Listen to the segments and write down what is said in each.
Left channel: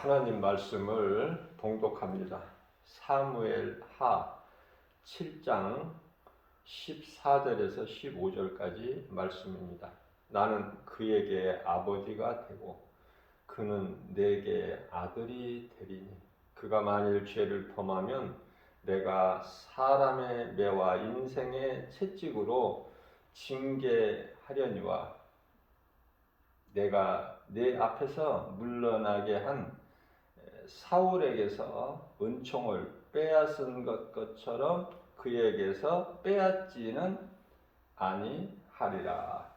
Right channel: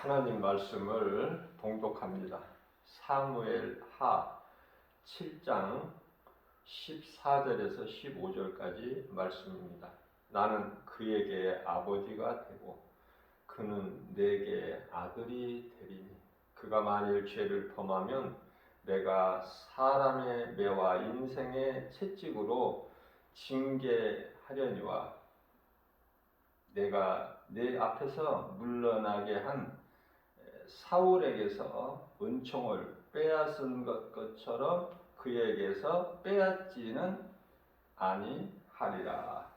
하나님 말씀을 봉독합니다. 사무엘하 7장 14절에서 15절까지 말씀입니다. 나는 그에게 아버지가 되고 그는 내게 아들이 되리니 그가 만일 죄를 범하면 내가 사람의 매와 인생의 채찍으로 징계하려니와 내가 내 앞에서 물러나게 한 사울에게서 은총을 빼앗은 것처럼 그에게서 빼앗지는 아니하리라.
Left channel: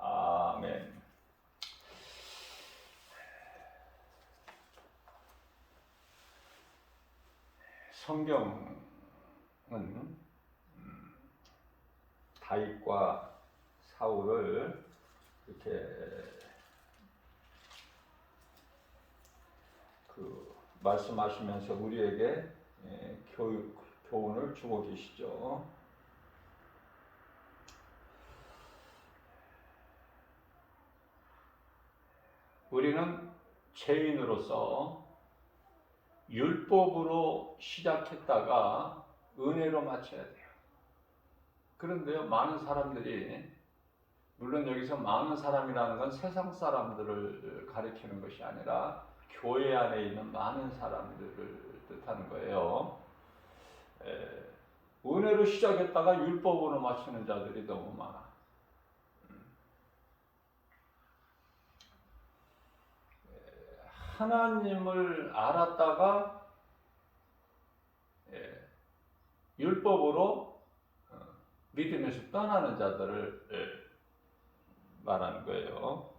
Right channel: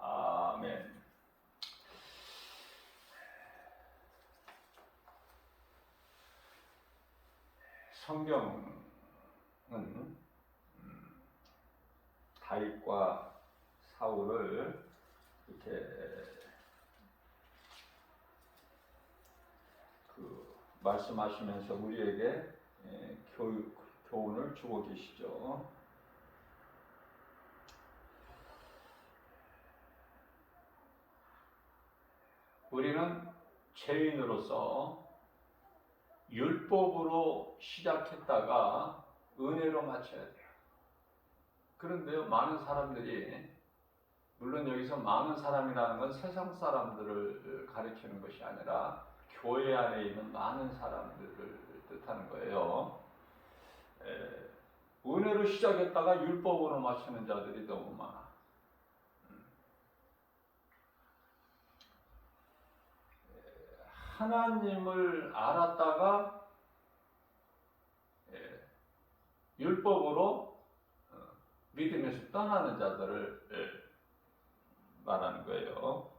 아멘. 성경은 다윗과 사울을 이렇게 말씀하시면서 우리에게 교훈을 주고 계시죠. 우리는 죄인으로서 율법으로 시작했다가 은혜로 마쳐야 돼요. 그런데요, 많은 사람들이, 물론 여기서 많은 사람이라는 건 세상 사람들을 가리키는 것이 아니라 교회 안에 있는 많은 사람들을 뜻하는 거예요. 은혜로 시작했다가 율법으로 마치는 자들이 너무 많아. 하나님을 알았다가 율법으로 믿음에서 떠나는 자들을 말하는 거예요.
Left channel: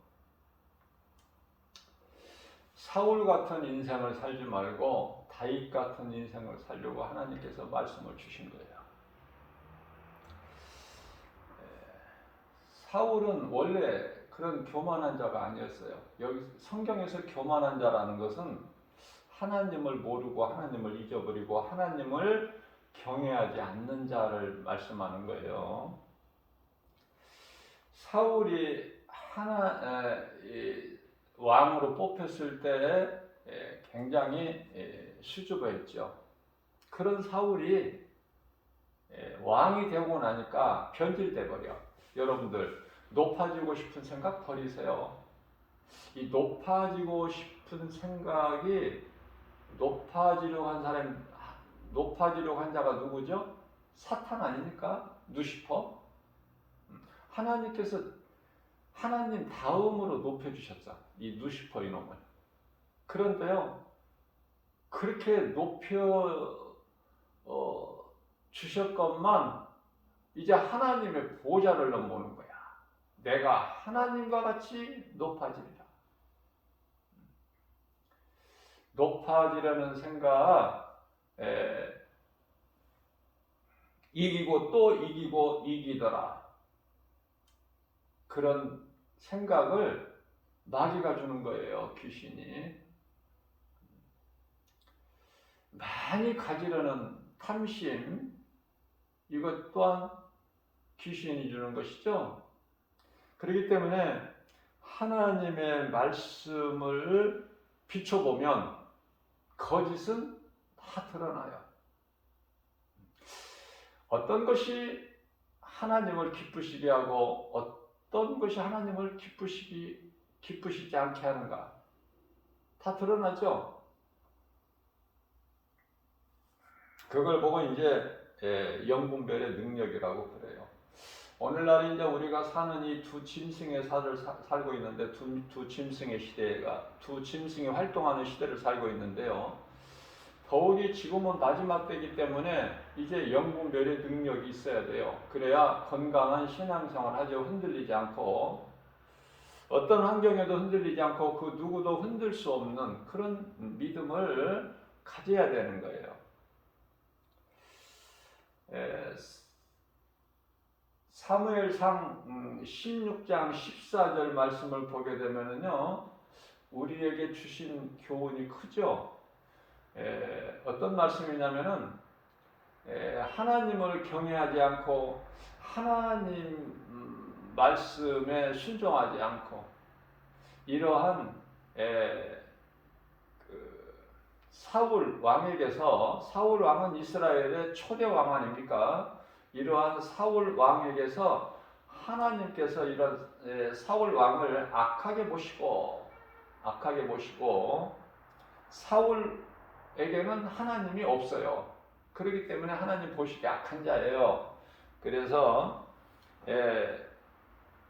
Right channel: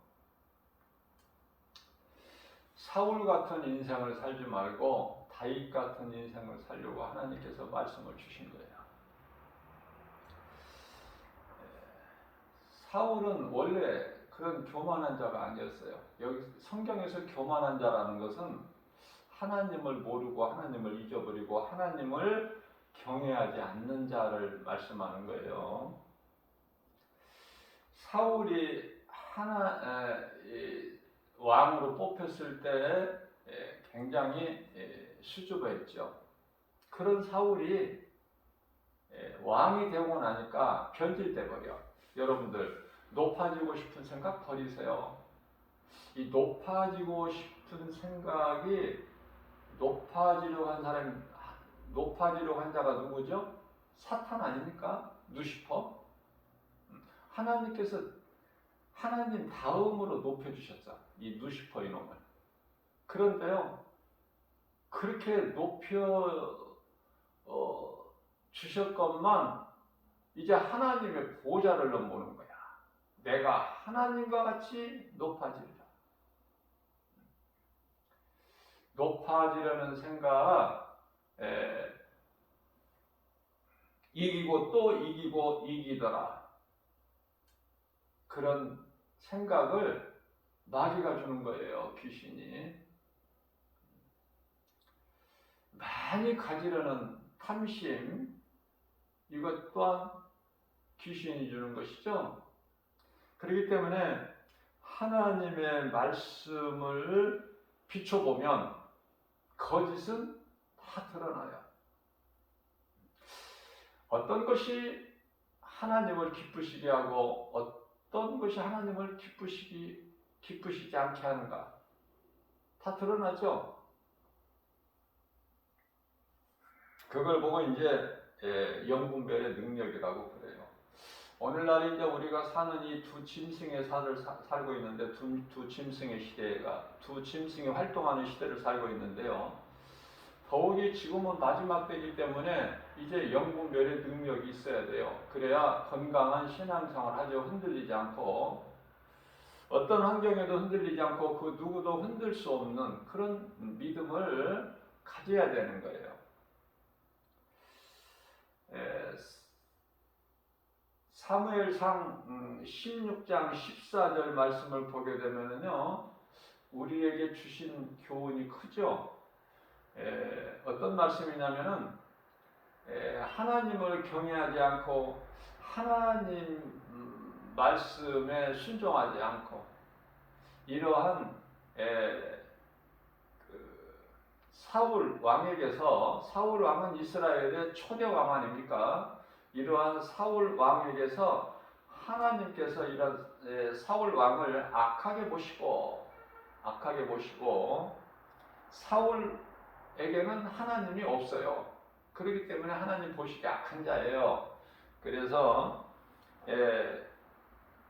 사울 같은 인생을 살지 말고 다윗 같은 인생을 살려고 하나님께서 말씀을 주신 거예요. 사울은 원래 그런 교만한 자가 아니었어요. 여기 성경에서 교만한 자라는 것은 하나님을 모르고 하나님을 잊어버리고 하나님을 경외하지 않는 자를 말씀하는 거예요. 사울이 왕으로 뽑혔을 때 굉장히 수줍어했죠. 그런 사울이 왕이 되고 나니까 변질돼 버려. 여러분들 높아지고 싶은 생각 버리세요. 이 높아지고 싶은 생각이 높아지려고 한 자가 누구죠? 사탄 아닙니까? 루시퍼. 하나님께서 하나님 다음으로 높여주셨죠. 이 루시퍼 이놈을. 그런데요, 그렇게 높여 주셨건만 이제 하나님의 보좌를 넘보는 거야. 내가 하나님과 같이 높아지리라. 높아지려는 생각, 이기고 또 이기고 이기더라. 그런 생각을 마귀가 주는 거예요, 귀신이. 많이 가지려는 탐심, 이것 또한 귀신이 주는 것이죠. 그렇기 때문에 하나님의 말씀을 비춰보면 거짓은 다 드러나요. 어떤 것이 하나님을 기쁘시게 하고 어떤 것이 하나님을 기쁘시지 않게 하는가 다 드러나죠. 그걸 보고 이제 영분별의 능력이라고 그래요. 오늘날 이제 우리가 사는 이 두 짐승의 살을 살고 있는데 두 짐승의 시대가 두 짐승이 활동하는 시대를 살고 있는데요. 더욱이 지금은 마지막 때이기 때문에 이제 영분별의 능력이 있어야 돼요. 그래야 건강한 신앙생활 하죠. 흔들리지 않고 어떤 환경에도 흔들리지 않고 그 누구도 흔들 수 없는 그런 믿음을 가져야 되는 거예요. 사무엘상 16장 14절 말씀을 보게 되면요, 우리에게 주신 교훈이 크죠. 어떤 말씀이냐면은 하나님을 경외하지 않고 하나님 말씀에 순종하지 않고 이러한 사울 왕에게서, 사울 왕은 이스라엘의 초대 왕 아닙니까? 이러한 사울 왕에게서 하나님께서 이런 사울 왕을 악하게 보시고 사울에게는 하나님이 없어요. 그렇기 때문에 하나님 보시기에 악한 자예요. 그래서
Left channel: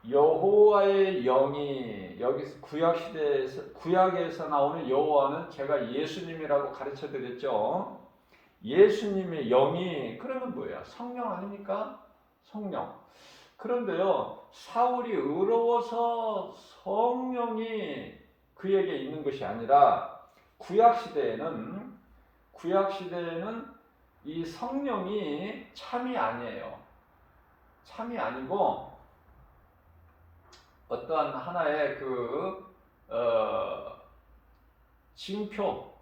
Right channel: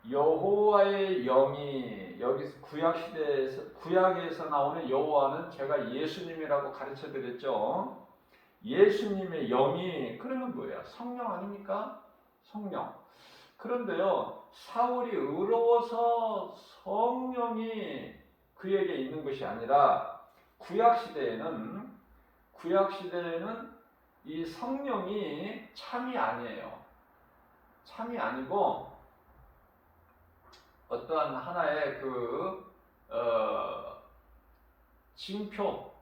여호와의 영이, 여기 구약에서 나오는 여호와는 제가 예수님이라고 가르쳐 드렸죠. 예수님의 영이 그러면 뭐예요? 성령 아닙니까? 성령. 그런데요, 사울이 의로워서 성령이 그에게 있는 것이 아니라 구약 시대에는 이 성령이 참이 아니에요. 참이 아니고 어떠한 하나의 징표,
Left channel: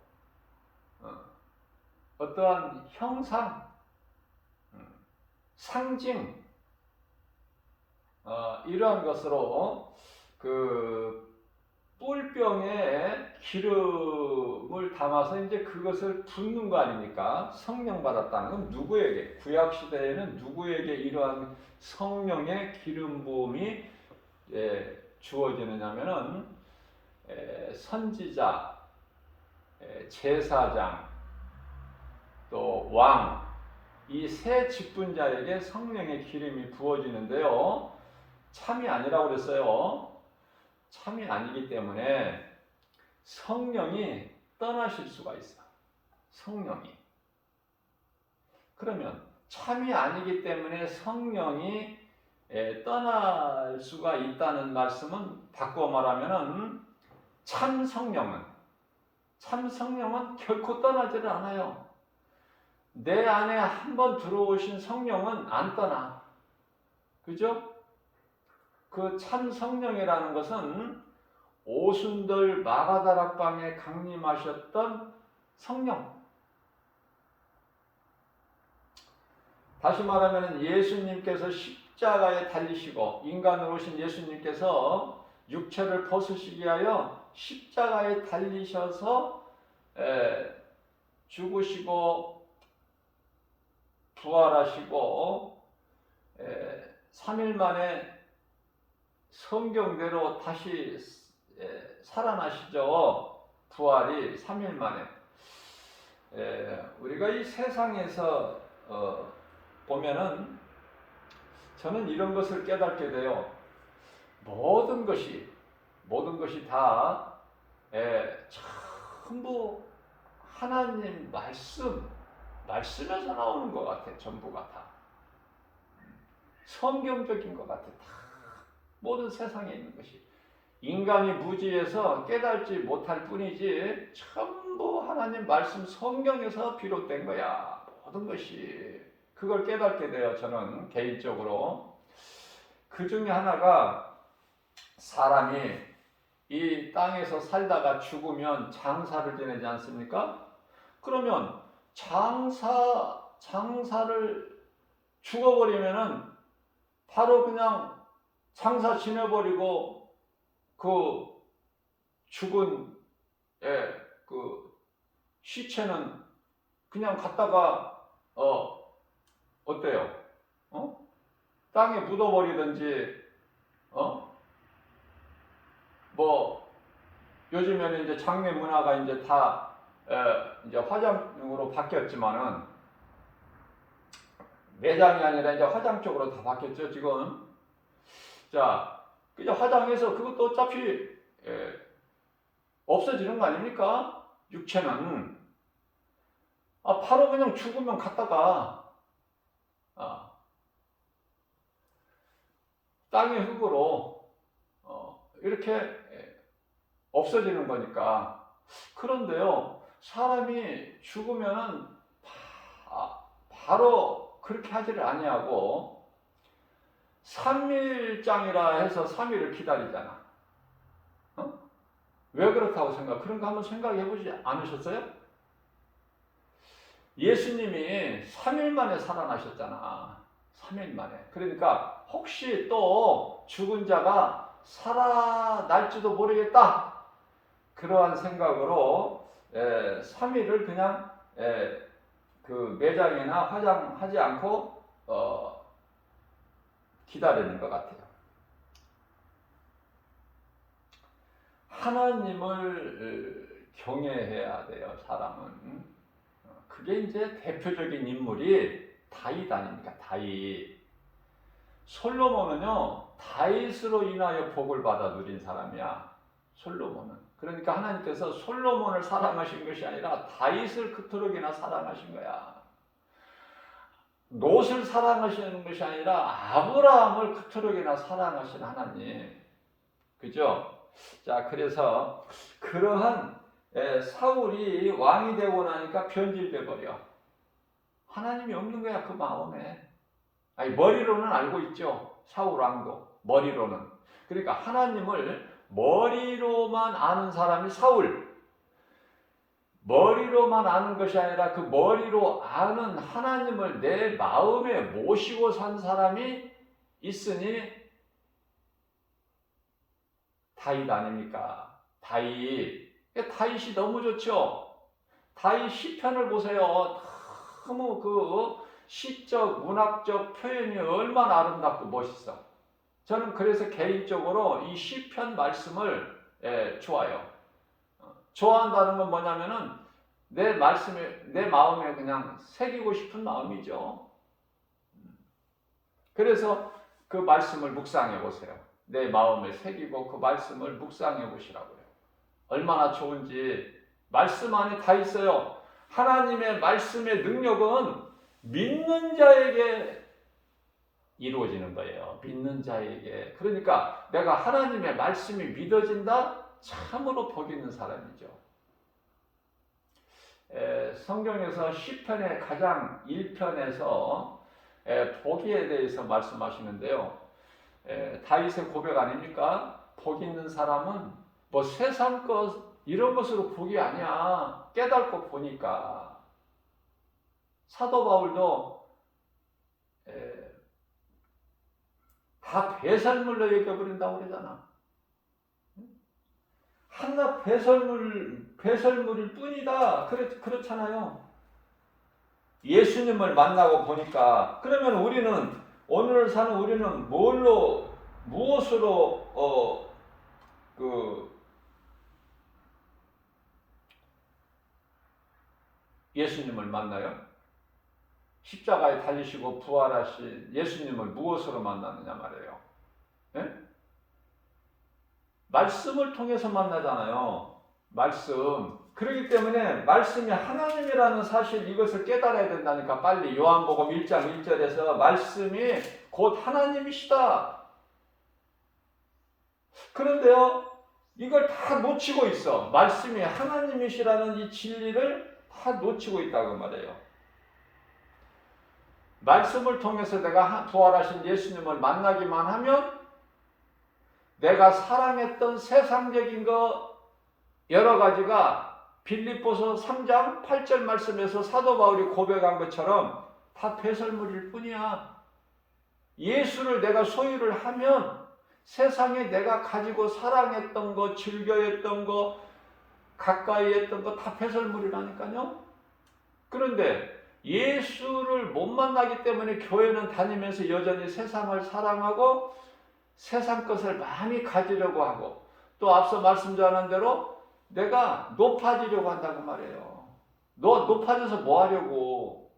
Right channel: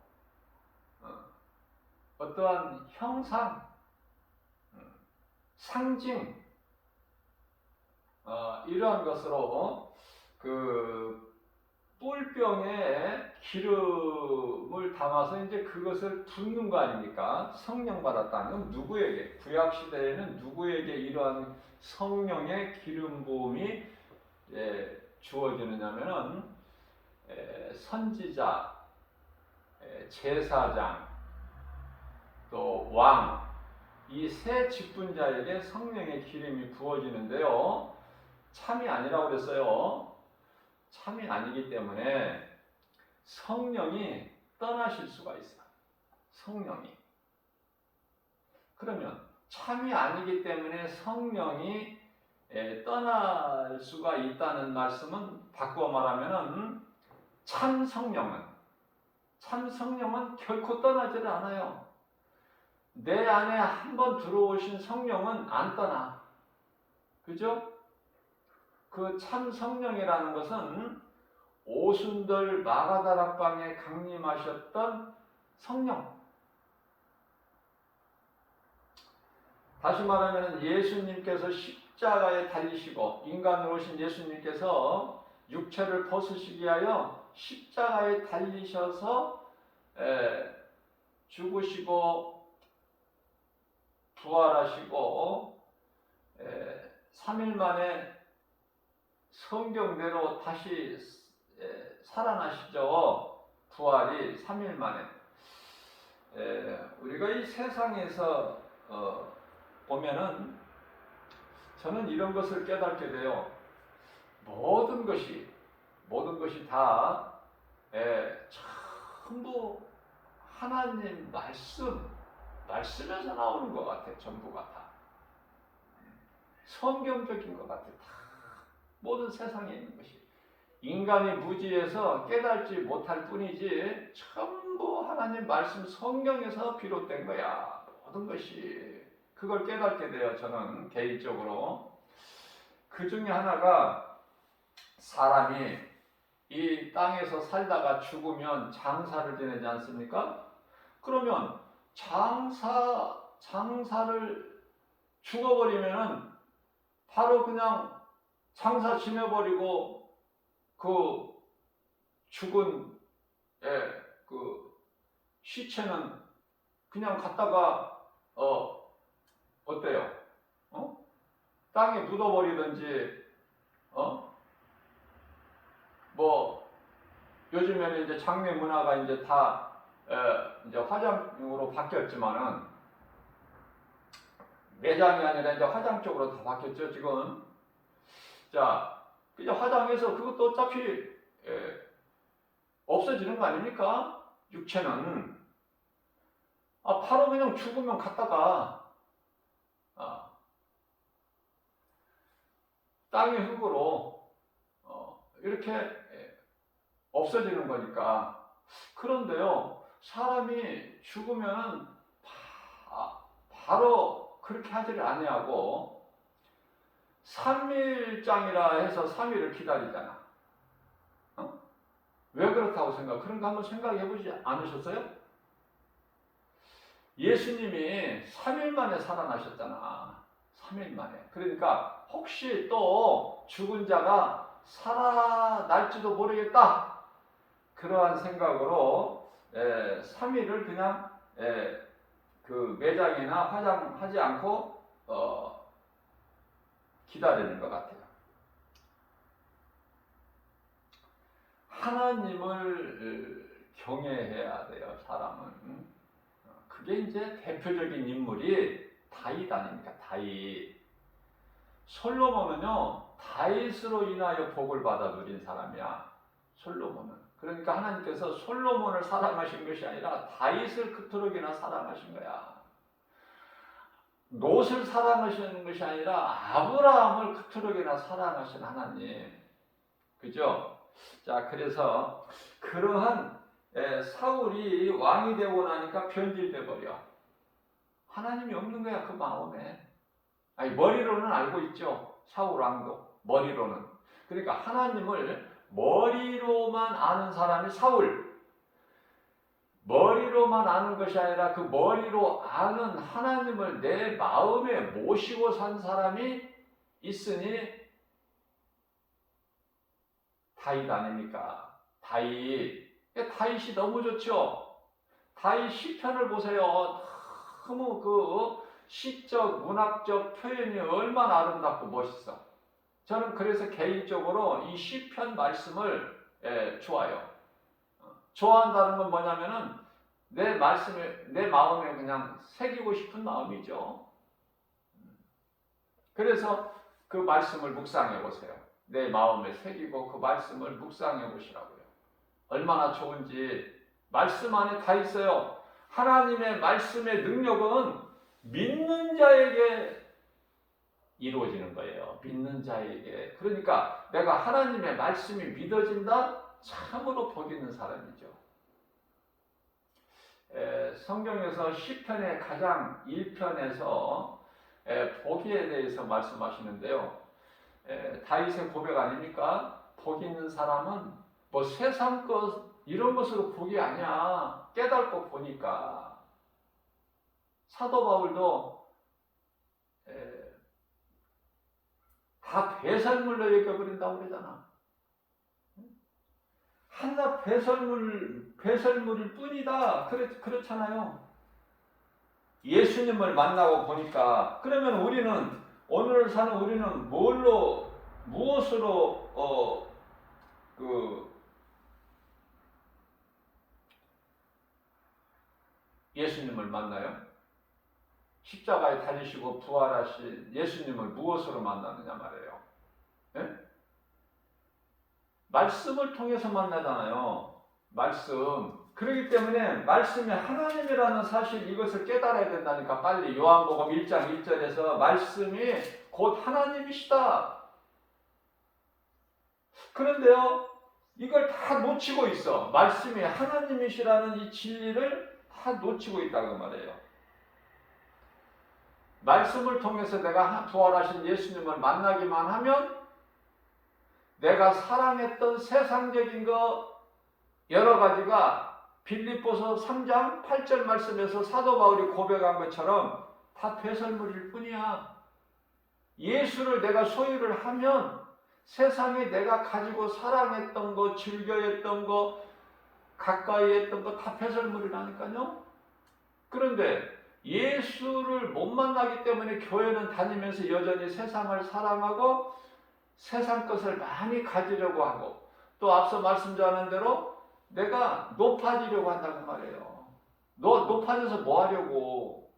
어떠한 형상, 상징, 이러한 것으로 뿔병에 기름을 담아서 이제 그것을 붓는 거 아닙니까? 성령 받았다는 건 누구에게? 구약 시대에는 누구에게 이러한 성령의 기름 부음이 주어지느냐면은 선지자, 제사장, 또 왕, 이 세 직분자에게 성령의 기름이 부어지는데요. 참이 아니라고 그랬어요. 참이 아니기 때문에 성령이 떠나실 수가 있어. 성령이. 그러면 참이 아니기 때문에 성령이 떠날 수가 있다는 말씀은 바꿔 말하면은 참 성령은 결코 떠나지를 않아요. 내 안에 한번 들어오신 성령은 안 떠나. 그죠? 그 참 성령이라는 것은 오순절 마가다락방에 강림하셨던 성령. 다시 말하면 예수님께서 십자가에 달리시고 인간으로 오신 예수님께서 육체를 벗으시기 위하여 십자가에 달리셔서 죽으시고 부활하시고 3일 만에 성경대로 다시 살아나시죠. 부활이 3일 만에. 우리가 이 세상에서 보면은 저는 이런 것을 깨닫게 돼요. 모든 것이 다 전부 하나님 말씀에서 나오는 것 같아. 전부가 다 성경적인 것 같아. 다 모든 세상에 있는 것이 인간이 무지해서 깨닫지 못할 뿐이지 전부 하나님 말씀 성경에서 비롯된 거야. 모든 것이. 그걸 깨닫게 돼요. 저는 개인적으로. 그 중에 하나가 사람이 이 땅에서 살다가 죽으면 장사를 지내지 않습니까? 그러면 장사를 죽어버리면은 바로 그냥 장사 지내버리고 그 죽은 그 시체는 그냥 갖다가 어때요? 땅에 묻어버리든지 뭐 요즘에는 이제 장례 문화가 이제 다 이제 화장으로 바뀌었지만은 매장이 아니라 이제 화장 쪽으로 다 바뀌었죠 지금. 자, 이제 화장해서 그것도 어차피 없어지는 거 아닙니까? 육체는 바로 그냥 죽으면 갖다가 땅의 흙으로 이렇게 없어지는 거니까. 그런데요, 사람이 죽으면은 바로 그렇게 하지를 아니하고 3일장이라 해서 3일을 기다리잖아. 왜 그렇다고 그런 거 한번 생각해 보지 않으셨어요? 예수님이 3일 만에 살아나셨잖아. 3일 만에. 그러니까 혹시 또 죽은 자가 살아날지도 모르겠다. 그러한 생각으로 3일을 그냥 그 매장이나 화장하지 않고 기다리는 것 같아요. 하나님을 경외해야 돼요, 사람은. 그게 이제 대표적인 인물이 다윗 아닙니까? 다윗. 솔로몬은요, 다윗으로 인하여 복을 받아 누린 사람이야. 솔로몬은. 그러니까 하나님께서 솔로몬을 사랑하신 것이 아니라 다윗을 그토록이나 사랑하신 거야. 롯을 사랑하시는 것이 아니라 아브라함을 그토록이나 사랑하신 하나님. 그죠? 자, 그래서 그러한 사울이 왕이 되고 나니까 변질돼 버려. 하나님이 없는 거야, 그 마음에. 아니, 머리로는 알고 있죠. 사울 왕도 머리로는. 그러니까 하나님을 머리로만 아는 사람이 사울. 머리로만 아는 것이 아니라 그 머리로 아는 하나님을 내 마음에 모시고 산 사람이 있으니 다윗 아닙니까? 다윗. 다윗이 너무 좋죠. 다윗 시편을 보세요. 너무 그 시적, 문학적 표현이 얼마나 아름답고 멋있어. 저는 그래서 개인적으로 이 시편 말씀을 좋아해요. 좋아한다는 건 뭐냐면은 내 말씀에, 내 마음에 그냥 새기고 싶은 마음이죠. 그래서 그 말씀을 묵상해 보세요. 내 마음에 새기고 그 말씀을 묵상해 보시라고요. 얼마나 좋은지. 말씀 안에 다 있어요. 하나님의 말씀의 능력은 믿는 자에게 이루어지는 거예요. 믿는 자에게. 그러니까 내가 하나님의 말씀이 믿어진다? 참으로 복 있는 사람이죠. 성경에서 시편의 가장 1편에서 복에 대해서 말씀하시는데요. 다윗의 고백 아닙니까? 복 있는 사람은 뭐 세상 것 이런 것으로 복이 아니야. 깨닫고 보니까. 사도 바울도 다 배설물로 여겨버린다고 그러잖아. 하나 배설물일 뿐이다. 그렇잖아요. 예수님을 만나고 보니까, 그러면 우리는, 오늘 사는 우리는 무엇으로, 예수님을 만나요? 십자가에 달리시고 부활하신 예수님을 무엇으로 만나느냐 말이에요. 예? 말씀을 통해서 만나잖아요. 말씀. 그렇기 때문에 말씀이 하나님이라는 사실, 이것을 깨달아야 된다니까. 빨리 요한복음 1장 1절에서 말씀이 곧 하나님이시다. 그런데요, 이걸 다 놓치고 있어. 말씀이 하나님이시라는 이 진리를 다 놓치고 있다고 말해요. 말씀을 통해서 내가 부활하신 예수님을 만나기만 하면 내가 사랑했던 세상적인 거 여러 가지가 빌립보서 3장 8절 말씀에서 사도 바울이 고백한 것처럼 다 배설물일 뿐이야. 예수를 내가 소유를 하면 세상에 내가 가지고 사랑했던 거, 즐겨했던 거, 가까이 했던 거 다 배설물이라니까요. 그런데 예수를 못 만나기 때문에 교회는 다니면서 여전히 세상을 사랑하고 세상 것을 많이 가지려고 하고, 또 앞서 말씀드린 대로 내가 높아지려고 한다고 말해요. 높아져서 뭐 하려고?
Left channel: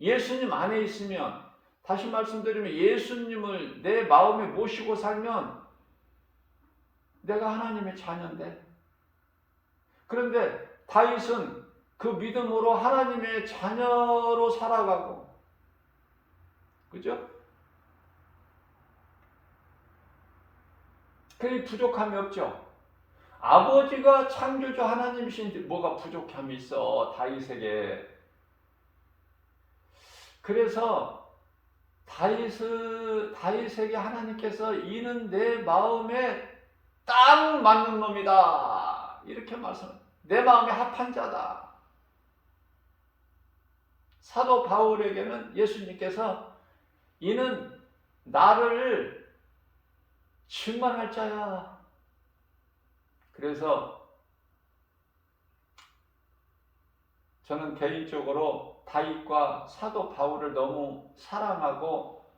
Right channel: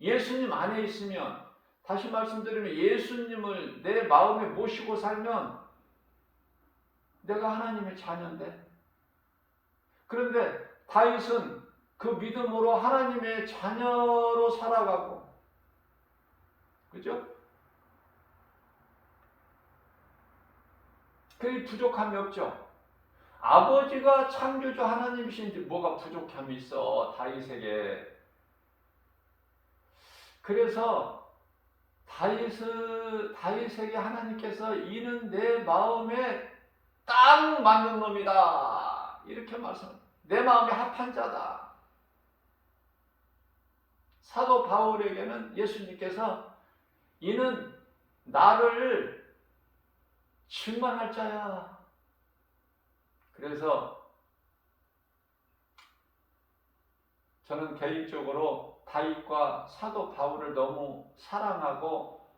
예수님 안에 있으면, 다시 말씀드리면 예수님을 내 마음에 모시고 살면 내가 하나님의 자녀인데, 그런데 다윗은 그 믿음으로 하나님의 자녀로 살아가고, 그죠? 그게 부족함이 없죠. 아버지가 창조주 하나님이신데 뭐가 부족함이 있어, 다윗에게. 그래서 다윗에게 하나님께서 이는 내 마음에 딱 맞는 놈이다, 이렇게 말씀. 내 마음에 합한 자다. 사도 바울에게는 예수님께서 이는 나를 증언할 자야. 그래서 저는 개인적으로 다윗과 사도 바울을 너무 사랑하고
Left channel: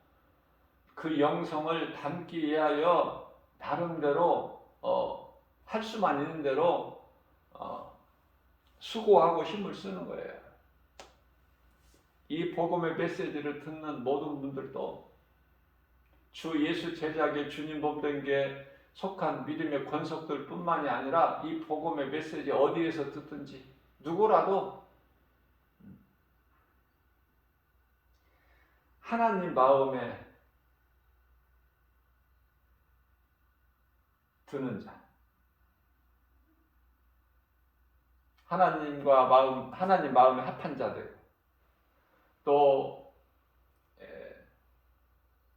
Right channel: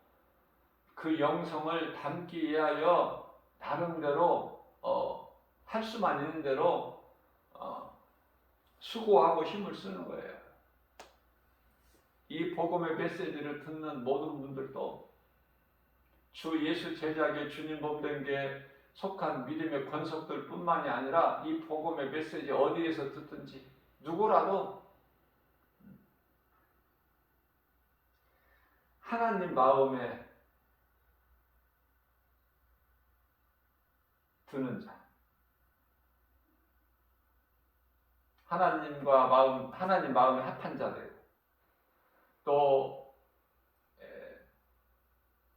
그 영성을 담기 위하여 나름대로 할 수만 있는 대로 수고하고 힘을 쓰는 거예요. 이 복음의 메시지를 듣는 모든 분들도 주 예수 제자에게 주님 몸된 속한 믿음의 권속들 뿐만이 아니라 이 복음의 메시지 어디에서 듣든지 누구라도 하나님 마음에 드는 자, 하나님 마음에 합한 자들, 또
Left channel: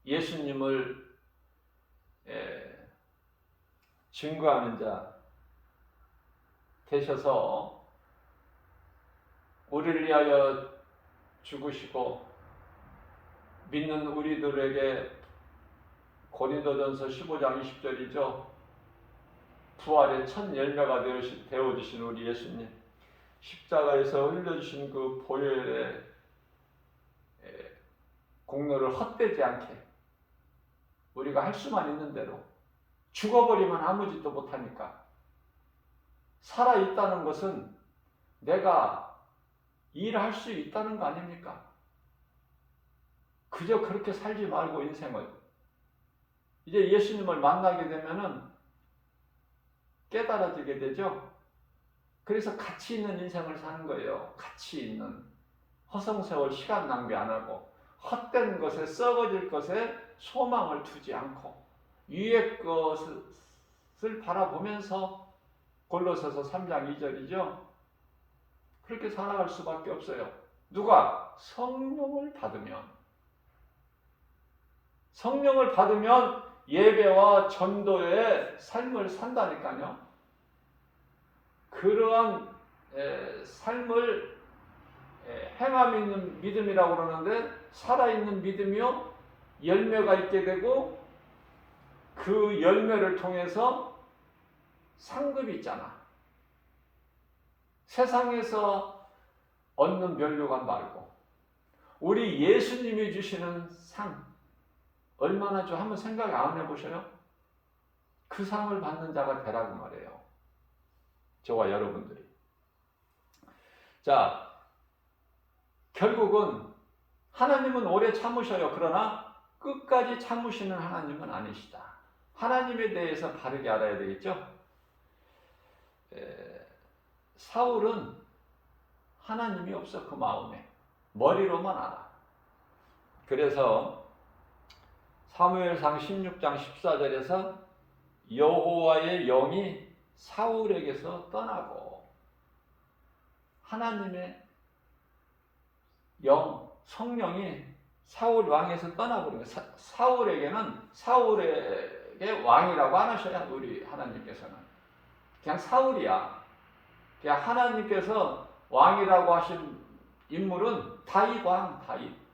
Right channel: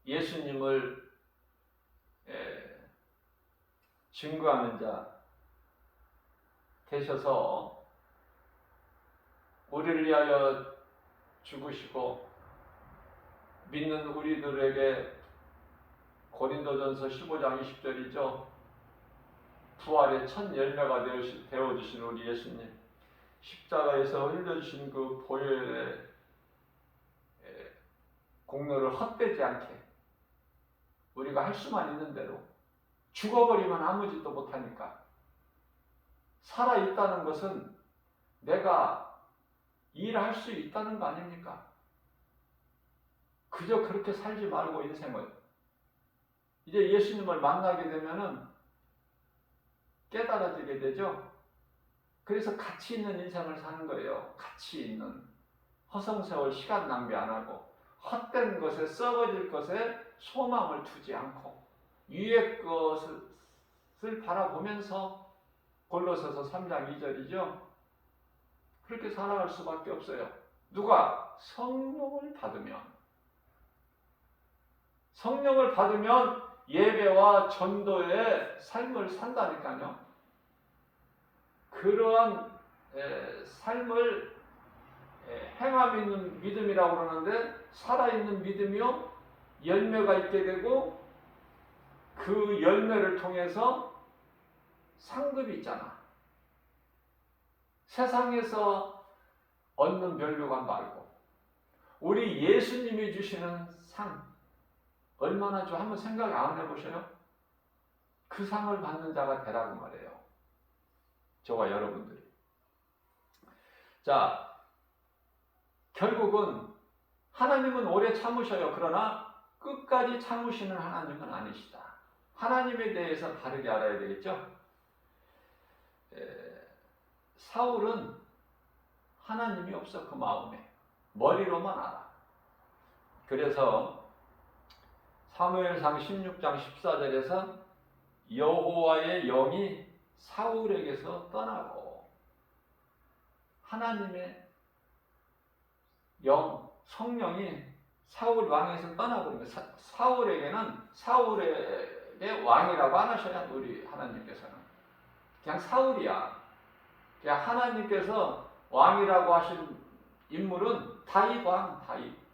예수님을 증거하는 자 되셔서 우리를 위하여 죽으시고 믿는 우리들에게 고린도전서 15장 20절이죠. 부활의 첫 열매가 되어주신 우리 예수님, 십자가에서 흘려주신 그 보혈의 공로를 헛되지 않게 우리가 할 수만 있는 대로, 죽어버리면 아무 짓도 못하니까 살아있다는 것은 내가 일할 수 있다는 거 아닙니까? 그저 그렇게 살지 말고 인생을 이제 예수님을 만나게 되면은 깨달아지게 되죠. 그래서 가치 있는 인생을 사는 거예요. 가치 있는, 허송세월 시간 낭비 안 하고 헛된 것에, 썩어질 것에 소망을 두지 않고 위의 것을 바라보면서, 골로새서 3장 2절이죠. 그렇게 살아갈 수밖에 없어요. 누가? 성령을 받으면 예배와 전도의 삶을 산다니까요. 그러한 삶을 행함 있는 믿음이라고 그러는데, 살아있는 믿음이요 열매가 있게 되고 그 열매를 통해서 상급이 있잖아. 세상에서 얻는 면류관 말고 우리 예수님이 주시는 상 얼마나 좀 한번 생각 안 해보셔요? 그 상을 받는 자가 되라고 말해요. 저와 여러분들이. 자, 결국은 하나님은 오래 참으셔요. 그러나 끝까지 참으시는 하나님은 아니시다. 하나님에 대해서 바르게 알아야 되겠죠? 사울은 하나님이 없어. 그 마음에. 머리로만 알아. 그래서 사무엘상 16장 14절에서 여호와의 영이 사울에게서 떠나고 하나님의 영, 성령이 사울 왕에서 떠나버린 거예요. 사울에게는 사울에게 왕이라고 안 하셔야 우리 하나님께서는. 그냥 사울이야. 그냥 하나님께서 왕이라고 하신 인물은 다윗 왕, 다윗.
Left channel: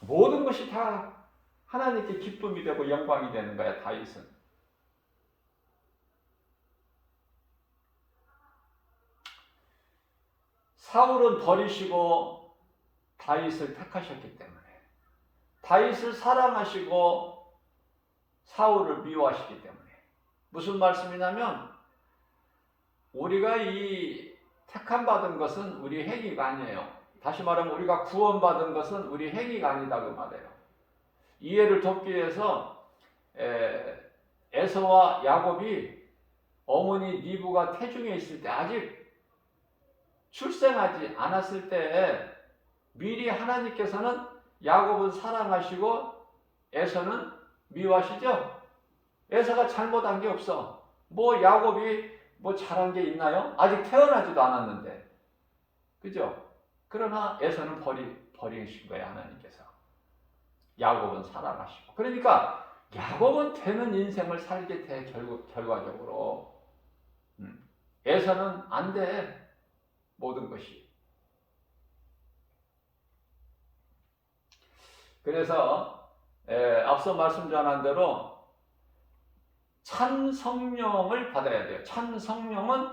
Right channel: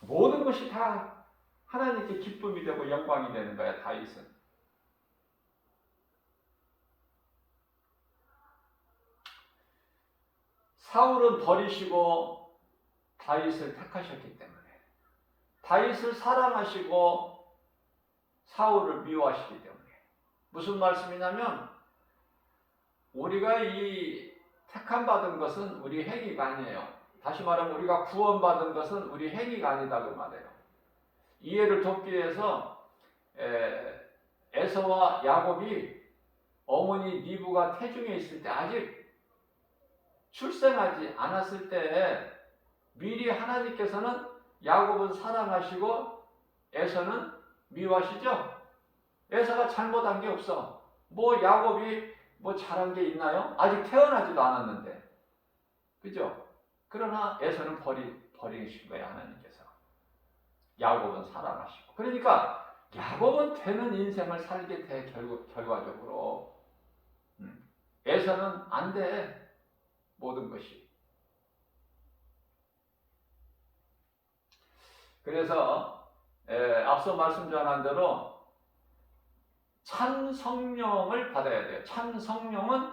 모든 것이 다 하나님께 기쁨이 되고 영광이 되는 거야, 다윗은. 사울은 버리시고 다윗을 택하셨기 때문에, 다윗을 사랑하시고 사울을 미워하시기 때문에. 무슨 말씀이냐면, 우리가 이 택함받은 것은 우리 행위가 아니에요. 다시 말하면 우리가 구원받은 것은 우리 행위가 아니다 그 말이에요. 이해를 돕기 위해서 에서와 야곱이 어머니 니브가 태중에 있을 때, 아직 출생하지 않았을 때 미리 하나님께서는 야곱은 사랑하시고 에서는 미워하시죠. 에서가 잘못한 게 없어. 뭐 야곱이 뭐 잘한 게 있나요? 아직 태어나지도 않았는데, 그죠? 그러나 에서는 버리신 거예요, 하나님께서. 야곱은 사랑하시고. 그러니까 야곱은 되는 인생을 살게 돼, 결과적으로. 에서는 안 돼, 모든 것이. 그래서 앞서 말씀드린 대로 참 성령을 받아야 돼요. 참 성령은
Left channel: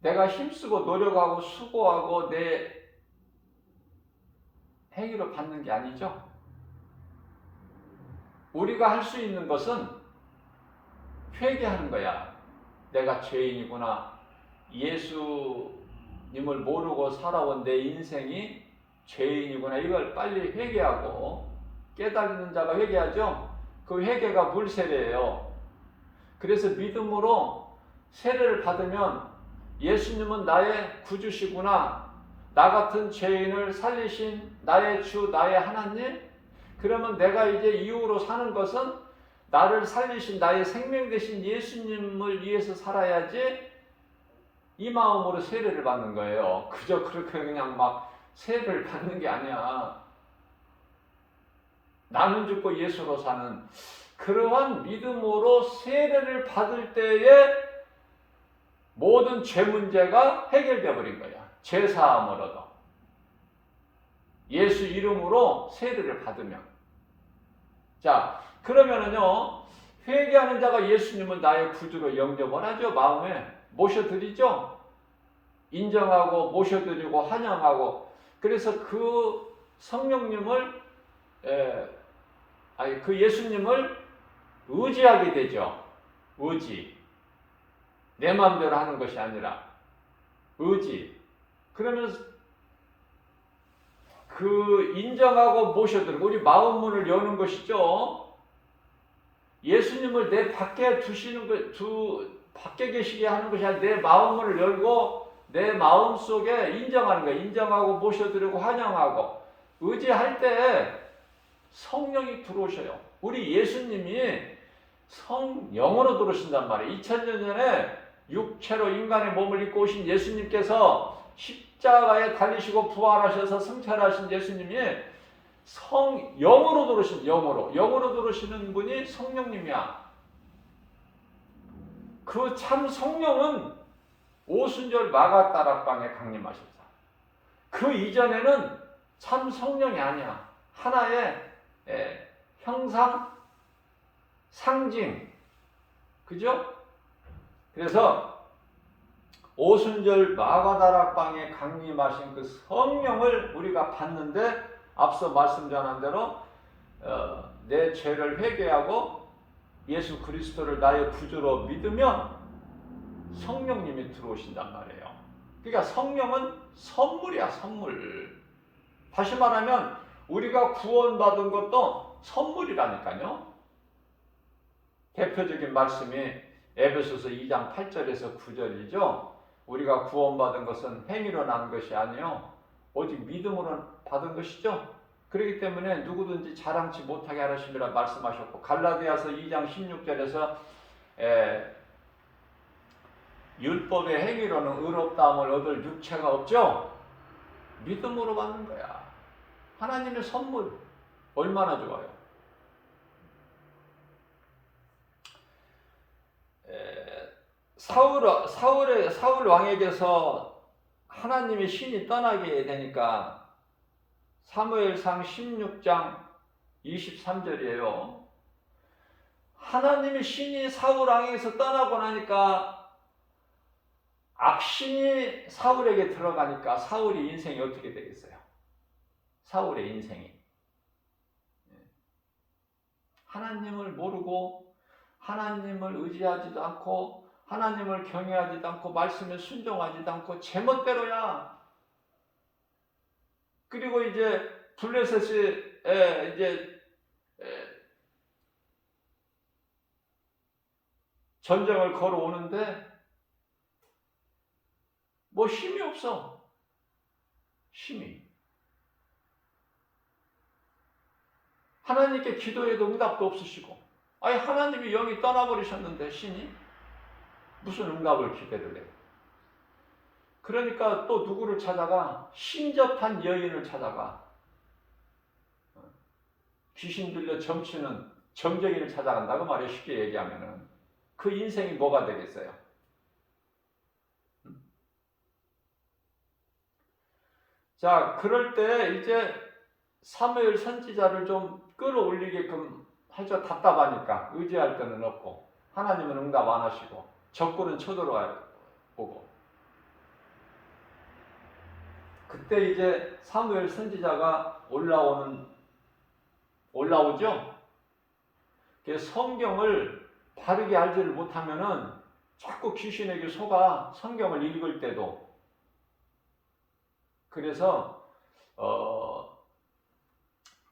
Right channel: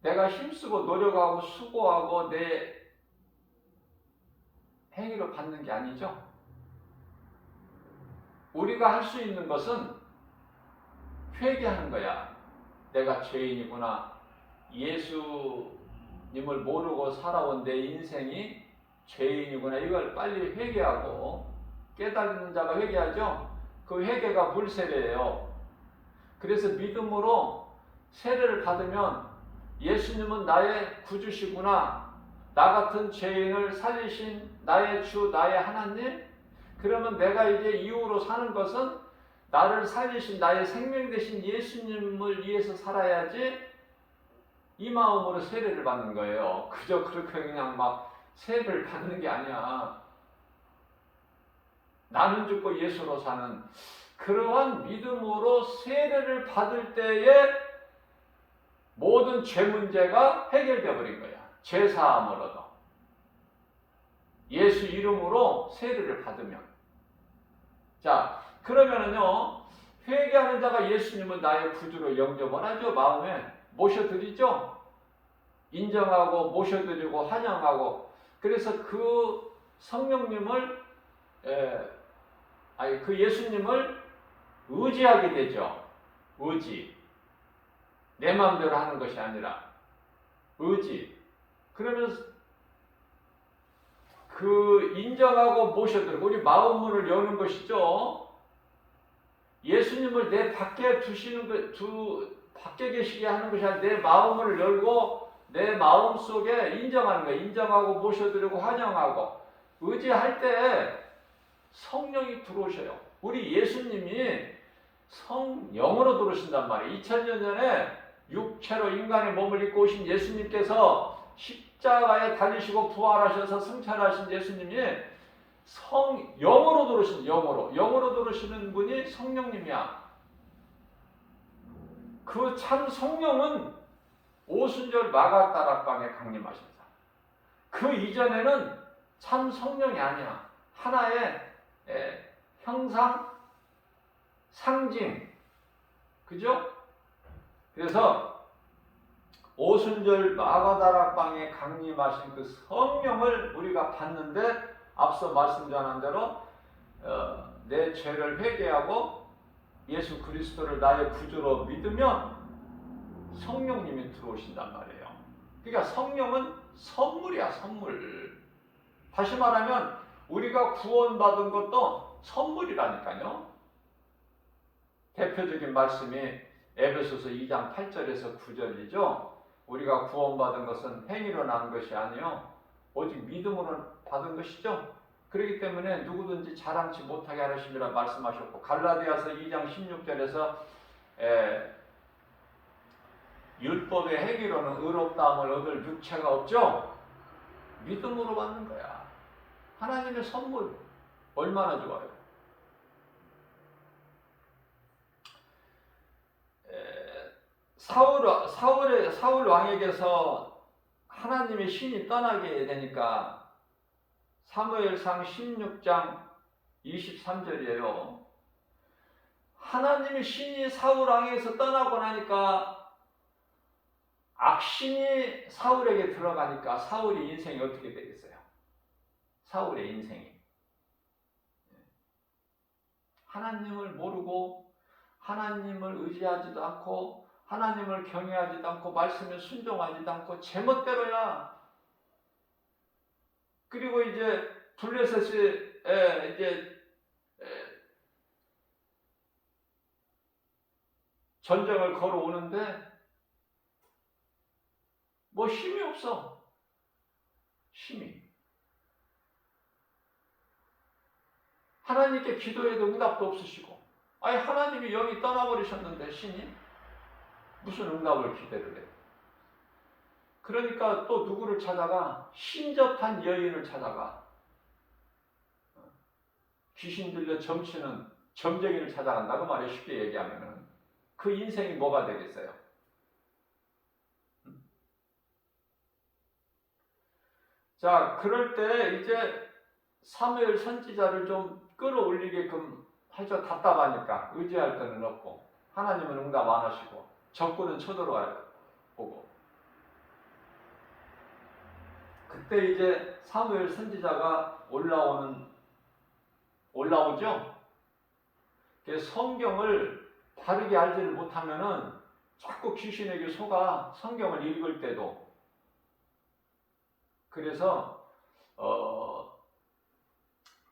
내가 힘쓰고 노력하고 수고하고 내 행위로 받는 게 아니죠. 우리가 할 수 있는 것은 회개하는 거야. 내가 죄인이구나. 예수님을 모르고 살아온 내 인생이 죄인이구나. 이걸 빨리 회개하고, 깨닫는 자가 회개하죠. 그 회개가 물세례예요. 그래서 믿음으로 세례를 받으면 예수님은 나의 구주시구나. 나 같은 죄인을 살리신 나의 주, 나의 하나님. 그러면 내가 이제 이후로 사는 것은 나를 살리신 나의 생명 되신 예수님을 위해서 살아야지, 이 마음으로 세례를 받는 거예요. 그저 그렇게 그냥 막 세례를 받는 게 아니야. 나는 죽고 예수로 사는 그러한 믿음으로 세례를 받을 때에 모든 죄 문제가 해결되어 버린 거야. 죄 사함을 얻어. 예수 이름으로 세례를 받으면. 자, 그러면은요, 회개하는 자가 예수님을 나의 구주로 영접을 하죠. 마음에 모셔드리죠. 인정하고 모셔드리고 환영하고. 그래서 그 성령님을 그 예수님을 의지하게 되죠. 의지. 내 마음대로 하는 것이 아니라 의지. 그러면 그 인정하고 모셔드리고 우리 마음 문을 여는 것이죠. 예수님을 내 밖에 밖에 계시게 하는 것이 아니라 내 마음을 열고 내 마음 속에 인정하는 거예요. 인정하고 모셔드리고 환영하고 의지할 때 성령이 들어오셔요. 우리 예수님이 성령으로 들어오신단 말이에요. 2000년 전에 육체로 인간의 몸을 입고 오신 예수님께서 십자가에 달리시고 부활하셔서 승천하신 예수님이 영으로 들어오신 영으로 들어오시는 분이 성령님이야. 그 참 성령은 오순절 마가다락방에 강림하셨다. 그 이전에는 참 성령이 아니야. 하나의 형상, 상징, 그죠? 그래서 오순절 마가다락방에 강림하신 그 성령을 우리가 받는데, 앞서 말씀 전한 대로 내 죄를 회개하고 예수 그리스도를 나의 구주로 믿으면 성령님이 들어오신단 말이에요. 그러니까 성령은 선물이야, 선물. 다시 말하면 우리가 구원받은 것도 선물이라니까요. 대표적인 말씀이 에베소서 2장 8절에서 9절이죠. 우리가 구원받은 것은 행위로 난 것이 아니요 오직 믿음으로 받은 것이죠. 그렇기 때문에 누구든지 자랑치 못하게 하심이라 말씀하셨고, 갈라디아서 2장 16절에서 율법의 행위로는 의롭다함을 얻을 육체가 없죠. 믿음으로 받는 거야. 하나님의 선물 얼마나 좋아요. 사울 왕에게서 하나님의 신이 떠나게 되니까 사무엘상 16장 23절이에요. 하나님의 신이 사울 왕에게서 떠나고 나니까 악신이 사울에게 들어가니까 사울의 인생이 어떻게 되겠어요? 사울의 인생이 하나님을 모르고 하나님을 의지하지도 않고 하나님을 경외하지도 않고 말씀에 순종하지도 않고 제멋대로야. 그리고 이제 블레셋이 이제 전쟁을 걸어오는데 뭐 힘이 없어. 힘이. 하나님께 기도해도 응답도 없으시고, 아니 하나님이 영이 떠나버리셨는데 신이 무슨 응답을 기대를 해. 그러니까 또 누구를 찾아가? 신접한 여인을 찾아가. 귀신 들려 점치는 점쟁이를 찾아간다고 말해. 쉽게 얘기하면은 그 인생이 뭐가 되겠어요? 자, 그럴 때 이제 사무엘 선지자를 좀 끌어올리게끔 하죠. 답답하니까 의지할 데는 없고 하나님은 응답 안 하시고 적군은 쳐들어와요. 보고 그때 이제 사무엘 선지자가 올라오죠. 성경을 바르게 알지를 못하면은 자꾸 귀신에게 속아, 성경을 읽을 때도. 그래서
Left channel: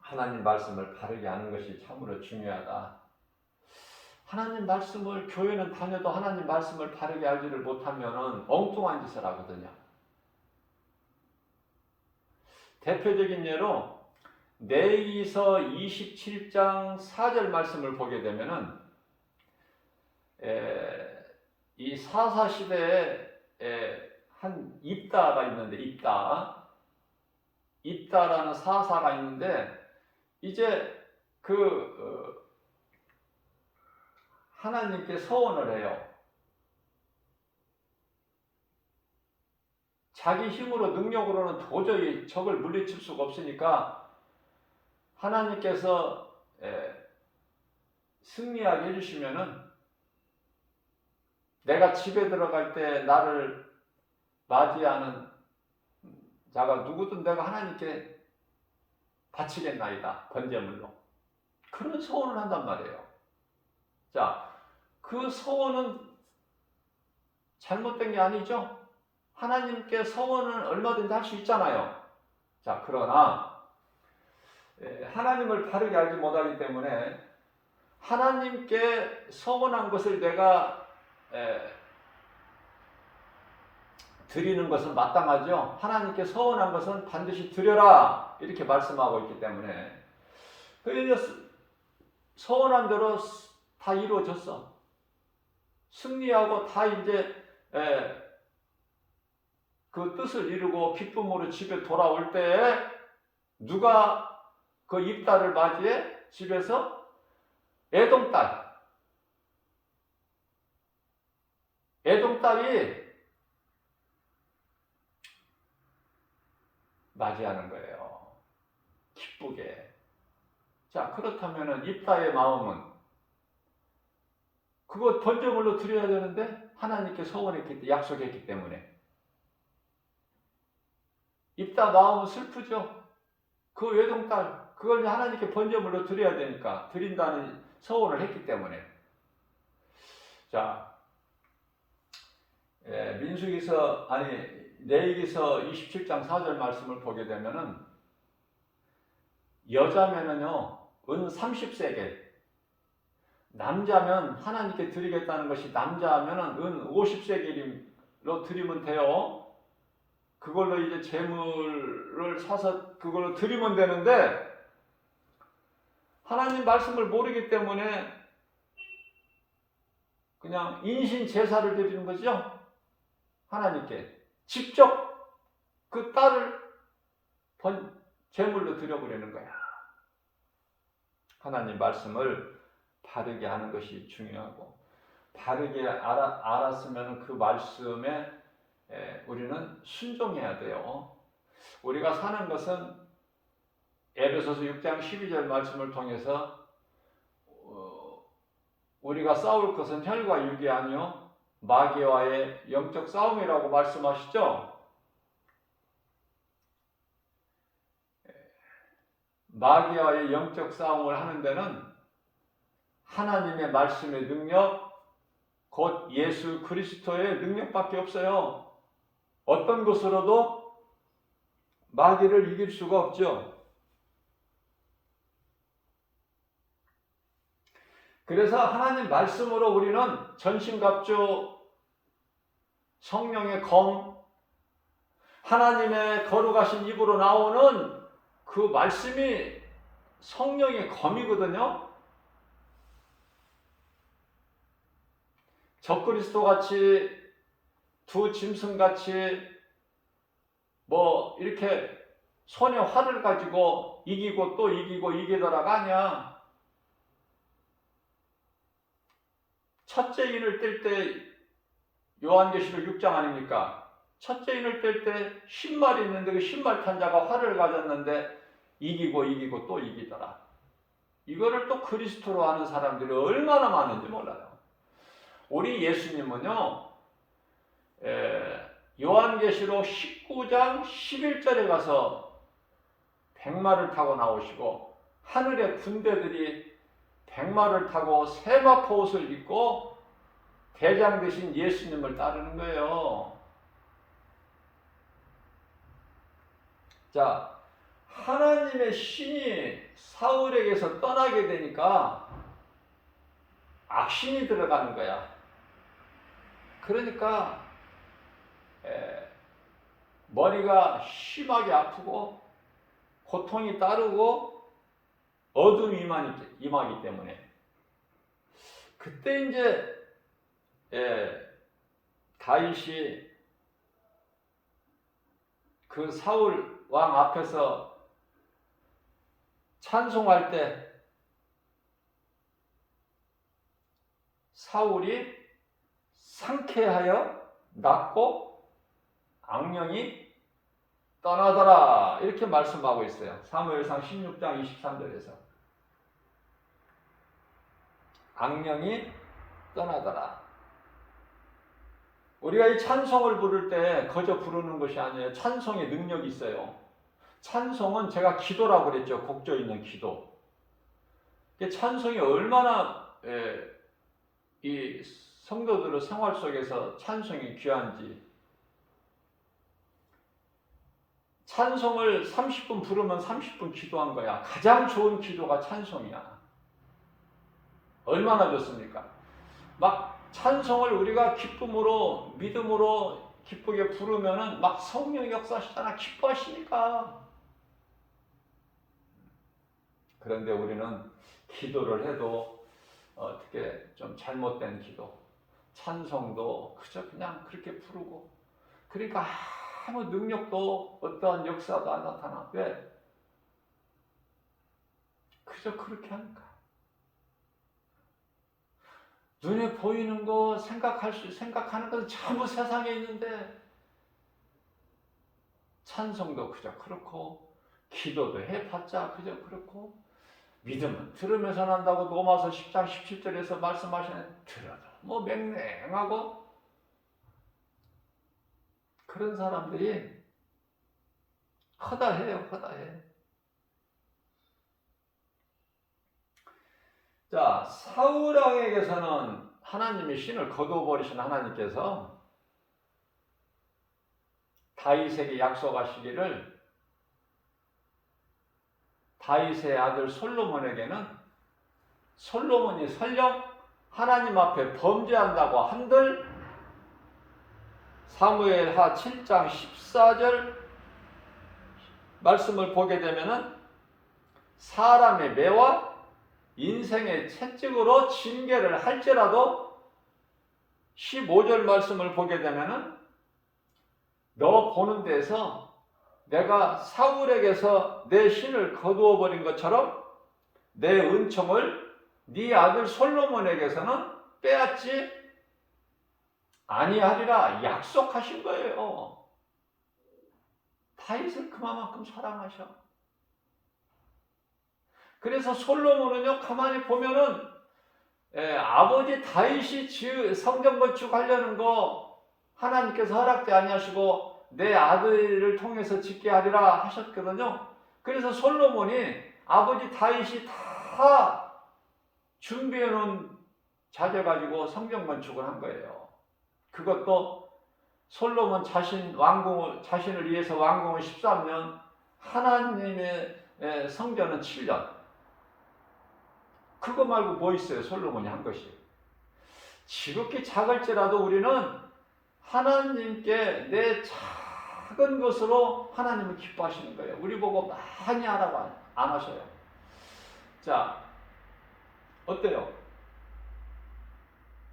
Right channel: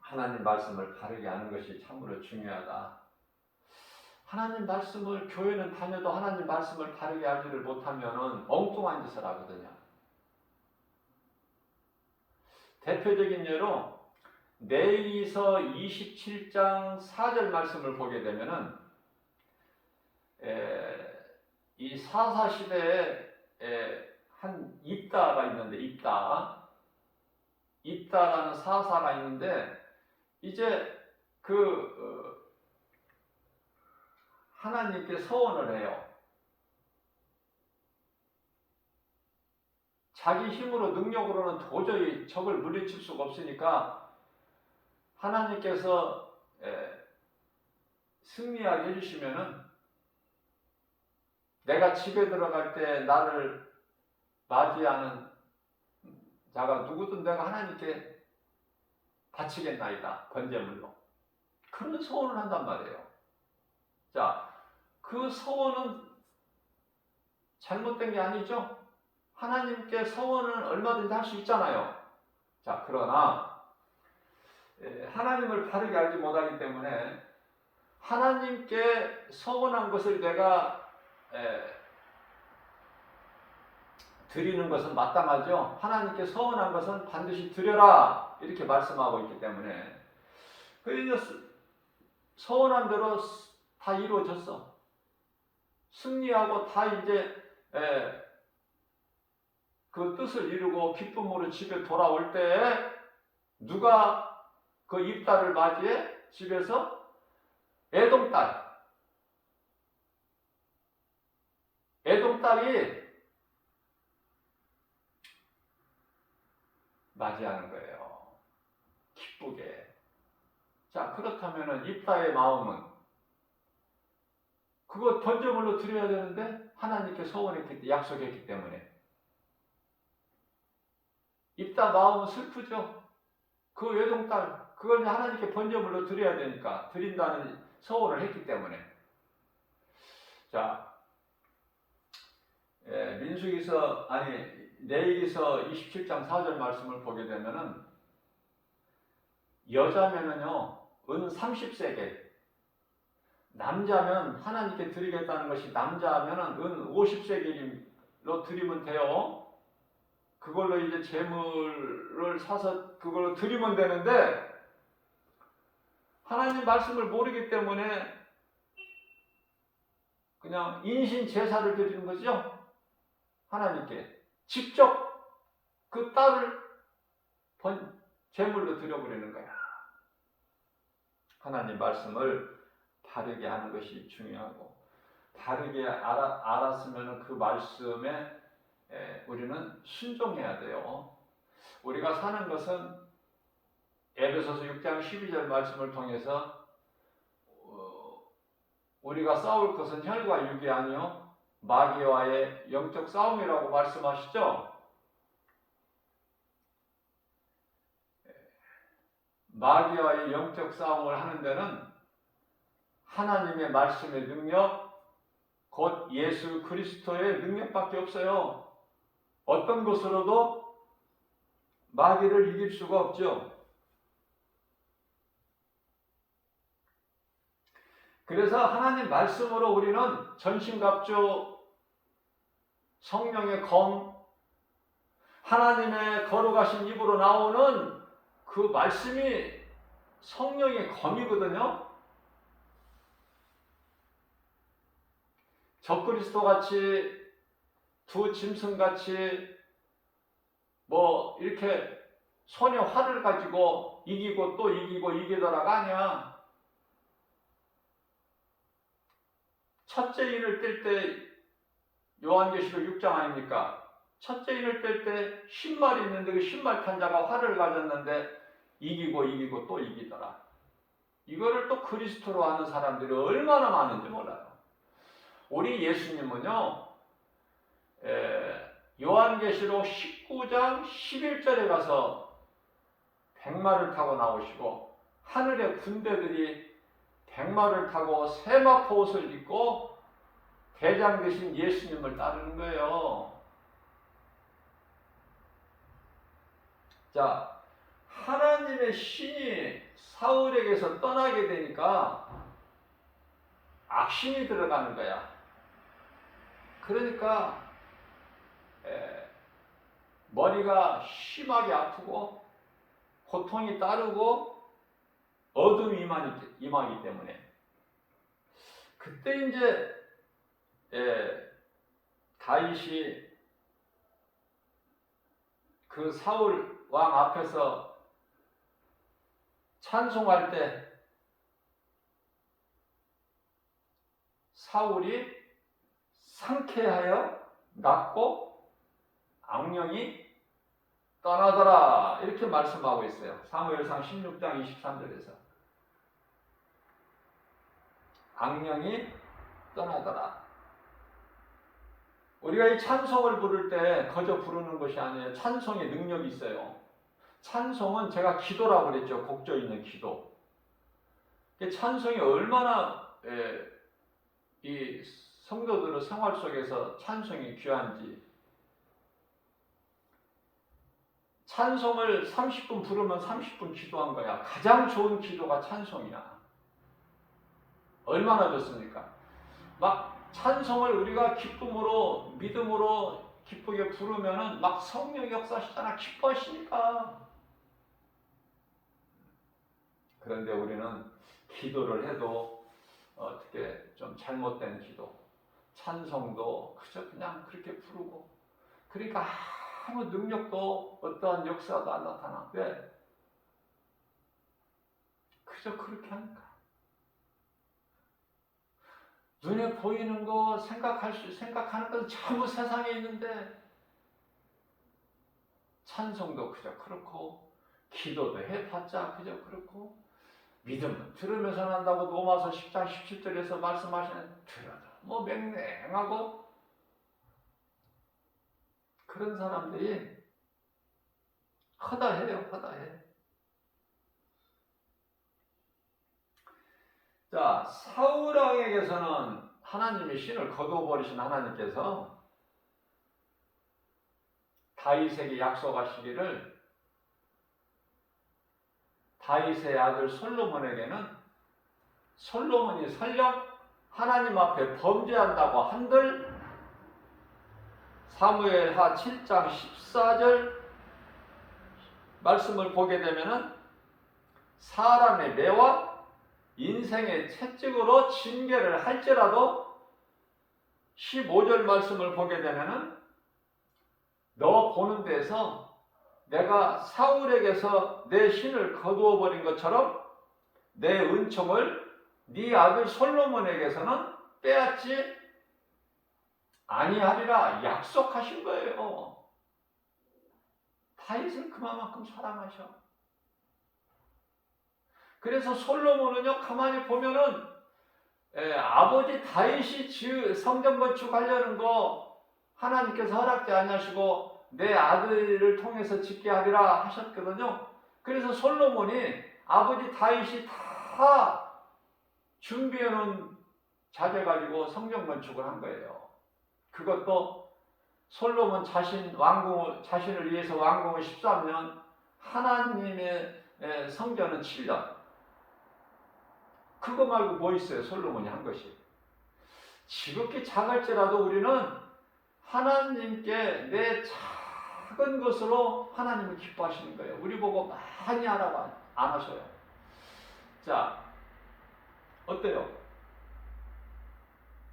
하나님 말씀을 바르게 아는 것이 참으로 중요하다. 하나님 말씀을, 교회는 다녀도 하나님 말씀을 바르게 알지를 못하면은 엉뚱한 짓을 하거든요. 대표적인 예로 레위기서 27장 4절 말씀을 보게 되면은 이 사사 시대에 한 입다가 있는데, 입다라는 사사가 있는데, 이제 하나님께 서원을 해요. 자기 힘으로, 능력으로는 도저히 적을 물리칠 수가 없으니까 하나님께서 승리하게 해주시면은, 내가 집에 들어갈 때 나를 맞이하는 자가 누구든 내가 하나님께 바치겠나이다, 번제물로. 그런 소원을 한단 말이에요. 자, 그 소원은 잘못된 게 아니죠? 하나님께 서원은 얼마든지 할 수 있잖아요. 자, 그러나 하나님을 바르게 알지 못하기 때문에 하나님께 서원한 것을 내가 드리는 것은 마땅하죠. 하나님께 서원한 것은 반드시 드려라, 이렇게 말씀하고 있기 때문에 서원한 대로 다 이루어졌어. 승리하고 다 이제 그 뜻을 이루고 기쁨으로 집에 돌아올 때 누가 그 입다를 맞이해? 집에서 애동딸이 맞이하는 거예요. 기쁘게. 자, 그렇다면은 입다의 마음은 그거 번제물로 드려야 되는데 하나님께 서원했기, 약속했기 때문에 입다 마음은 슬프죠. 그 외동딸, 그걸 하나님께 번제물로 드려야 되니까 드린다는 서원을 했기 때문에. 자, 레위기서 27장 4절 말씀을 보게 되면은, 여자면은요 은 30세겔, 남자면 하나님께 드리겠다는 것이, 남자면은 은 50세겔로 드리면 돼요. 그걸로 이제 재물을 사서 그걸로 드리면 되는데, 하나님 말씀을 모르기 때문에 그냥 인신 제사를 드리는 거죠. 하나님께 직접 그 딸을 제물로 드려버리는 거야. 하나님 말씀을 바르게 하는 것이 중요하고, 바르게 알았으면 그 말씀에 우리는 순종해야 돼요. 우리가 사는 것은 에베소서 6장 12절 말씀을 통해서 우리가 싸울 것은 혈과 육이 아니요 마귀와의 영적 싸움이라고 말씀하시죠. 마귀와의 영적 싸움을 하는 데는 하나님의 말씀의 능력, 곧 예수 그리스도의 능력밖에 없어요. 어떤 것으로도 마귀를 이길 수가 없죠. 그래서 하나님 말씀으로 우리는 전신갑주, 성령의 검, 하나님의 거룩하신 입으로 나오는 그 말씀이 성령의 검이거든요. 적그리스도 같이, 두 짐승 같이 뭐 이렇게 손에 활을 가지고 이기고 또 이기고 이기더라가 아니야. 첫째 인을 뗄 때, 요한계시록 6장 아닙니까? 첫째 인을 뗄 때 10마리 있는데 그 10마리 탄 자가 활을 가졌는데 이기고 또 이기더라. 이거를 또 그리스도로 아는 사람들이 얼마나 많은지 몰라요. 우리 예수님은요, 요한계시록 19장 11절에 가서 백마를 타고 나오시고 하늘의 군대들이 백마를 타고 세마포 옷을 입고 대장 되신 예수님을 따르는 거예요. 자, 하나님의 신이 사울에게서 떠나게 되니까 악신이 들어가는 거야. 그러니까 머리가 심하게 아프고 고통이 따르고 어둠이 임하기 때문에 그때 이제 다윗이 그 사울 왕 앞에서 찬송할 때 사울이 상쾌하여 낫고 악령이 떠나더라 이렇게 말씀하고 있어요. 사무엘상 16장 23절에서 악령이 떠나더라. 우리가 이 찬송을 부를 때 거저 부르는 것이 아니에요. 찬송에 능력이 있어요. 찬송은 제가 기도라고 그랬죠. 곡조 있는 기도. 찬송이 얼마나 이 성도들의 생활 속에서 찬송이 귀한지. 찬송을 30분 부르면 30분 기도한 거야. 가장 좋은 기도가 찬송이야. 얼마나 좋습니까? 막 찬송을 우리가 기쁨으로 믿음으로 기쁘게 부르면은 막 성령이 역사하시잖아. 기뻐하시니까. 그런데 우리는 기도를 해도 어떻게 좀 잘못된 기도, 찬송도 그저 그냥 그렇게 부르고 그러니까 아무 능력도 어떠한 역사도 안 나타나. 왜? 그저 그렇게 하니까. 눈에 보이는 거 생각하는 건 전부 세상에 있는데 찬송도 그저 그렇고 기도도 해봤자 그저 그렇고 믿음은 들으면서 난다고 로마서 10장 17절에서 말씀하시는 들어도 뭐 맹맹하고 그런 사람들이 허다해요. 허다해. 자, 사울 왕에게서는 하나님이 신을 거두어버리신 하나님께서 다윗에게 약속하시기를 다윗의 아들 솔로몬에게는 솔로몬이 설령 하나님 앞에 범죄한다고 한들 사무엘하 7장 14절 말씀을 보게 되면은 사람의 매와 인생의 채찍으로 징계를 할지라도 15절 말씀을 보게 되면은 너 보는 데서 내가 사울에게서 내 신을 거두어 버린 것처럼 내 은총을 네 아들 솔로몬에게서는 빼앗지 아니하리라 약속하신 거예요. 다윗을 그만큼 사랑하셔. 그래서 솔로몬은요 가만히 보면은 아버지 다윗이 성전 건축하려는 거 하나님께서 허락지 아니하시고 내 아들을 통해서 짓게 하리라 하셨거든요. 그래서 솔로몬이 아버지 다윗이 다 준비해 놓은 자재 가지고 성전 건축을 한 거예요. 그것도 솔로몬 자신을 위해서 왕궁은 13년, 하나님의 성전은 7년. 그거 말고 뭐 있어요? 솔로몬이 한 것이. 지극히 작을지라도 우리는 하나님께 내 작은 것으로 하나님을 기뻐하시는 거예요. 우리 보고 많이 하라고 안 하셔요. 자, 어때요?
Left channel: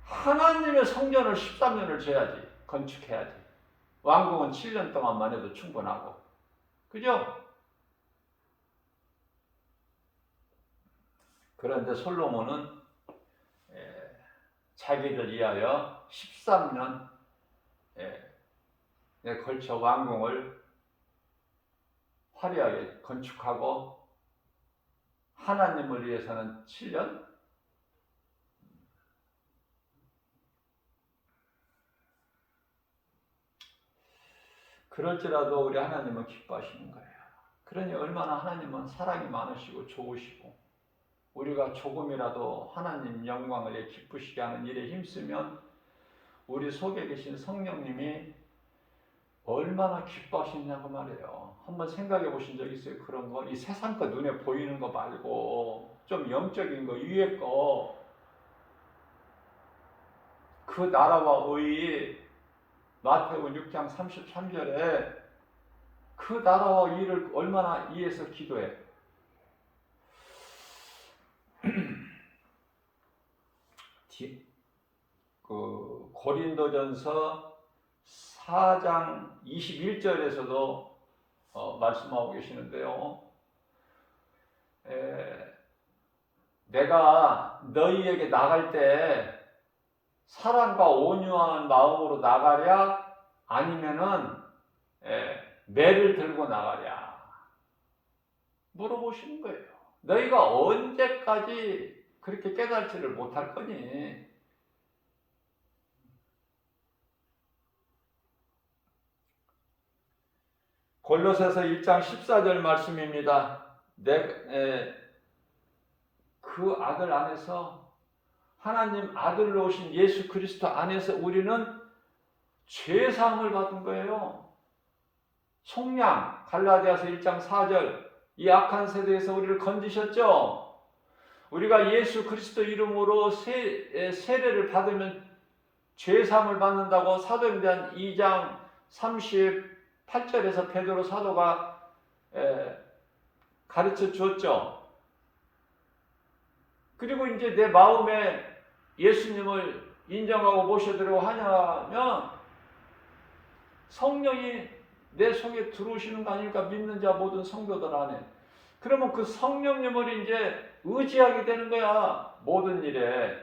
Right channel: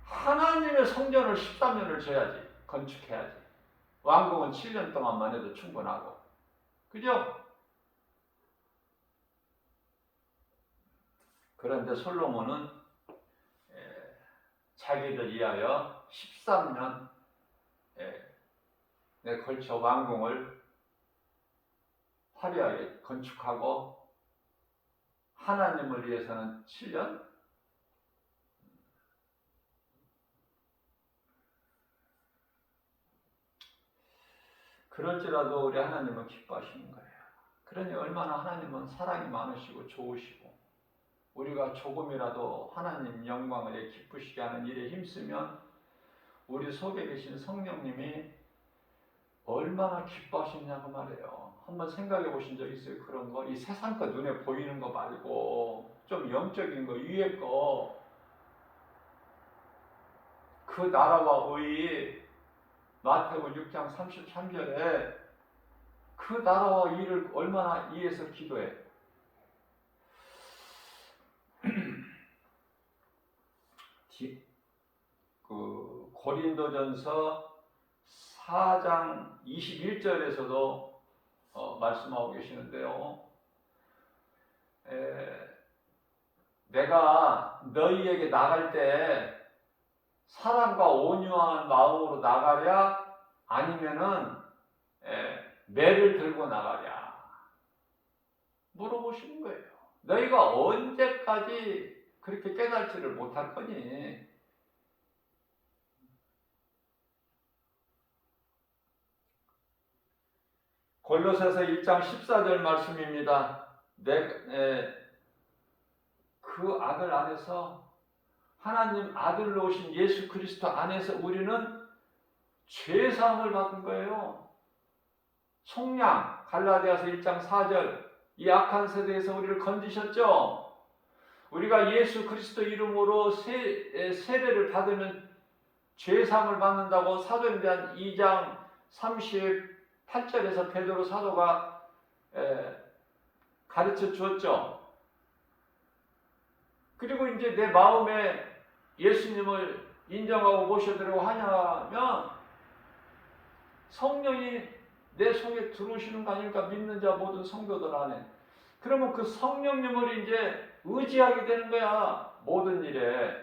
하나님의 성전을 13년을 져야지. 건축해야지. 왕궁은 7년 동안만 해도 충분하고. 그죠? 그런데 솔로몬은 자기를 위하여 13년에 걸쳐 왕궁을 화려하게 건축하고 하나님을 위해서는 7년? 그럴지라도 우리 하나님은 기뻐하시는 거예요. 그러니 얼마나 하나님은 사랑이 많으시고 좋으시고 우리가 조금이라도 하나님 영광을 기쁘시게 하는 일에 힘쓰면 우리 속에 계신 성령님이 얼마나 기뻐하시냐고 말이에요. 한번 생각해 보신 적 있어요? 그런 거? 이 세상 거 눈에 보이는 거 말고 좀 영적인 거, 위에 거, 그 나라와 의의 마태복음 6장 33절에 그 나라와 의를 얼마나 위해서 기도해. 그 고린도전서 4장 21절에서도 말씀하고 계시는데요. 내가 너희에게 나갈 때 사랑과 온유한 마음으로 나가랴 아니면은 매를 들고 나가랴 물어보시는 거예요. 너희가 언제까지 그렇게 깨달지를 못할 거니? 골로새서 1장 14절 말씀입니다. 그 아들 안에서 하나님 아들로 오신 예수 그리스도 안에서 우리는 죄사함을 받은 거예요. 속량 갈라디아서 1장 4절 이 악한 세대에서 우리를 건지셨죠. 우리가 예수 그리스도 이름으로 세례를 받으면 죄사함을 받는다고 사도행전 2장 38절에서 베드로 사도가 가르쳐 주었죠. 그리고 이제 내 마음에 예수님을 인정하고 모셔드리고 하냐면 성령이 내 속에 들어오시는 거 아닐까? 믿는 자 모든 성도들 안에. 그러면 그 성령님을 이제 의지하게 되는 거야. 모든 일에.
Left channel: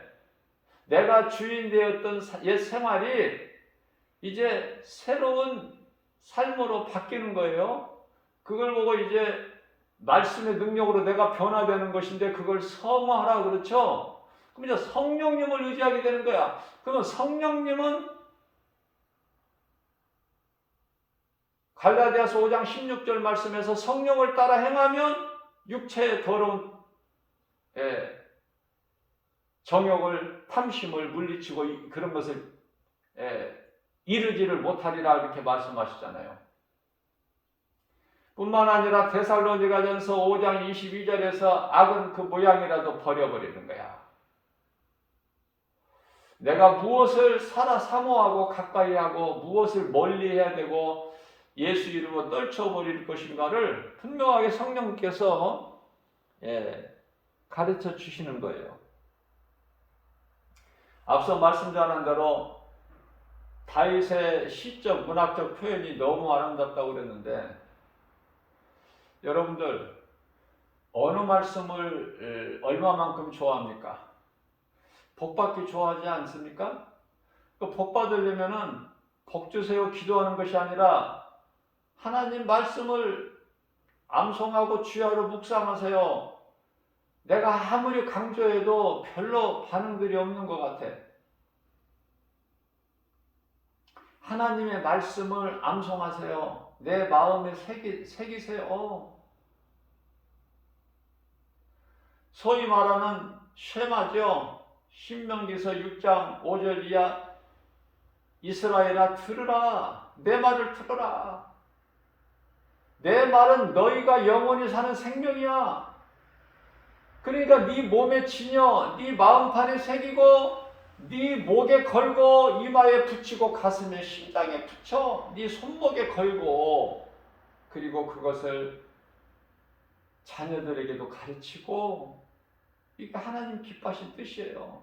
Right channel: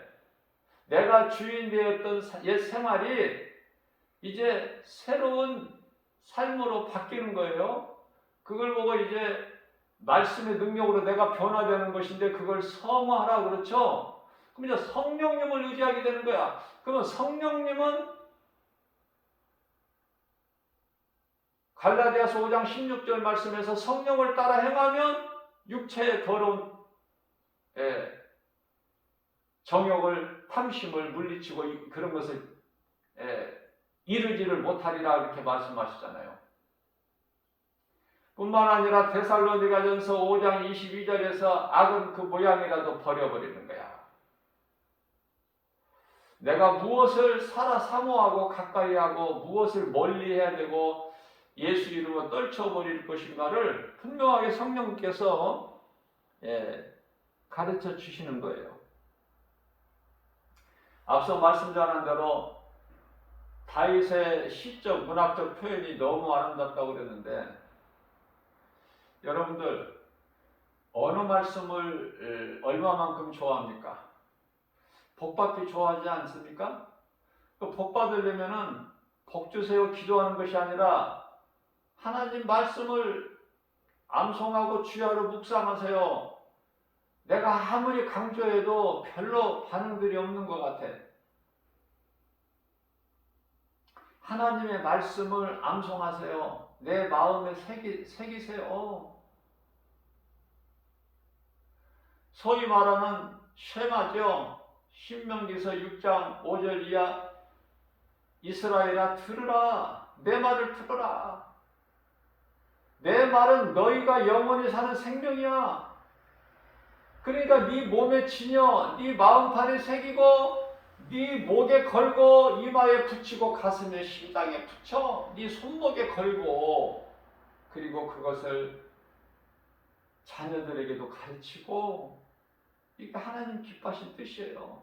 내가 주인 되었던 옛 생활이 이제 새로운 삶으로 바뀌는 거예요. 그걸 보고 이제 말씀의 능력으로 내가 변화되는 것인데 그걸 사모하라 그렇죠? 그럼 이제 성령님을 의지하게 되는 거야. 그러면 성령님은 갈라디아서 5장 16절 말씀에서 성령을 따라 행하면 육체의 더러운 정욕을 탐심을 물리치고 그런 것을 이루지를 못하리라 이렇게 말씀하시잖아요. 뿐만 아니라 데살로니가전서 5장 22절에서 악은 그 모양이라도 버려버리는 거야. 내가 무엇을 살아 사모하고 가까이 하고 무엇을 멀리 해야 되고 예수 이름으로 떨쳐버릴 것인가를 분명하게 성령께서 가르쳐 주시는 거예요. 앞서 말씀 전한 대로 다윗의 시적 문학적 표현이 너무 아름답다고 그랬는데 여러분들 어느 말씀을 얼마만큼 좋아합니까? 복받기 좋아하지 않습니까? 그 복받으려면은 복 주세요 기도하는 것이 아니라 하나님 말씀을 암송하고 주야로 묵상하세요. 내가 아무리 강조해도 별로 반응들이 없는 것 같아. 하나님의 말씀을 암송하세요. 내 마음에 새기세요. 소위 말하는 쉐마죠. 신명기서 6장 5절 이하 이스라엘아 들으라. 내 말을 들으라. 내 말은 너희가 영원히 사는 생명이야. 그러니까 네 몸에 지녀 네 마음판에 새기고 네 목에 걸고 이마에 붙이고 가슴에 심장에 붙여 네 손목에 걸고 그리고 그것을 자녀들에게도 가르치고 이게 하나님 기뻐하신 뜻이에요.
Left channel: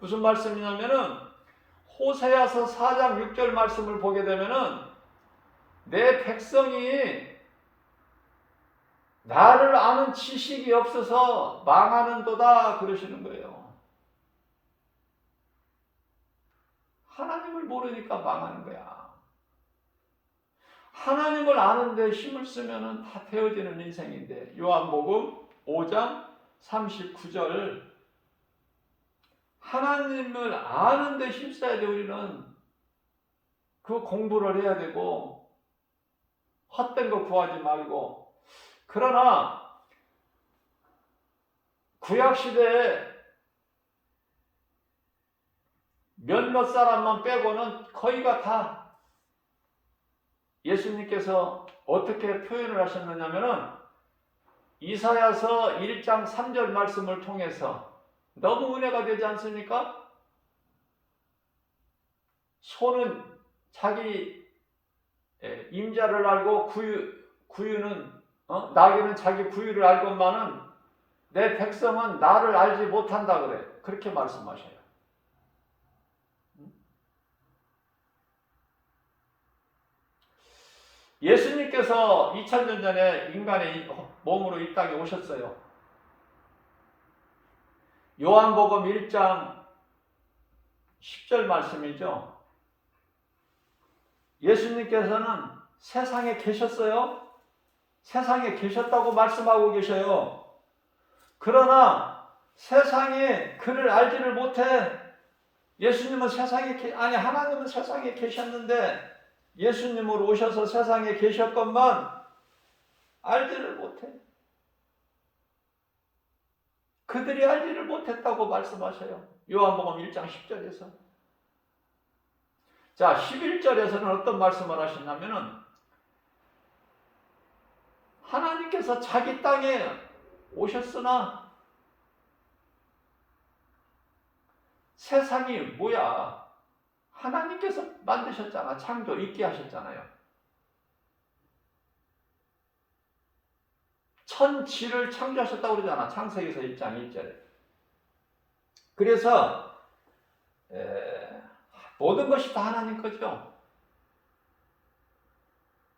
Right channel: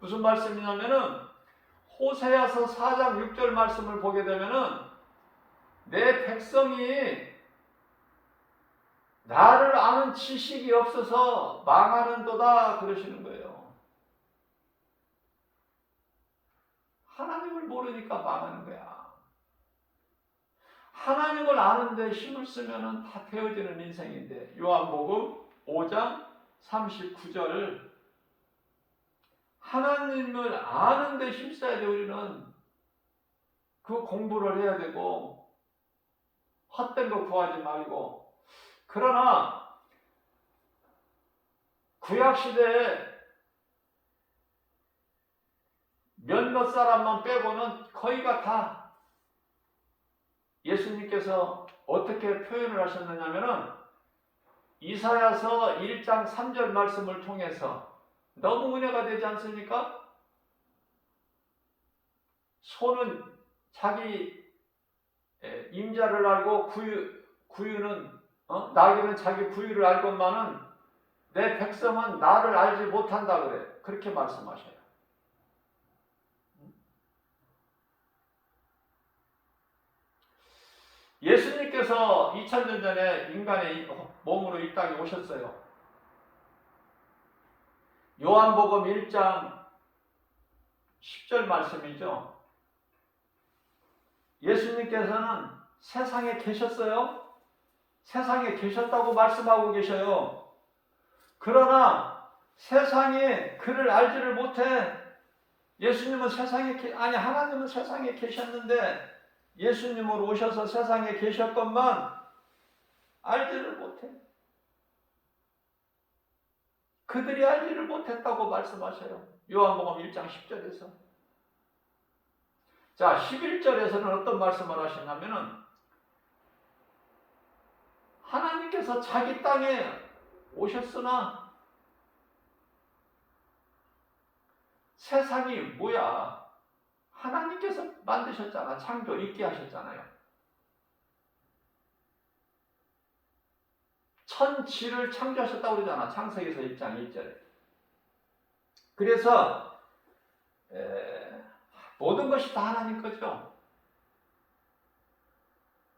무슨 말씀이냐면은 호세아서 4장 6절 말씀을 보게 되면은 내 백성이 나를 아는 지식이 없어서 망하는도다 그러시는 거예요. 하나님을 모르니까 망하는 거야. 하나님을 아는데 힘을 쓰면 다 되어지는 인생인데 요한복음 5장 39절 하나님을 아는데 힘써야 돼 우리는. 그 공부를 해야 되고 헛된 거 구하지 말고. 그러나 구약 시대에 몇몇 사람만 빼고는 거의가 다 예수님께서 어떻게 표현을 하셨느냐면은 이사야서 1장 3절 말씀을 통해서 너무 은혜가 되지 않습니까? 소는 자기 임자를 알고 구유는 나귀는 자기 구유를 알고만은 내 백성은 나를 알지 못한다 그래. 그렇게 말씀하셔요. 예수님께서 2000년 전에 인간의 몸으로 이 땅에 오셨어요. 요한복음 1장 10절 말씀이죠. 예수님께서는 세상에 계셨어요. 세상에 계셨다고 말씀하고 계셔요. 그러나 세상에 그를 알지를 못해. 예수님은 하나님은 세상에 계셨는데 예수님으로 오셔서 세상에 계셨건만 알지를 못해. 그들이 알지를 못했다고 말씀하셔요. 요한복음 1장 10절에서. 자, 11절에서는 어떤 말씀을 하시냐면은 하나님께서 자기 땅에 오셨으나 세상이 뭐야? 하나님께서 만드셨잖아. 창조 있게 하셨잖아요. 천지를 창조하셨다고 그러잖아. 창세기서 1장 1절에. 그래서 모든 것이 다 하나님 거죠.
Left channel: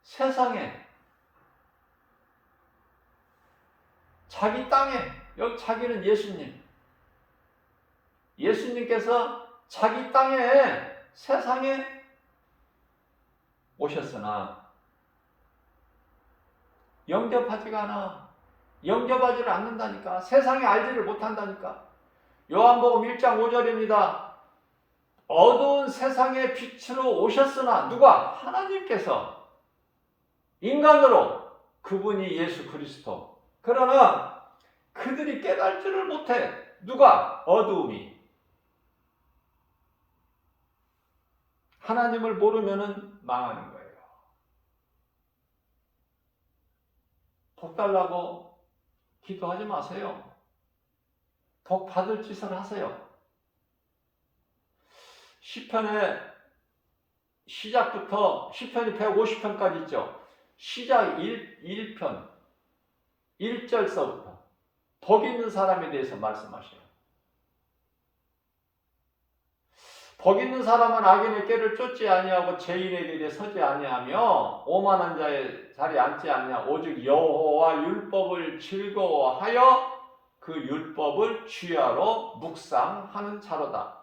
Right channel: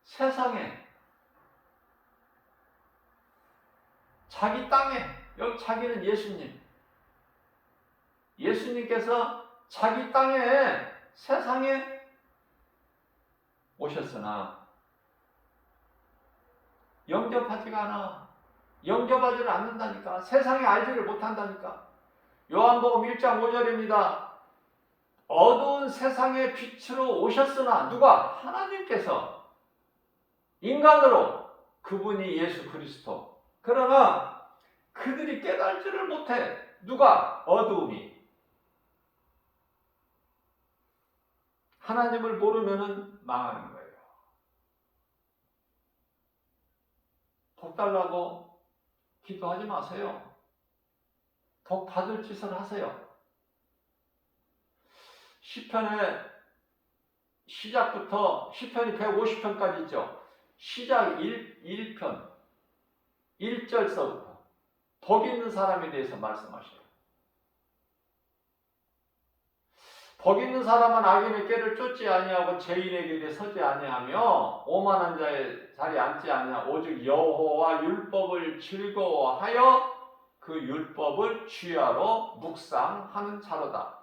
세상에 자기 땅에 여기 자기는 예수님. 예수님께서 자기 땅에 세상에 오셨으나 영접하지가 않아. 영접하지를 않는다니까. 세상에 알지를 못한다니까. 요한복음 1장 5절입니다. 어두운 세상의 빛으로 오셨으나 누가? 하나님께서 인간으로. 그분이 예수 그리스도. 그러나 그들이 깨달지를 못해. 누가? 어두움이. 하나님을 모르면은 망하는 거예요. 복 달라고 기도하지 마세요. 복 받을 짓을 하세요. 시편의 시작부터 시편이 150편까지 있죠. 시작 1편 1절서부터 복 있는 사람에 대해서 말씀하셔요. 복 있는 사람은 악인의 꾀를 쫓지 아니하고 죄인의 길에 서지 아니하며 오만한 자의 자리에 앉지 아니하고 오직 여호와 율법을 즐거워하여 그 율법을 주야로 묵상하는 자로다.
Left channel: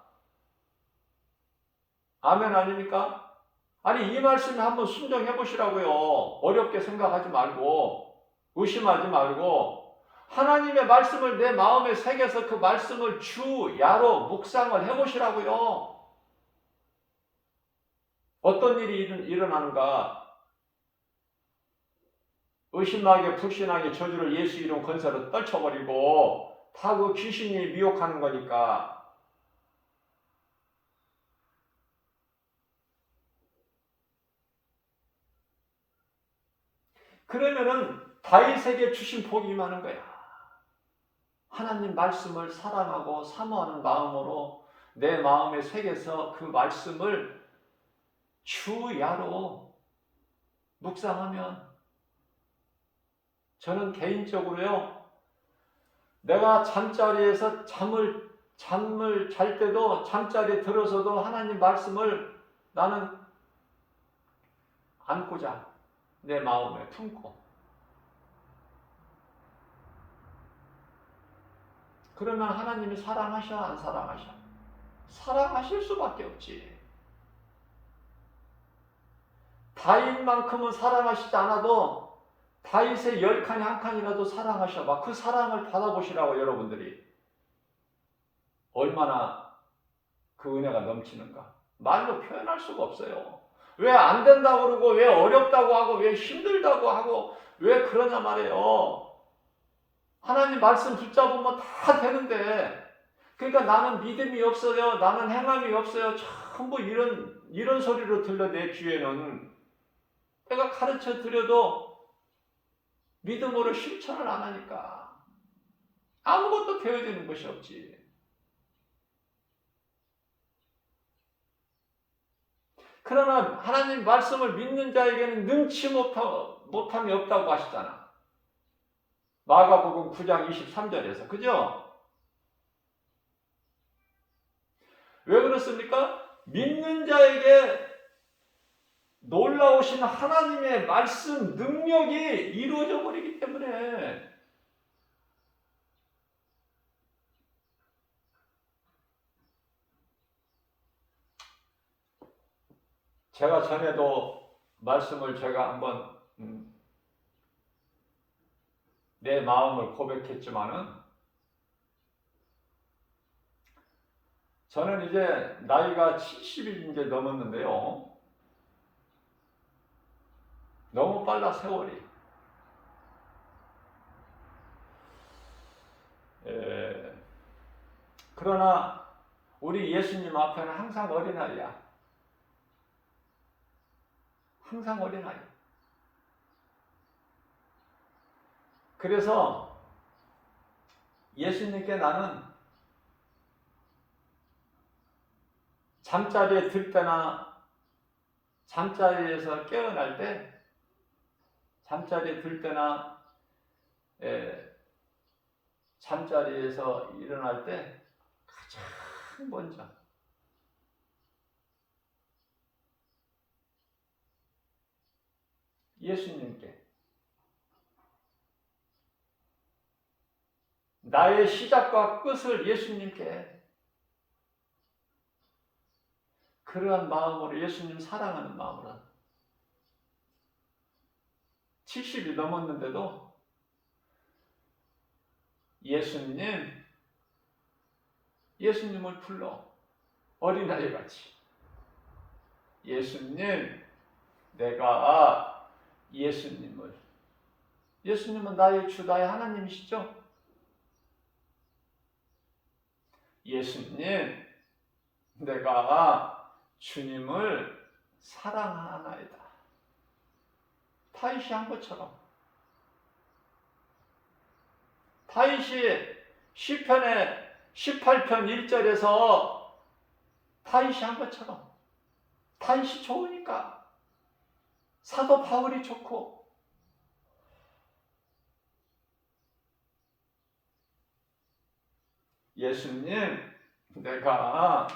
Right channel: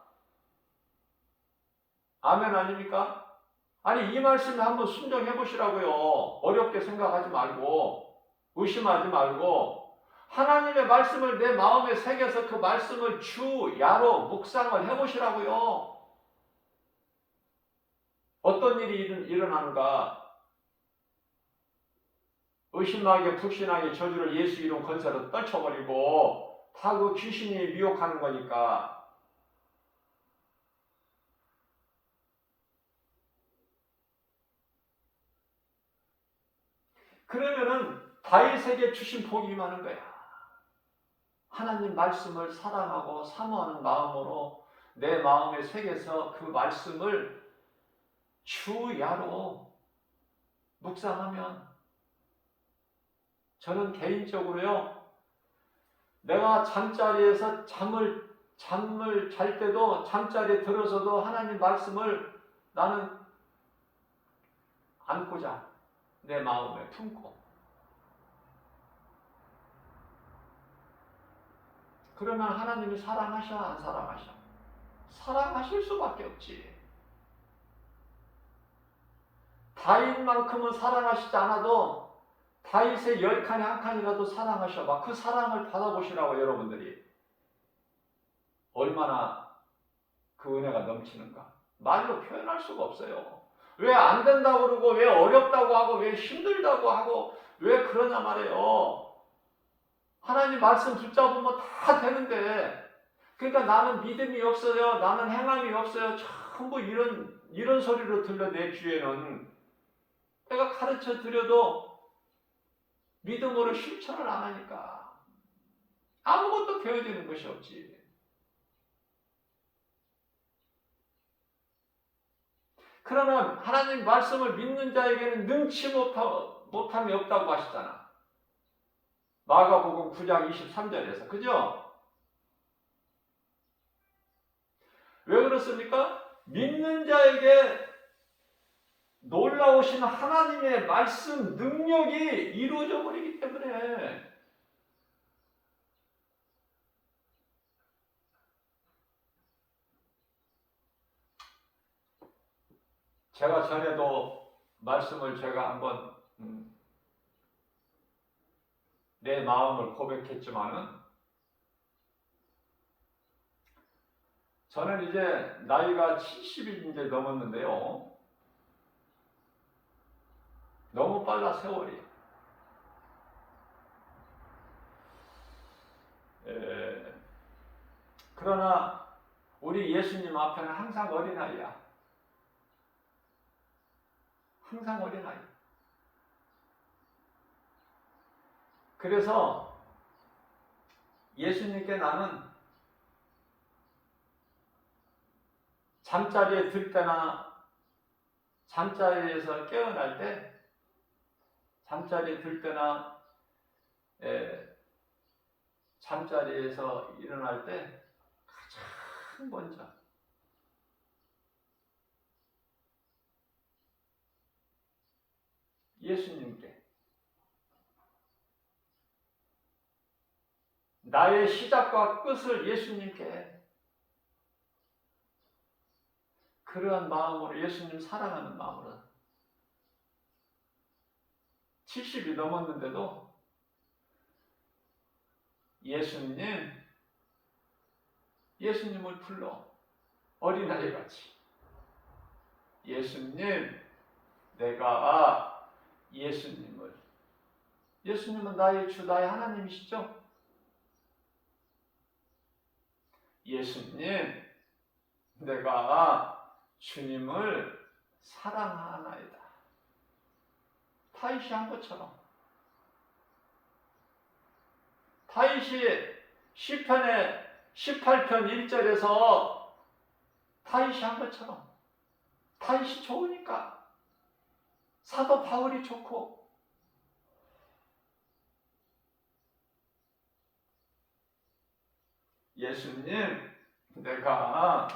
아멘 아닙니까? 아니 이 말씀에 한번 순종해 보시라고요. 어렵게 생각하지 말고 의심하지 말고 하나님의 말씀을 내 마음에 새겨서 그 말씀을 주야로 묵상을 해 보시라고요. 어떤 일이 일어나는가? 의심하게 불신하게 저주를 예수 이름 건설을 떨쳐버리고 다 그 귀신이 미혹하는 거니까. 그러면은 다윗에게 주신 복이 임하는 거야. 하나님 말씀을 사랑하고 사모하는 마음으로 내 마음에 새겨서 그 말씀을 주야로 묵상하면, 저는 개인적으로요, 내가 잠자리에서 잠을 잘 때도 잠자리에 들어서도 하나님 말씀을 나는 안고 자. 내 마음에 품고. 그러면 하나님이 사랑하셔 안 사랑하셔? 사랑하실 수밖에 없지. 다윗만큼은 사랑하시지 않아도 다윗의 10칸 한 칸이라도 사랑하셔봐. 그 사랑을 받아보시라고. 여러분들이 얼마나 그 은혜가 넘치는가 말로 표현할 수가 없어요. 왜 안 된다고 그러고 왜 어렵다고 하고 왜 힘들다고 하고 왜 그러냐 말이에요. 하나님 말씀 붙잡으면 다 되는데 그러니까 나는 믿음이 없어요. 나는 행함이 없어요. 전부 이런 소리로 들려 내 귀에는. 내가 가르쳐 드려도 믿음으로 실천을 안 하니까 아무것도 되어지는 것이 없지. 그러나 하나님 말씀을 믿는 자에게는 능치 못함이 없다고 하시잖아. 마가복음 9장 23절에서. 그죠? 왜 그렇습니까? 믿는 자에게 놀라우신 하나님의 말씀 능력이 이루어져 버리기 때문에. 제가 전에도 말씀을 제가 한번 내 마음을 고백했지만은 저는 이제 나이가 70이 이제 넘었는데요. 너무 빨라 세월이. 그러나 우리 예수님 앞에는 항상 어린아이야. 항상 어린아이. 그래서 예수님께 나는 잠자리에 들 때나 잠자리에서 깨어날 때, 잠자리에 들 때나 잠자리에서 일어날 때 가장 먼저 예수님께 나의 시작과 끝을 예수님께 그러한 마음으로 예수님 사랑하는 마음으로 70이 넘었는데도 예수님을 불러 어린아이 같이 예수님 내가 예수님은 나의 주 나의 하나님이시죠? 예수님 내가 주님을 사랑하나이다. 다윗이 한 것처럼 다윗이 시편의 18편 1절에서 다윗이 한 것처럼 다윗이 좋으니까 사도 바울이 좋고 예수님 내가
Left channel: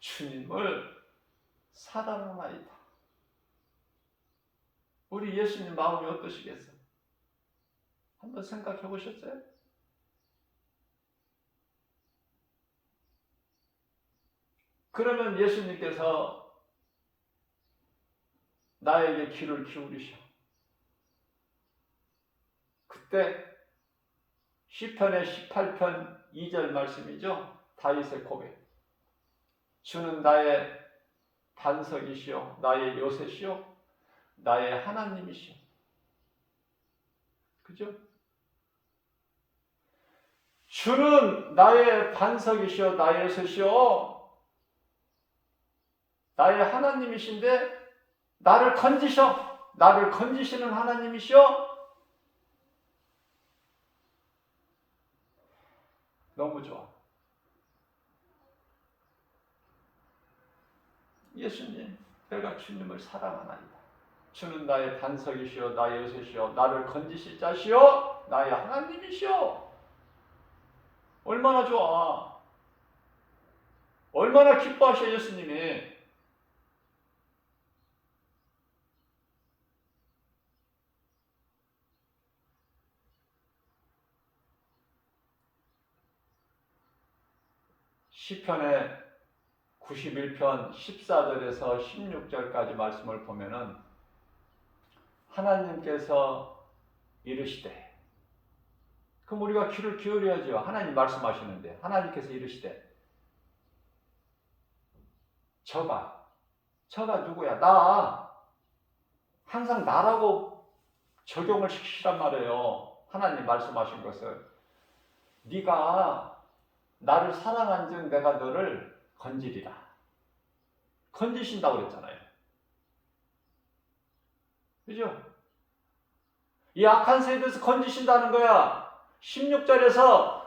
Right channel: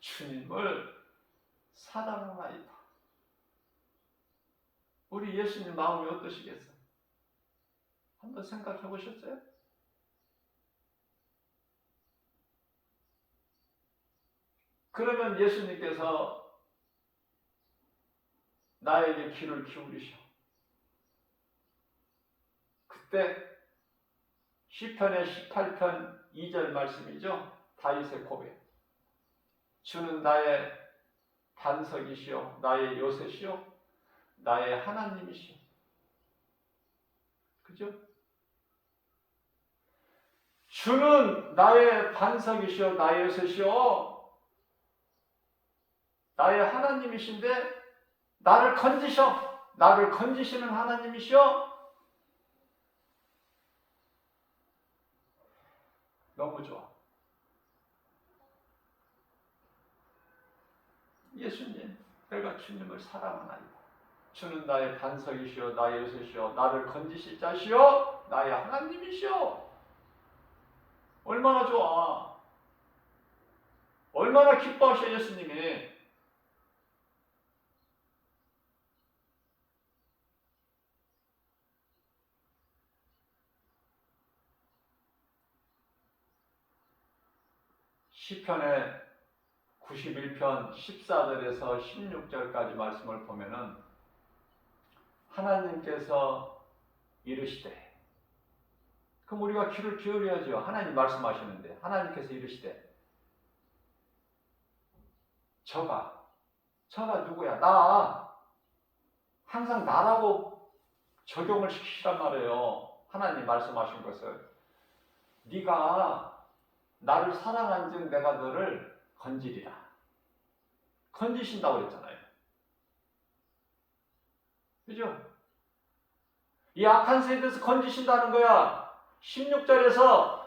주님을 사랑하나이다. 우리 예수님 마음이 어떠시겠어요? 한번 생각해 보셨어요? 그러면 예수님께서 나에게 귀를 기울이셔. 그때 시편의 18편 2절 말씀이죠. 다윗의 고백. 주는 나의 반석이시오, 나의 요새시오, 나의 하나님이시오. 그죠? 주는 나의 반석이시오, 나의 요새시오, 나의 하나님이신데 나를 건지시는 하나님이시오. 너무 좋아. 예수님, 내가 주님을 사랑하나이다. 주는 나의 반석이시오, 나의 요새시오, 나를 건지실 자시오, 나의 하나님이시오. 얼마나 좋아. 얼마나 기뻐하셔 예수님이. 시편의 91편 14절에서 16절까지 말씀을 보면은 하나님께서 이르시되, 그럼 우리가 귀를 기울여야죠. 하나님 말씀하시는데 하나님께서 이르시되 저가 누구야? 나. 항상 나라고 적용을 시키란 말이에요. 하나님 말씀하신 것을. 네가 나를 사랑한즉 내가 너를 건지리라. 건지신다고 그랬잖아요. 그죠? 이 악한 세대에서 건지신다는 거야. 16절에서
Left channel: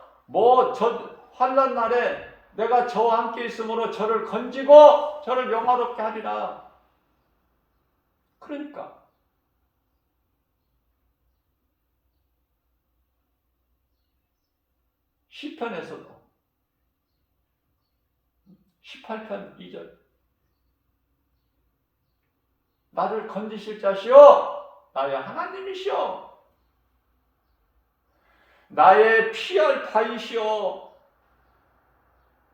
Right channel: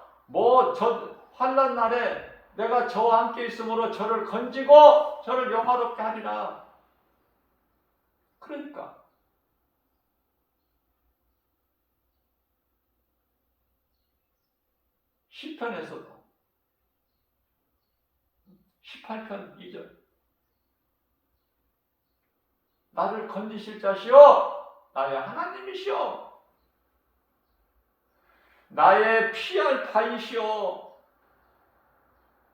저 환난 날에 내가 저와 함께 있으므로 저를 건지고 저를 영화롭게 하리라. 그러니까 시편에서도 18편 2절 나를 건지실 자시오 나의 하나님이시오 나의 피할 바이시오.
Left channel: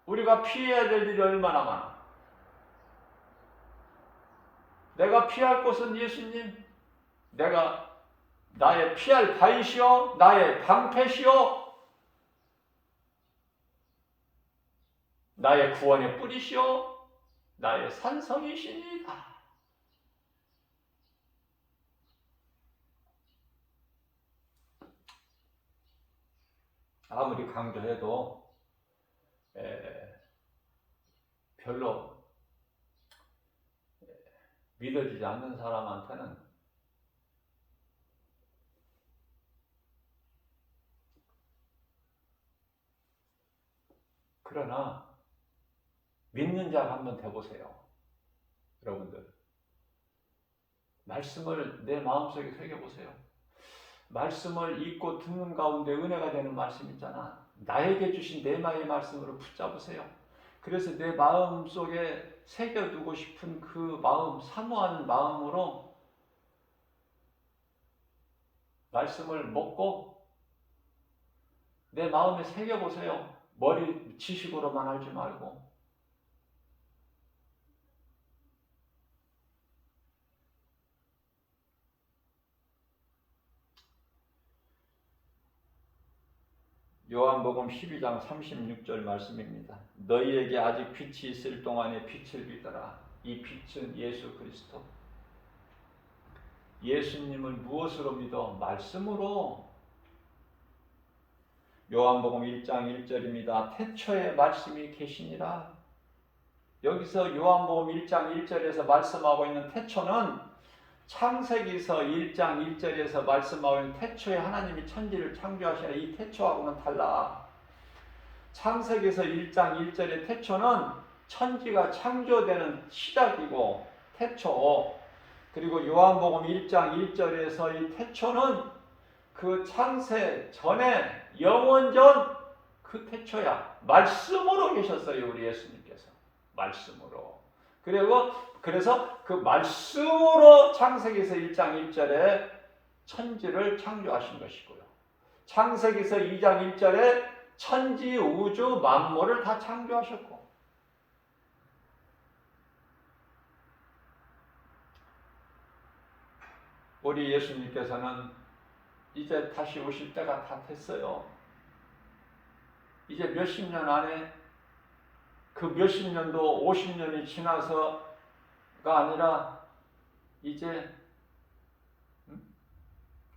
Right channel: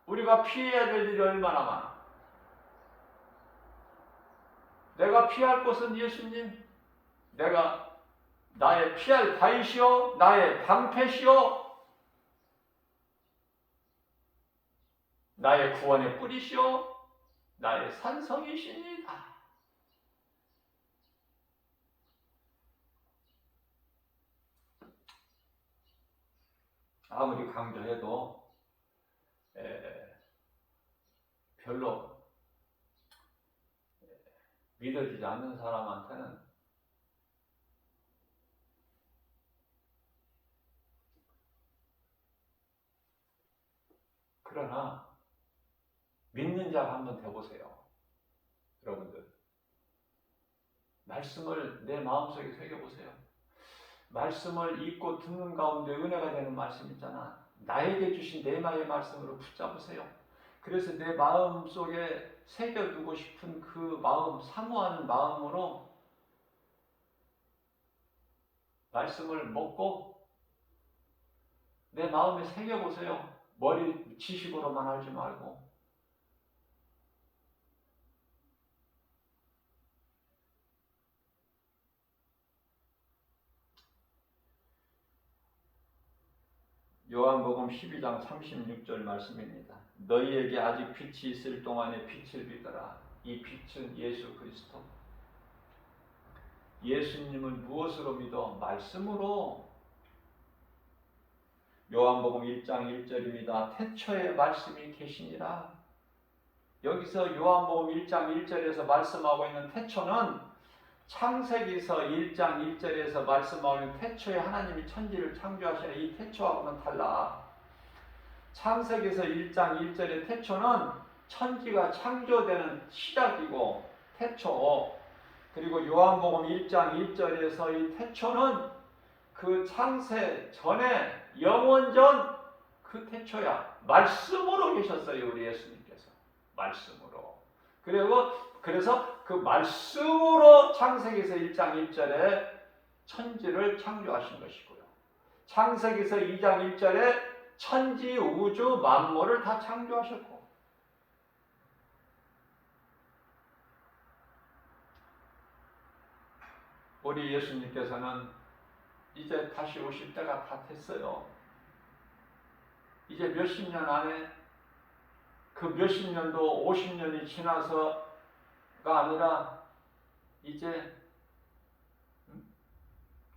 우리가 피해야 될 일이 얼마나 많아. 내가 피할 곳은 예수님. 내가 나의 피할 바이시오 나의 방패시오 나의 구원의 뿌리시오 나의 산성이십니다. 아무리 강조해도 별로 믿어지지 않는 사람한테는 그러나 믿는 자가 한번 돼보세요. 여러분들 말씀을 내 마음속에 새겨보세요. 말씀을 읽고 듣는 가운데 은혜가 되는 말씀 있잖아. 나에게 주신 내마의 말씀으로 붙잡으세요. 그래서 내 마음속에 새겨두고 싶은 그 마음, 사모하는 마음으로 말씀을 먹고 내 마음에 새겨보세요. 머리 지식으로만 하지 말고. 요한복음 12장 36절 말씀입니다. 너희에게 아직 빛이 있을 동안에 빛을 비더라. 이 빛은 예수 그리스도. 예수님을 무엇으로 믿어? 말씀으로. 요한복음 1장 1절입니다. 태초에 말씀이 계시니라. 여기서 요한복음 1장 1절에서 말씀하고 있는 태초는 창세기서 1장 1절에서 말씀하고 있는 태초에 하나님이 천지를 창조하시는 이 태초하고는 달라. 창세기서 1장 1절의 태초는 천지가 창조되는 시작이고 태초. 그리고 요한복음 1장 1절에서 이 태초는 그 창세 전에 영원전 그 태초야. 말씀으로 계셨어요. 우리 예수님께서. 말씀으로. 그래서 그 말씀으로 창세기서 1장 1절에 천지를 창조하신 것이고요. 창세기서 2장 1절에 천지, 우주, 만물을 다 창조하셨고 우리 예수님께서는 이제 다시 오실 때가 다 됐어요. 이제 몇십 년 안에 그 몇십 년도 50년이 지나서가 아니라 이제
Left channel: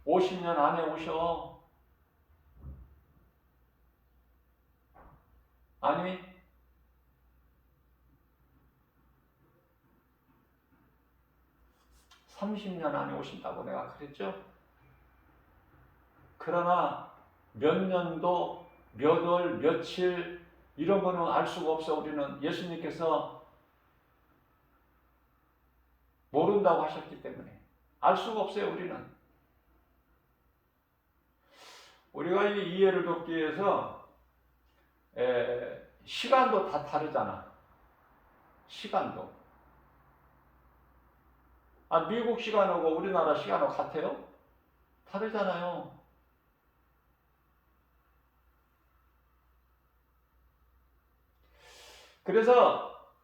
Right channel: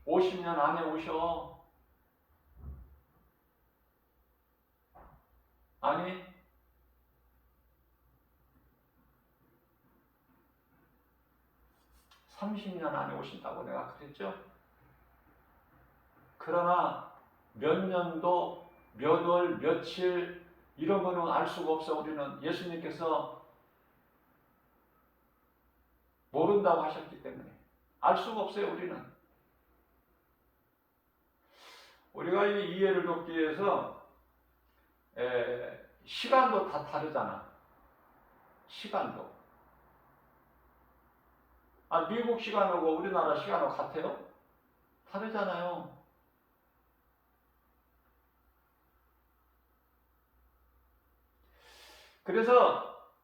50년 안에 오셔. 아니 30년 안에 오신다고 내가 그랬죠? 그러나 몇 년도, 몇 월, 며칠 이런 거는 알 수가 없어. 우리는 예수님께서 모른다고 하셨기 때문에 알 수가 없어요. 우리가 이 이해를 돕기 위해서 시간도 다 다르잖아. 시간도. 미국 시간하고 우리나라 시간하고 같아요? 다르잖아요. 그래서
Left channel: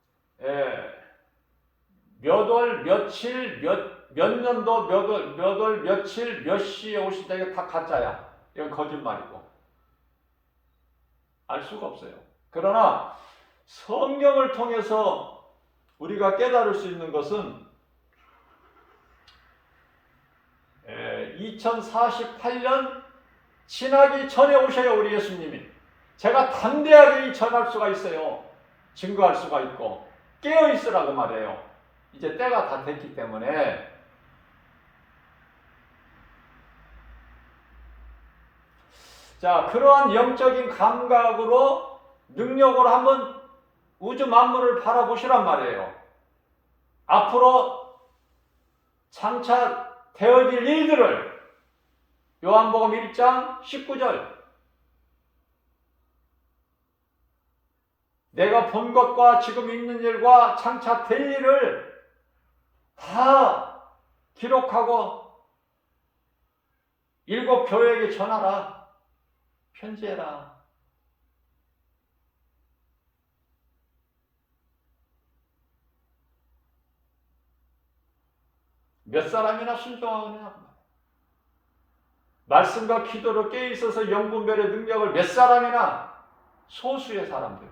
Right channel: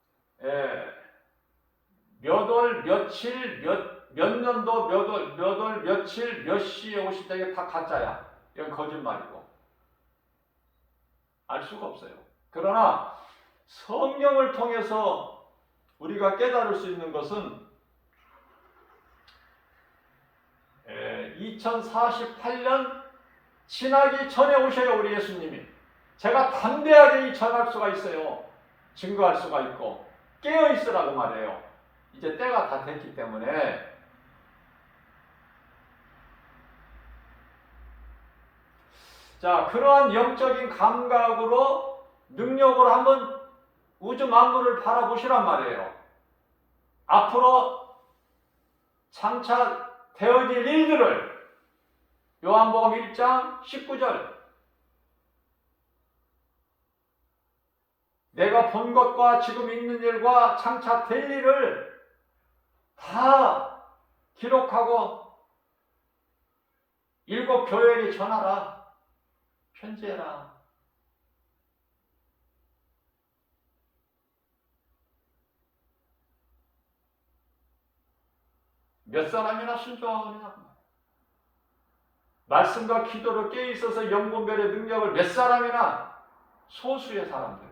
몇 월, 며칠, 몇 년도, 몇 월, 며칠, 몇 시에 오시다 이거 다 가짜야. 이건 거짓말이고. 알 수가 없어요. 그러나 성경을 통해서 우리가 깨달을 수 있는 것은 2048년 지나기 전에 오셔요, 우리 예수님이. 제가 담대하게 전할 수가 있어요. 증거할 수가 있고 깨어있으라고 말해요. 이제 때가 다 됐기 때문에. 자, 그러한 영적인 감각으로 능력으로 한번 우주 만물을 바라보시란 말이에요. 앞으로 장차 되어질 일들을 요한복음 1장 19절 내가 본 것과 지금 있는 일과 장차 될 일을 다 기록하고 일곱 교회에게 전하라. 편지해라. 몇 사람이나 순종하느냐고. 말씀과 기도로 깨어있어서 영분별의 능력을 몇 사람이나, 소수의 사람들.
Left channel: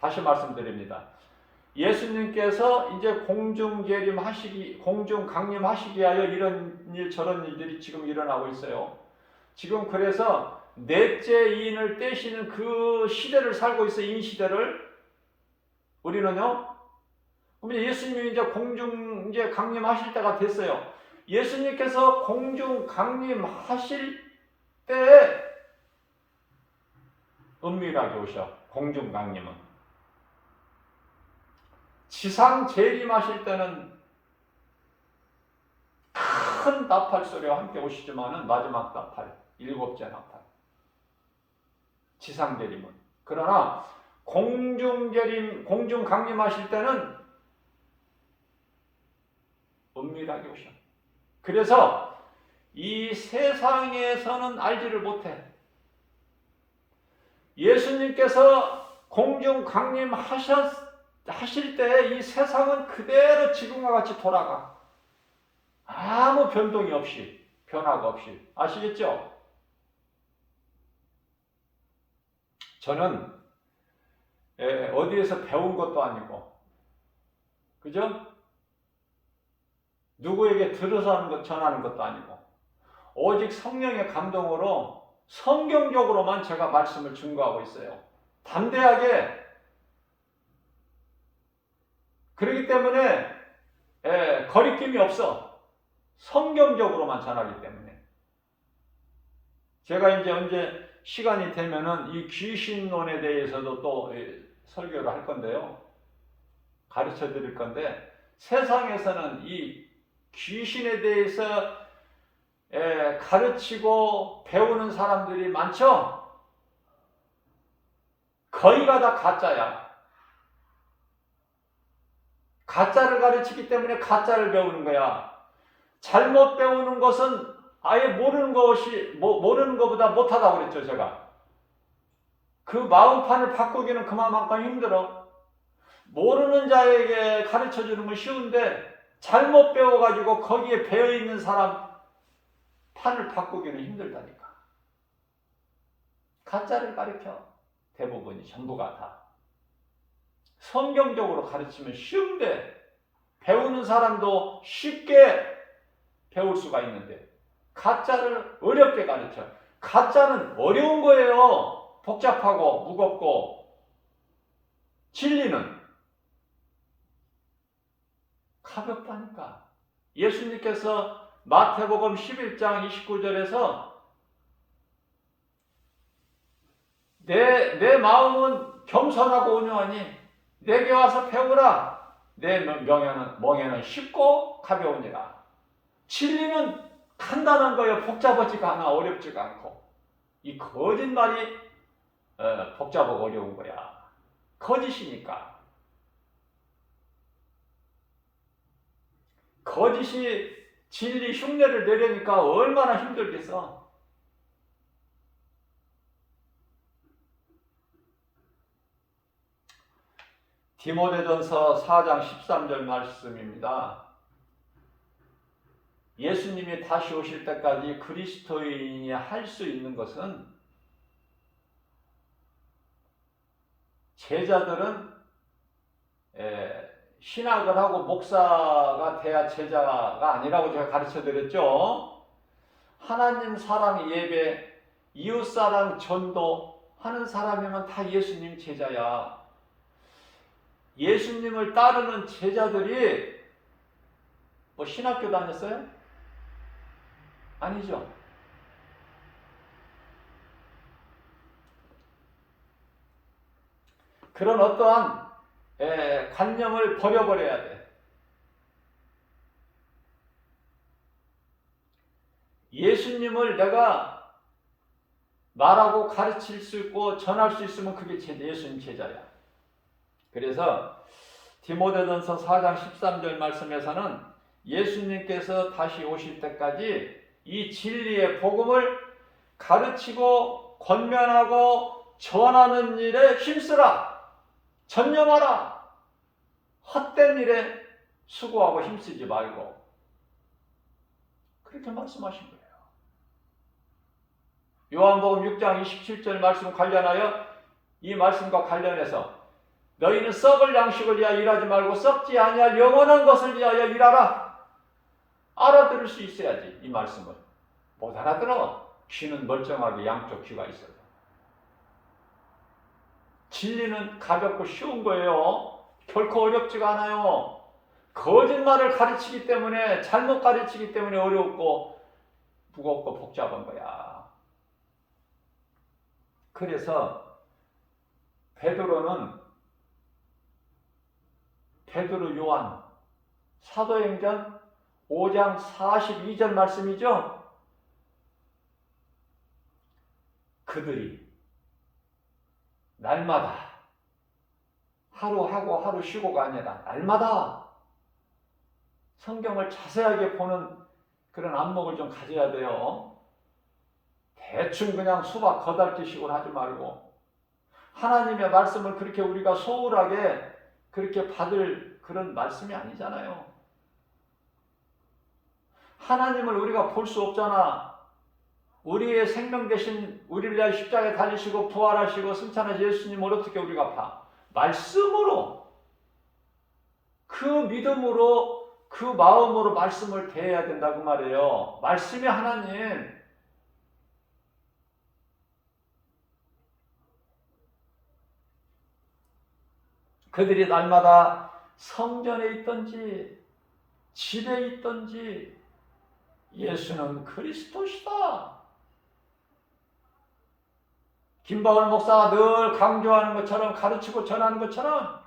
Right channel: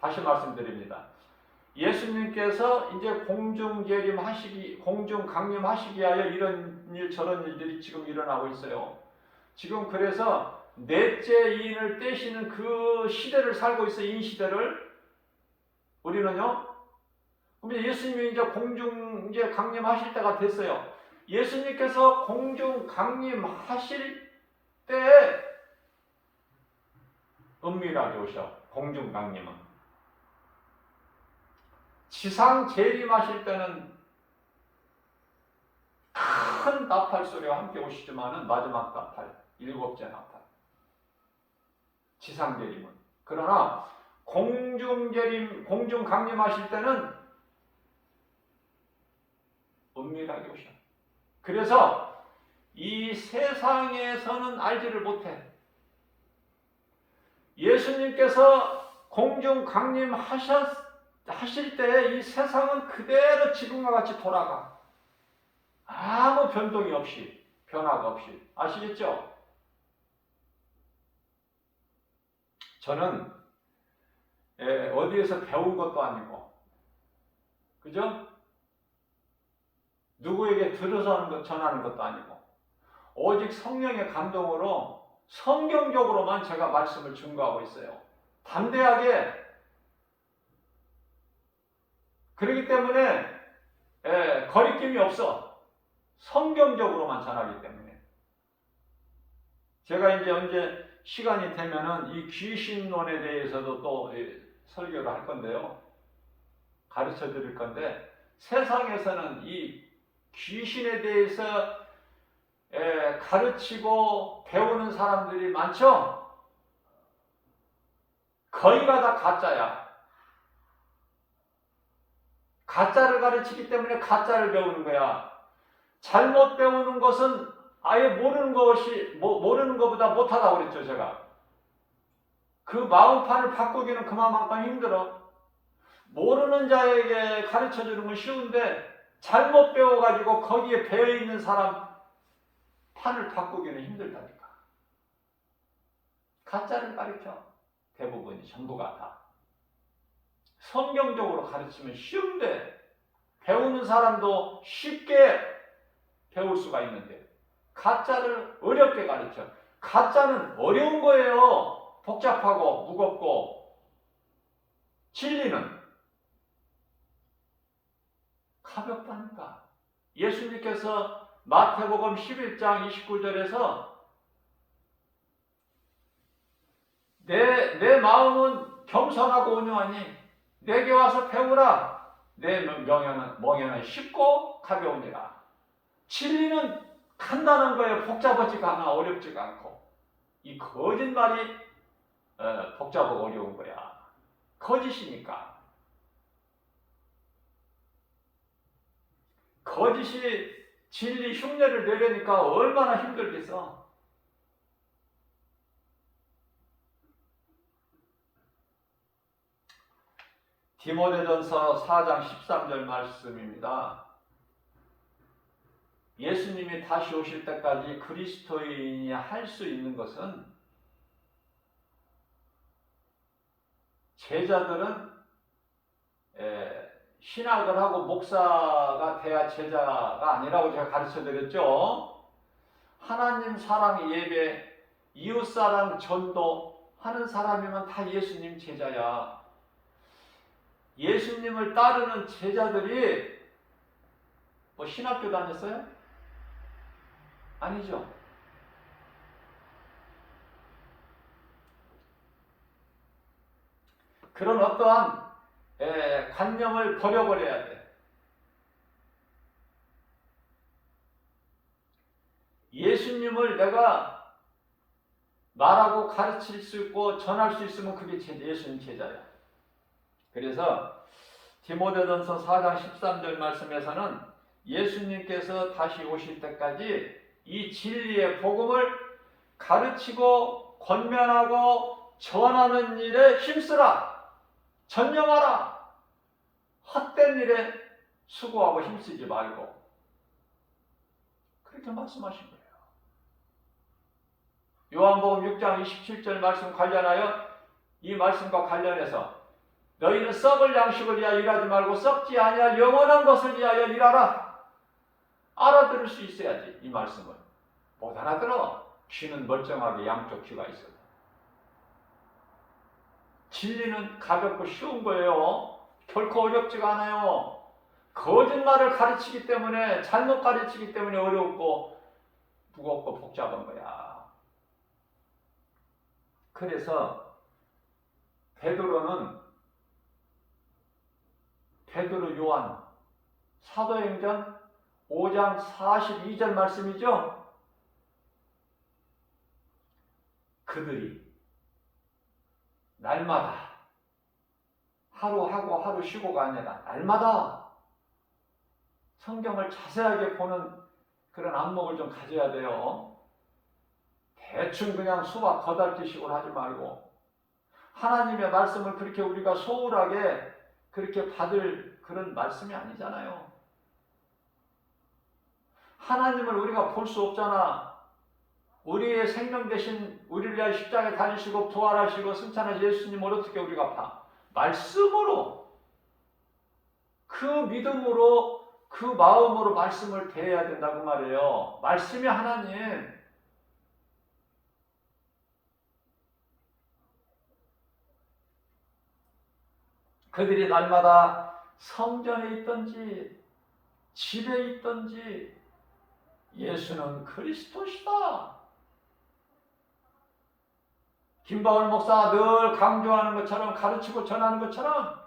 다시 말씀드립니다. 예수님께서 이제 공중재림 하시기, 공중 강림하시기 위하여 이런 일 저런 일들이 지금 일어나고 있어요. 지금 그래서 넷째 이인을 떼시는 그 시대를 살고 있어요. 이 시대를. 우리는요. 그럼 예수님이 이제 공중 이제 강림하실 때가 됐어요. 예수님께서 공중 강림하실 때에 은밀하게 오셔. 공중 강림은. 지상 재림하실 때는 큰 나팔 소리와 함께 오시지만은 마지막 나팔, 일곱째 나팔. 지상 재림은. 그러나 공중 재림, 공중 강림하실 때는 은밀하게 오셔. 그래서 이 세상에서는 알지를 못해. 예수님께서 공중 강림하실 때 이 세상은 그대로 지금과 같이 돌아가. 아무 변동이 없이, 변화가 없이. 아시겠죠? 저는 어디에서 배운 것도 아니고, 그죠? 누구에게 들어서 하는 것, 전하는 것도 아니고, 오직 성령의 감동으로 성경적으로만 제가 말씀을 증거하고 있어요. 담대하게. 그렇기 때문에 거리낌이 없어. 성경적으로만 전하기 때문에. 제가 이제 언제 시간이 되면은 이 귀신론에 대해서도 또 설교를 할 건데요. 가르쳐 드릴 건데, 세상에서는 이 귀신에 대해서 가르치고 배우는 사람들이 많죠? 거의가 다 가짜야. 가짜를 가르치기 때문에 가짜를 배우는 거야. 잘못 배우는 것은 아예 모르는 것보다 못하다고 그랬죠, 제가. 그 마음판을 바꾸기는 그만큼 힘들어. 모르는 자에게 가르쳐 주는 건 쉬운데, 잘못 배워가지고 거기에 배어있는 사람 판을 바꾸기는 힘들다니까. 가짜를 가르쳐. 대부분이 전부가 다. 성경적으로 가르치면 쉬운데, 배우는 사람도 쉽게 배울 수가 있는데, 가짜를 어렵게 가르쳐. 가짜는 어려운 거예요. 복잡하고 무겁고. 진리는 가볍다니까. 예수님께서 마태복음 11장 29절에서 내 마음은 겸손하고 온유하니 내게 와서 배우라. 내 멍에는 쉽고 가벼우니라. 진리는 간단한 거예요. 복잡하지가 않아. 어렵지가 않고. 이 거짓말이 복잡하고 어려운 거야. 거짓이니까. 거짓이 진리 흉내를 내려니까 얼마나 힘들겠어. 디모데전서 4장 13절 말씀입니다. 예수님이 다시 오실 때까지 그리스도인이 할 수 있는 것은, 제자들은 신학을 하고 목사가 돼야 제자가 아니라고 제가 가르쳐 드렸죠. 하나님 사랑 예배, 이웃사랑 전도 하는 사람이면 다 예수님 제자야. 예수님을 따르는 제자들이 뭐 신학교 다녔어요? 아니죠. 그런 어떠한 관념을 버려버려야 돼. 예수님을 내가 말하고 가르칠 수 있고 전할 수 있으면 그게 예수님 제자야. 그래서 디모데전서 4장 13절 말씀에서는 예수님께서 다시 오실 때까지 이 진리의 복음을 가르치고 권면하고 전하는 일에 힘쓰라. 전념하라. 헛된 일에 수고하고 힘쓰지 말고. 그렇게 말씀하신 거예요. 요한복음 6장 27절 말씀 관련하여 이 말씀과 관련해서 너희는 썩을 양식을 위하여 일하지 말고 썩지 아니할 영원한 것을 위하여 일하라. 알아들을 수 있어야지. 이 말씀은 못 알아들어. 귀는 멀쩡하게 양쪽 귀가 있어요. 진리는 가볍고 쉬운 거예요. 결코 어렵지가 않아요. 거짓말을 가르치기 때문에, 잘못 가르치기 때문에 어렵고 무겁고 복잡한 거야. 그래서 베드로 요한 사도행전 5장 42절 말씀이죠. 그들이 날마다 하루 하고 하루 쉬고가 아니라 날마다 성경을 자세하게 보는 그런 안목을 좀 가져야 돼요. 대충 그냥 수박 거달기식으로 하지 말고 하나님의 말씀을 그렇게 우리가 소홀하게 그렇게 받을 그런 말씀이 아니잖아요. 하나님을 우리가 볼 수 없잖아. 우리의 생명 대신 우리를 위하여 십자가에 달리시고 부활하시고 승천하신 예수님을 어떻게 우리가 봐? 말씀으로, 그 믿음으로, 그 마음으로 말씀을 대해야 된다고 말이에요. 말씀이 하나님. 그들이 날마다 성전에 있든지 집에 있든지 예수는 그리스도시다. 김바울 목사가 늘 강조하는 것처럼, 가르치고 전하는 것처럼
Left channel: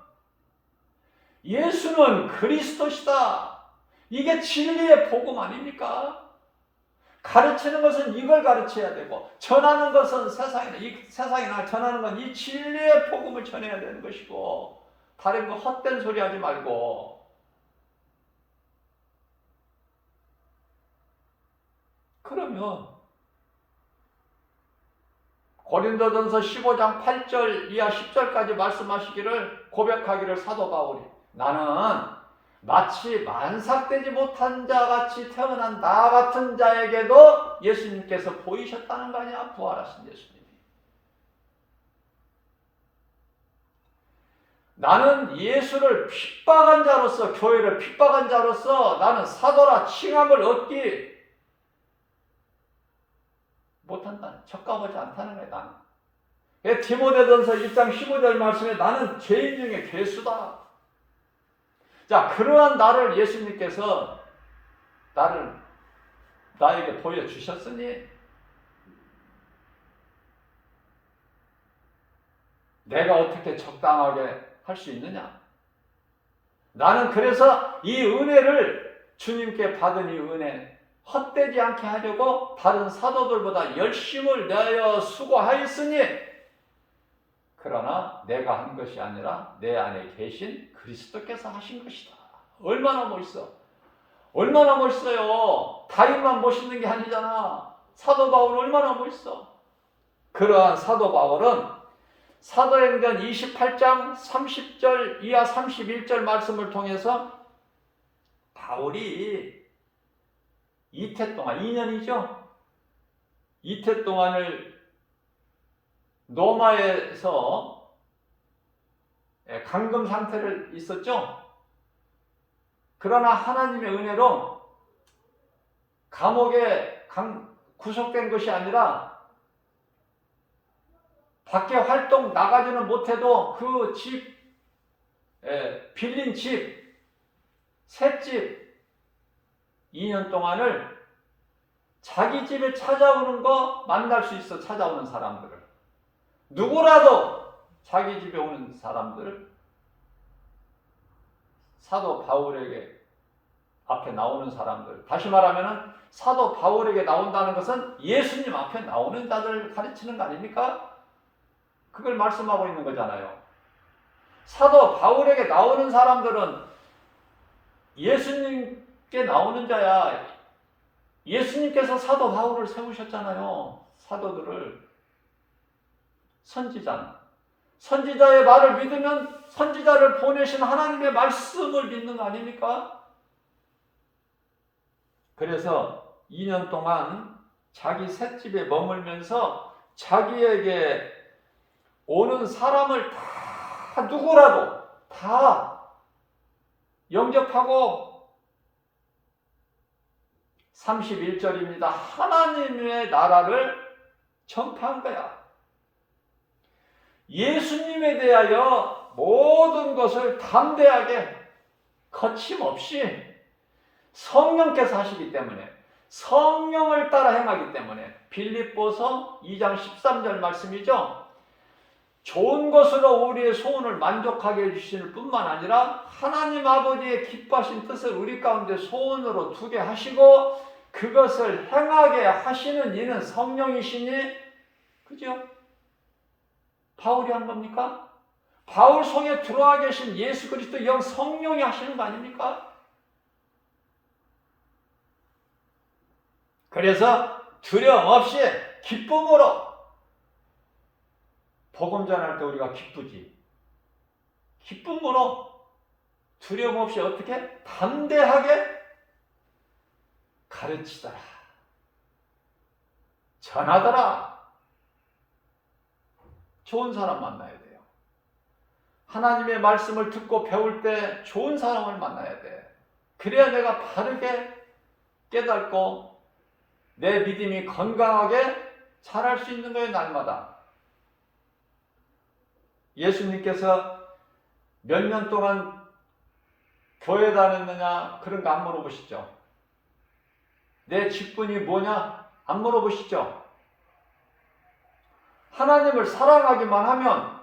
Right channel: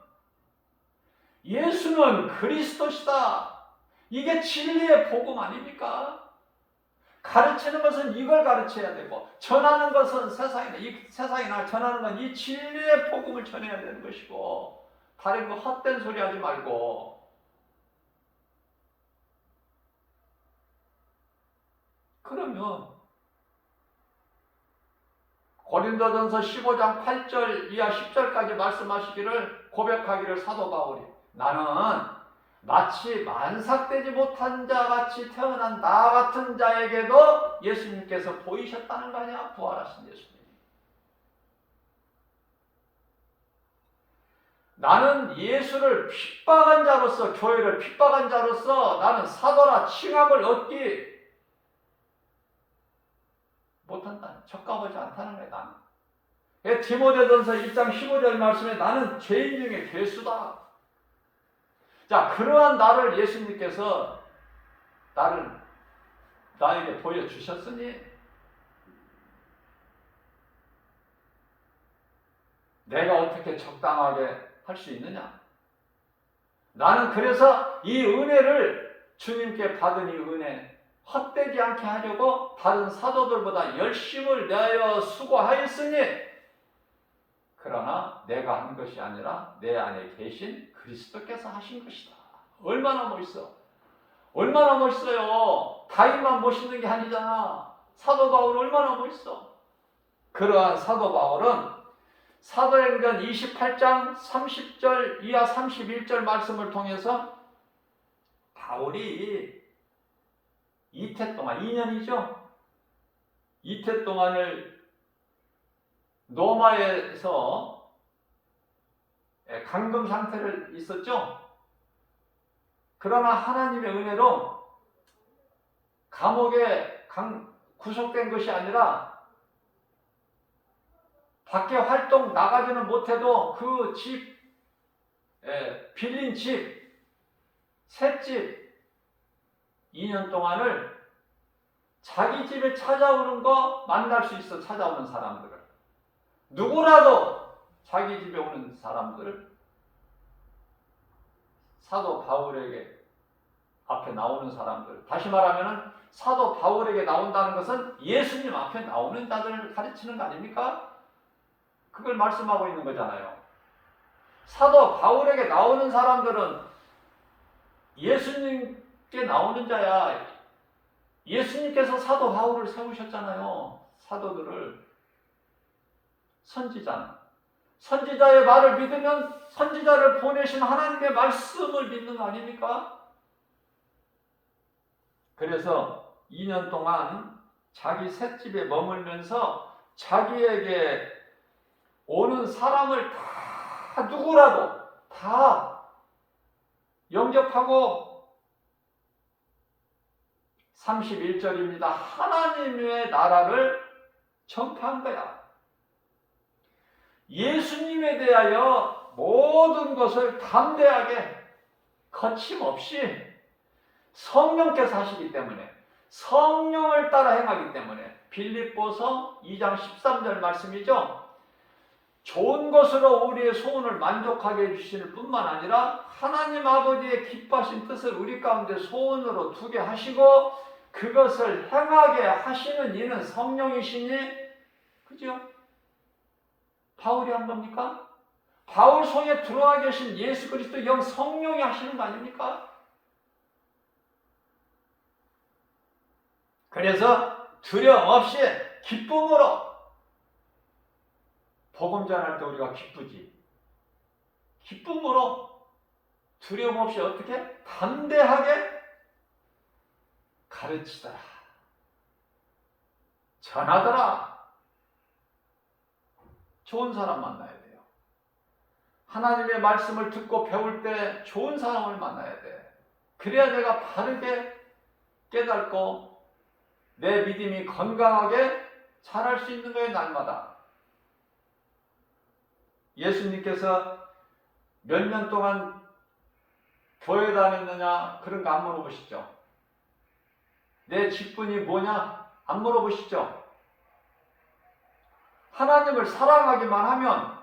예수는 그리스도시다. 이게 진리의 복음 아닙니까? 가르치는 것은 이걸 가르쳐야 되고, 전하는 것은 세상에 날 전하는 건 이 진리의 복음을 전해야 되는 것이고, 다른 거 헛된 소리 하지 말고. 그러면 고린도전서 15장 8절 이하 10절까지 말씀하시기를, 고백하기를 사도 바울이, 나는 마치 만삭되지 못한 자 같이 태어난 나 같은 자에게도 예수님께서 보이셨다는 거 아니야? 부활하신 예수님이. 나는 예수를 핍박한 자로서, 교회를 핍박한 자로서 나는 사도라 칭함을 얻기 못한다. 적합하지 않다는 거야. 나는. 디모데전서 1장 15절 말씀에 나는 죄인 중에 괴수다. 자, 그러한 나를 예수님께서 나에게 보여주셨으니 내가 어떻게 적당하게 할 수 있느냐? 나는 그래서 이 은혜를, 주님께 받은 이 은혜 헛되지 않게 하려고 다른 사도들보다 열심을 내어 수고하였으니, 그러나 내가 한 것이 아니라 내 안에 계신 그리스도께서 하신 것이다. 얼마나 멋있어. 얼마나 멋있어요. 다윗만 멋있는 게 아니잖아. 사도 바울은 얼마나 멋있어. 그러한 사도 바울은 사도행전 28장 30절 이하 31절 말씀을 통해서 바울이 이태 동안, 2년이죠. 이태 동안을 로마에서 감금 상태를 있었죠. 그러나 하나님의 은혜로 감옥에 구속된 것이 아니라 밖에 활동 나가지는 못해도 그 집, 빌린 집, 셋집 2년 동안을 자기 집에 찾아오는 거 만날 수 있어. 찾아오는 사람들을. 누구라도 자기 집에 오는 사람들을 사도 바울에게 앞에 나오는 사람들, 다시 말하면 사도 바울에게 나온다는 것은 예수님 앞에 나오는 자들을 가르치는 거 아닙니까? 그걸 말씀하고 있는 거잖아요. 사도 바울에게 나오는 사람들은 예수님께 나오는 자야. 예수님께서 사도 바울을 세우셨잖아요. 사도들을. 선지자의 말을 믿으면 선지자를 보내신 하나님의 말씀을 믿는 거 아닙니까? 그래서 2년 동안 자기 셋집에 머물면서 자기에게 오는 사람을 다 누구라도 다 영접하고 31절입니다. 하나님의 나라를 전파한 거야. 예수님에 대하여 모든 것을 담대하게 거침없이 성령께서 하시기 때문에, 성령을 따라 행하기 때문에, 빌립보서 2장 13절 말씀이죠. 좋은 것으로 우리의 소원을 만족하게 해주실 뿐만 아니라 하나님 아버지의 기뻐하신 뜻을 우리 가운데 소원으로 두게 하시고 그것을 행하게 하시는 이는 성령이시니, 그죠? 바울이 한 겁니까? 바울 속에 들어와 계신 예수 그리스도 영 성령이 하시는 거 아닙니까? 그래서 두려움 없이 기쁨으로 복음 전할 때 우리가 기쁘지. 기쁨으로 두려움 없이 어떻게? 담대하게 가르치더라. 전하더라. 좋은 사람 만나야 돼요. 하나님의 말씀을 듣고 배울 때 좋은 사람을 만나야 돼. 그래야 내가 바르게 깨닫고 내 믿음이 건강하게 자랄 수 있는 거예요, 날마다. 예수님께서 몇 년 동안 교회 다녔느냐 그런 거 안 물어보시죠. 내 직분이 뭐냐 안 물어보시죠. 하나님을 사랑하기만 하면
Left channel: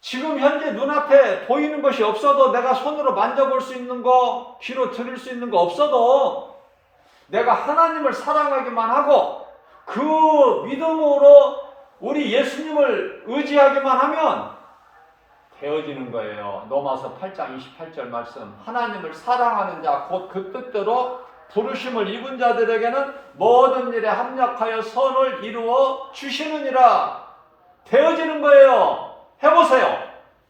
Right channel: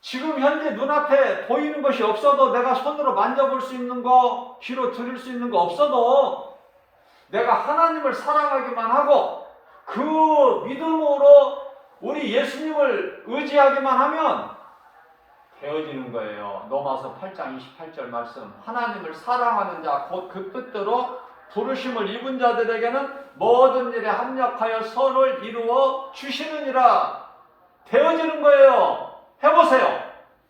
지금 현재 눈앞에 보이는 것이 없어도 내가 손으로 만져볼 수 있는 거, 귀로 들을 수 있는 거 없어도 내가 하나님을 사랑하기만 하고 그 믿음으로 우리 예수님을 의지하기만 하면 되어지는 거예요. 로마서 8장 28절 말씀. 하나님을 사랑하는 자 곧 그 뜻대로 부르심을 입은 자들에게는 모든 일에 합력하여 선을 이루어 주시느니라. 되어지는 거예요. 해보세요.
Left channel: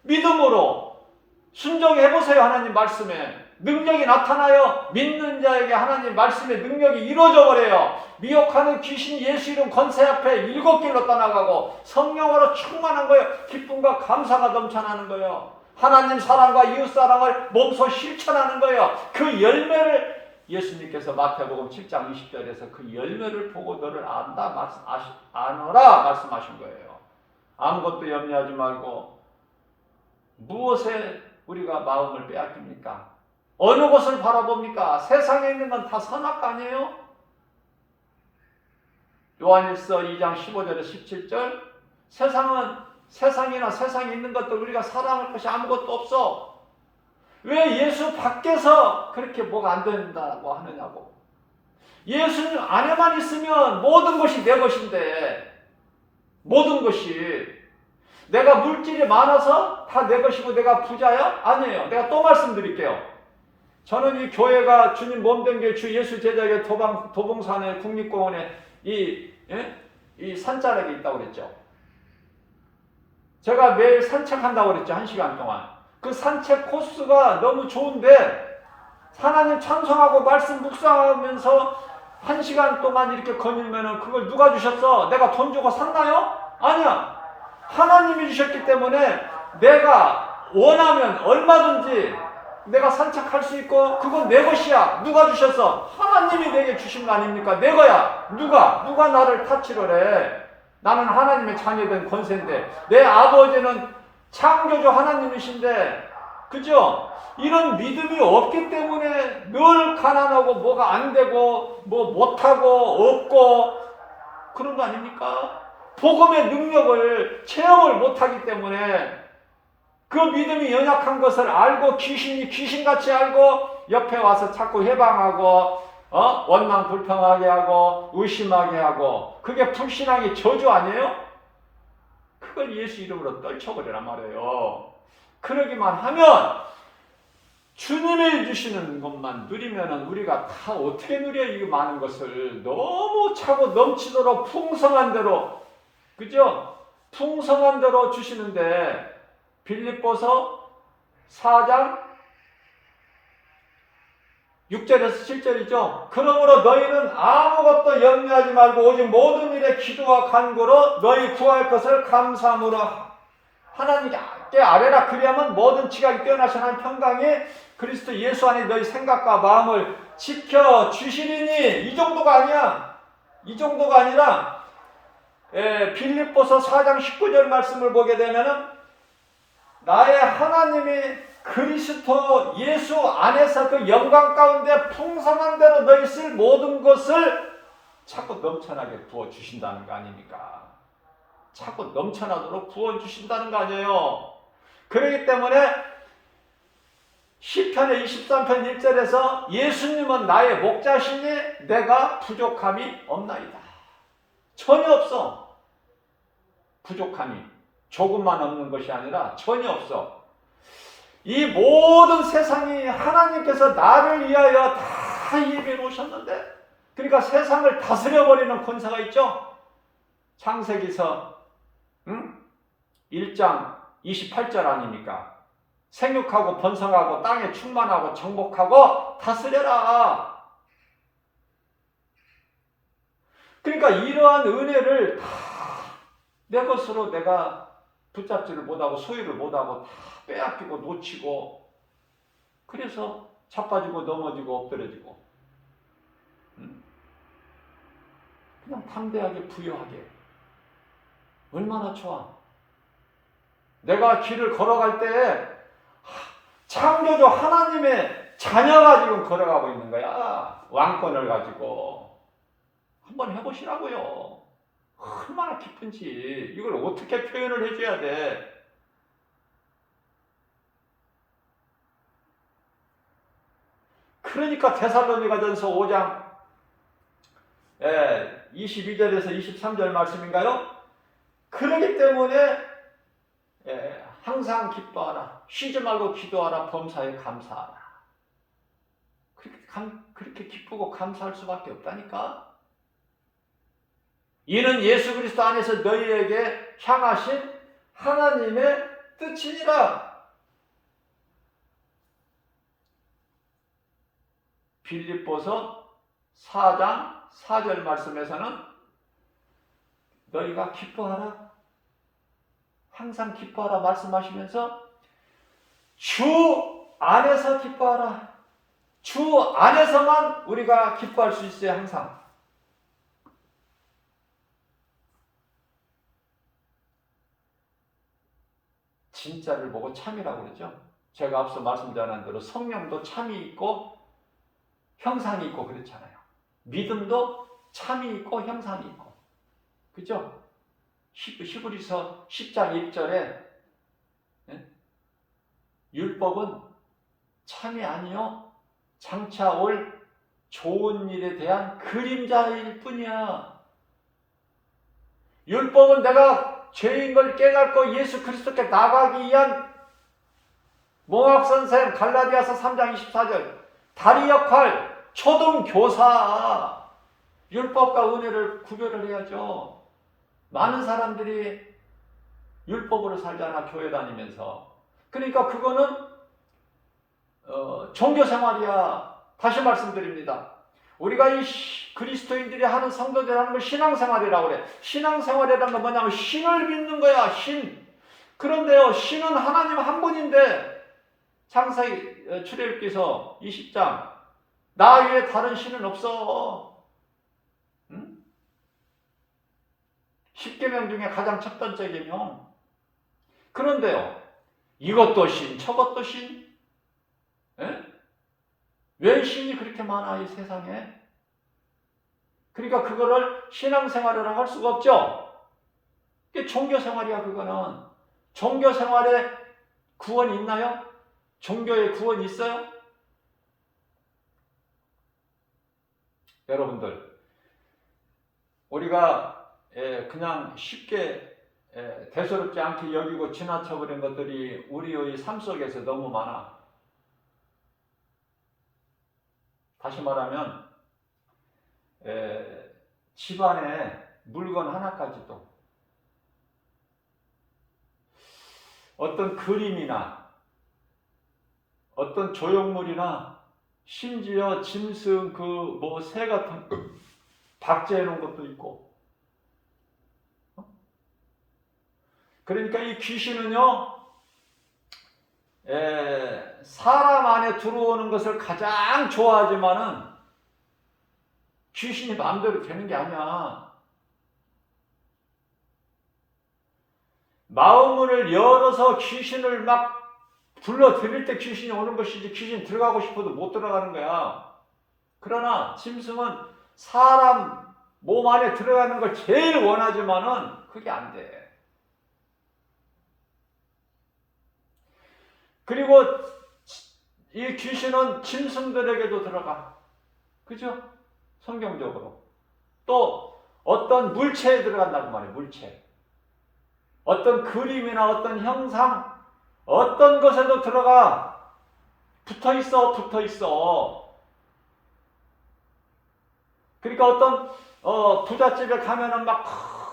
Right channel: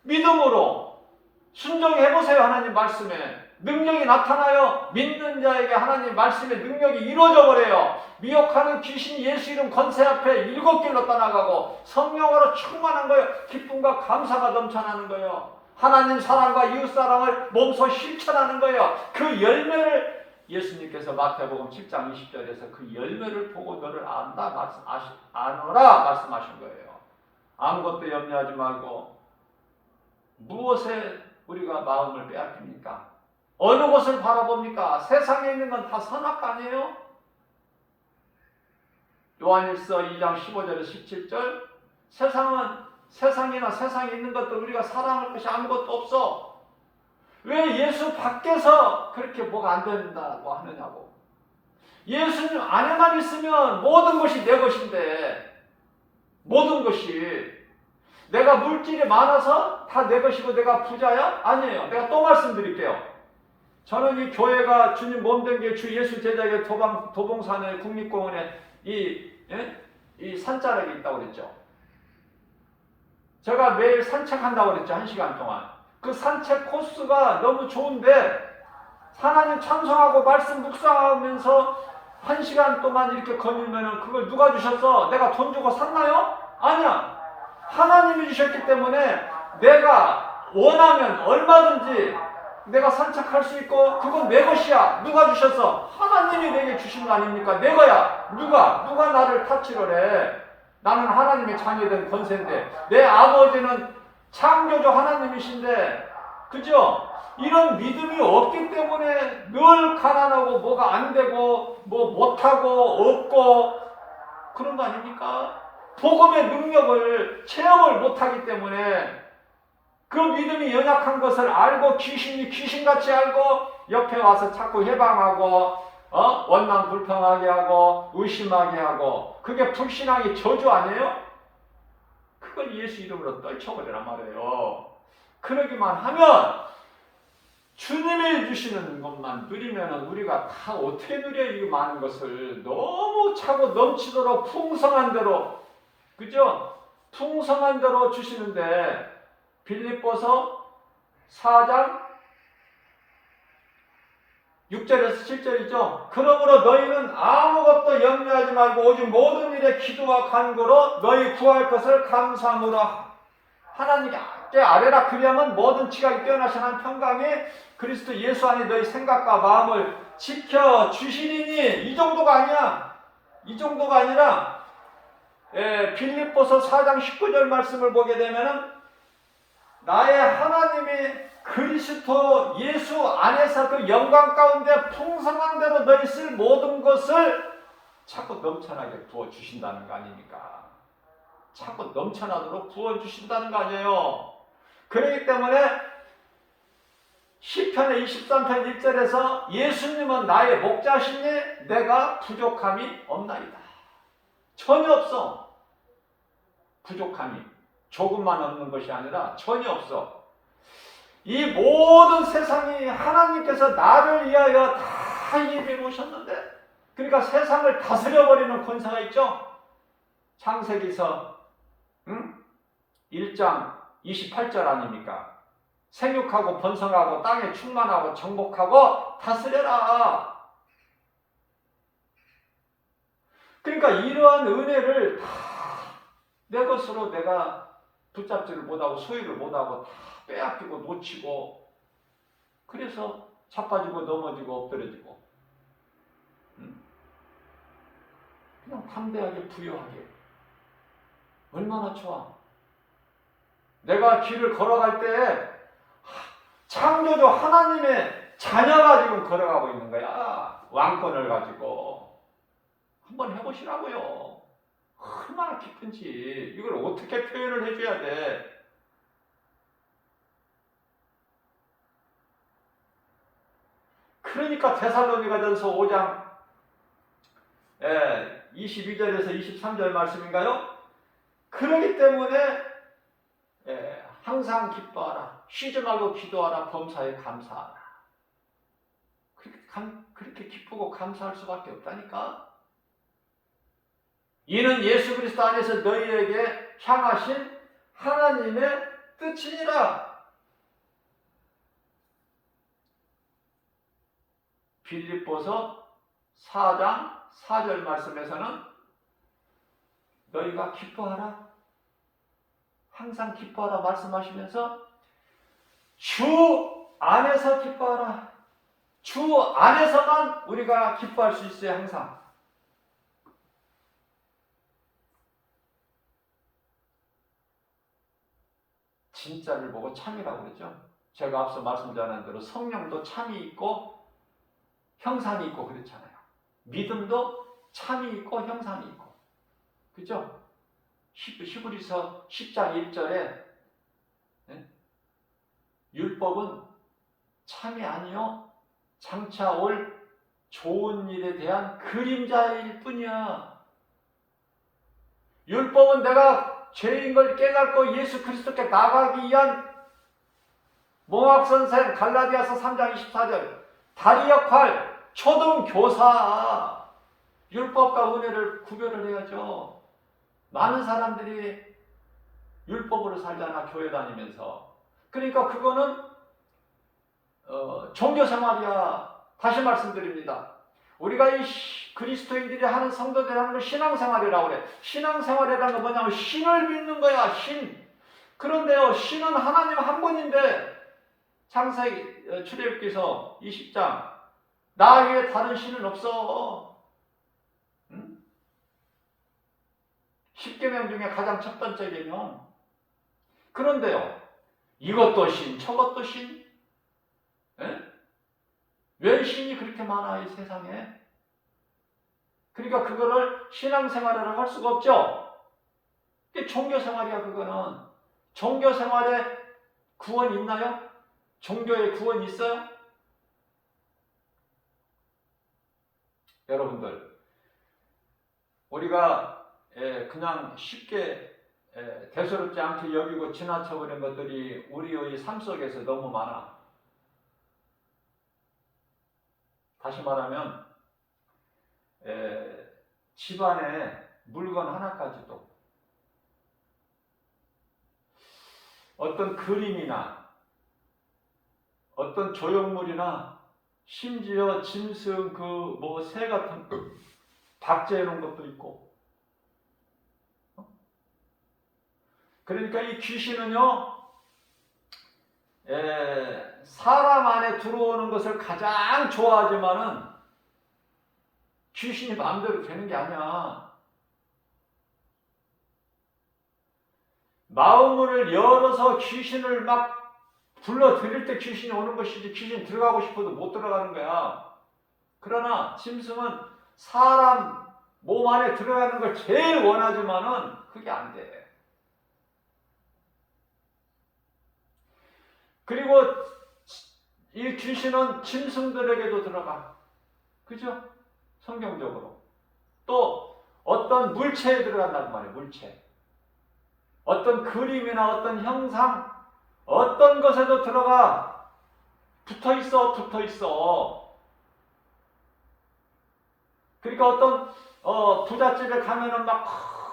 믿음으로 순종해보세요. 하나님 말씀에 능력이 나타나요. 믿는 자에게 하나님 말씀의 능력이 이루어져 버려요. 미혹하는 귀신 예수 이름 권세 앞에 7길로 떠나가고 성령으로 충만한 거예요. 기쁨과 감사가 넘쳐나는 거예요. 하나님 사랑과 이웃 사랑을 몸소 실천하는 거예요. 그 열매를 예수님께서 마태복음 7장 20절에서 그 열매를 보고 너를 아노라 말씀하신 거예요. 아무것도 염려하지 말고 무엇에 우리가 마음을 빼앗깁니까? 어느 것을 바라봅니까? 세상에 있는 건 다 선악 아니에요? 요한일서 2장 15절에서 17절 세상이나 세상에 있는 것들 우리가 사랑할 것이 아무것도 없어. 왜 예수 밖에서 그렇게 뭐가 안 된다고 하느냐고. 예수님 안에만 있으면 모든 것이 내 것인데, 모든 것이 내가 물질이 많아서 다 내 것이고 내가 부자야? 아니에요. 내가 또 말씀드릴게요. 저는 이 교회가 주님 몸된 게 주 예수 제자교 도봉산의 국립공원에 이 산자락이 있다고 그랬죠. 제가 매일 산책한다고 그랬죠. 1시간 동안. 그 산책 코스가 너무 좋은데 하나님 찬송하고 말씀 묵상하면서 1시간 동안 이렇게 거니면 그걸 누가 주셨어? 내가 돈 주고 샀나요? 아니야. 하나님이 주셨기 때문에 내가 원하면 얼마든지 내가 산책할 수 있고 그건 내 것이야. 누가 주셨어? 하나님이 내게 주신 거 아닙니까? 내 거야. 누가 나를 타치를 해? 나는 하나님의 자녀된 권세인데 내 아버지는 창조주 하나님이신데, 그죠? 이런 믿음이 없기 때문에 늘 가난하고 뭐가 안 되고 뭐 못하고 없고 그런 거 아닙니까? 복음의 능력을 체험을 못하기 때문에 그 믿음이 연약한 것을 알고 귀신같이 알고 옆에 와서 자꾸 해방하고 원망 불평하게 하고 의심하게 하고, 그게 불신앙의 저주 아니에요? 그걸 예수 이름으로 떨쳐버리란 말이에요. 그러기만 하면 주님이 주시는 것만 누리면 우리가 다 어떻게 누려? 이 많은 것을 너무 차고 넘치도록 풍성한 대로, 그죠? 풍성한 대로 주시는데, 빌립보서 4장 6절에서 7절이죠. 그러므로 너희는 아무것도 염려하지 말고 오직 모든 일에 기도와 간구로 너희 구할 것을 감사함으로 하나님께 아뢰라. 그리하면 모든 지각이 뛰어나신 한 평강이 그리스도 예수 안에 너희 생각과 마음을 지켜 주시리니. 이 정도가 아니야. 이 정도가 아니라 빌립보서 4장 19절 말씀을 보게 되면은 나의 하나님이 그리스도 예수 안에서 그 영광 가운데 풍성한 대로 너희 쓸 모든 것을 자꾸 넘쳐나게 부어주신다는 거 아닙니까? 자꾸 넘쳐나도록 부어주신다는 거 아니에요. 그렇기 때문에 시편의 23편 1절에서 예수님은 나의 목자시니 내가 부족함이 없나이다. 전혀 없어. 부족함이 조금만 없는 것이 아니라 전혀 없어. 이 모든 세상이 하나님께서 나를 위하여 다 예비해 놓으셨는데, 그러니까 세상을 다스려버리는 권세가 있죠. 창세기서 1장 28절 아닙니까? 생육하고 번성하고 땅에 충만하고 정복하고 다스려라. 그러니까 이러한 은혜를 다 내 것으로 내가 붙잡지를 못하고 소유를 못하고 다 빼앗기고 놓치고, 그래서 자빠지고 넘어지고 엎드려지고, 그냥 담대하게 부유하게. 얼마나 좋아. 내가 길을 걸어갈 때 창조주 하나님의 자녀가 지금 걸어가고 있는 거야. 왕권을 가지고. 한번 해보시라고요. 얼마나 기쁜지. 이걸 어떻게 표현을 해줘야 돼. 그러니까 데살로니가전서 5장 22절에서 23절 말씀인가요? 그러기 때문에 항상 기뻐하라. 쉬지 말고 기도하라. 범사에 감사하라. 그렇게 기쁘고 감사할 수밖에 없다니까. 이는 예수 그리스도 안에서 너희에게 향하신 하나님의 뜻이니라. 빌립보서 4장 4절 말씀에서는 너희가 기뻐하라. 항상 기뻐하라 말씀하시면서 주 안에서 기뻐하라. 주 안에서만 우리가 기뻐할 수 있어요. 항상. 진짜를 보고 참이라고 그러죠. 제가 앞서 말씀드린 대로 성령도 참이 있고 형상이 있고 그렇잖아요. 믿음도 참이 있고 형상이 있고, 그죠? 히브리서 10장 1절에 율법은 참이 아니요 장차 올 좋은 일에 대한 그림자일 뿐이야. 율법은 내가 죄인 걸 깨닫고 예수 그리스도께 나가기 위한 몽학선생, 갈라디아서 3장 24절 다리 역할, 초등교사. 율법과 은혜를 구별을 해야죠. 많은 사람들이 율법으로 살잖아, 교회 다니면서. 그러니까 그거는 종교생활이야. 다시 말씀드립니다. 우리가 이 그리스도인들이 하는 성도들이 하는 걸 신앙생활이라고 그래. 신앙생활이라는 건 뭐냐면 신을 믿는 거야. 신. 그런데요, 신은 하나님 한 번인데 창세기 출애굽기서 20장 나 외에 다른 신은 없어. 응? 10계명 중에 가장 첫 번째 계명. 그런데요, 이것도 신, 저것도 신. 예? 왜 신이 그렇게 많아 이 세상에? 그러니까 그거를 신앙생활을 할 수가 없죠. 이게 종교생활이야. 그거는 종교생활에 구원 있나요? 종교에 구원 있어요? 여러분들, 우리가 그냥 쉽게 대수롭지 않게 여기고 지나쳐버린 것들이 우리의 삶 속에서 너무 많아. 다시 말하면 집안에 물건 하나까지도 어떤 그림이나 어떤 조형물이나 심지어 짐승 그 뭐 새 같은 박제해 놓은 것도 있고. 그러니까 이 귀신은요, 사람 안에 들어오는 것을 가장 좋아하지만은 귀신이 마음대로 되는 게 아니야. 마음을 열어서 귀신을 막 불러들일 때 귀신이 오는 것이지, 귀신 들어가고 싶어도 못 들어가는 거야. 그러나 짐승은 사람 몸 안에 들어가는 걸 제일 원하지만은 그게 안 돼. 그리고 이 귀신은 짐승들에게도 들어가. 그죠? 성경적으로. 또 어떤 물체에 들어간단 말이에요. 물체. 어떤 그림이나 어떤 형상, 어떤 것에도 들어가. 붙어 있어. 그러니까 어떤 부잣집에 가면은 막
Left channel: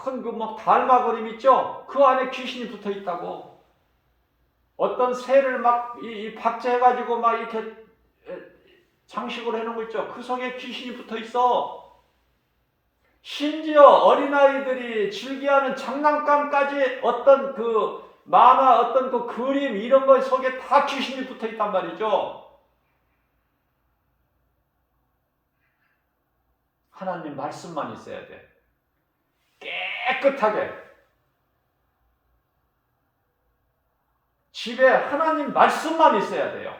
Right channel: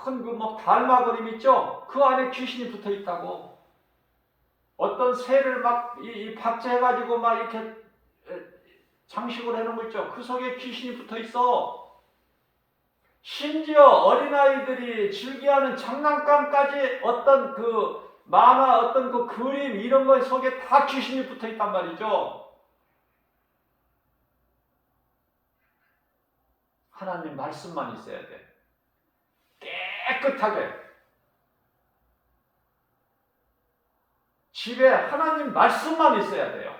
큰 그 뭐 달마 그림 있죠? 그 안에 귀신이 붙어 있다고. 어떤 새를 막 이 박제해가지고 막 이렇게 장식을 해놓은 거 있죠? 그 속에 귀신이 붙어 있어. 심지어 어린아이들이 즐겨하는 장난감까지 어떤 그 만화, 어떤 그 그림 이런 것 속에 다 귀신이 붙어 있단 말이죠. 하나님 말씀만 있어야 돼. 깨끗하게. 집에 하나님 말씀만 있어야 돼요.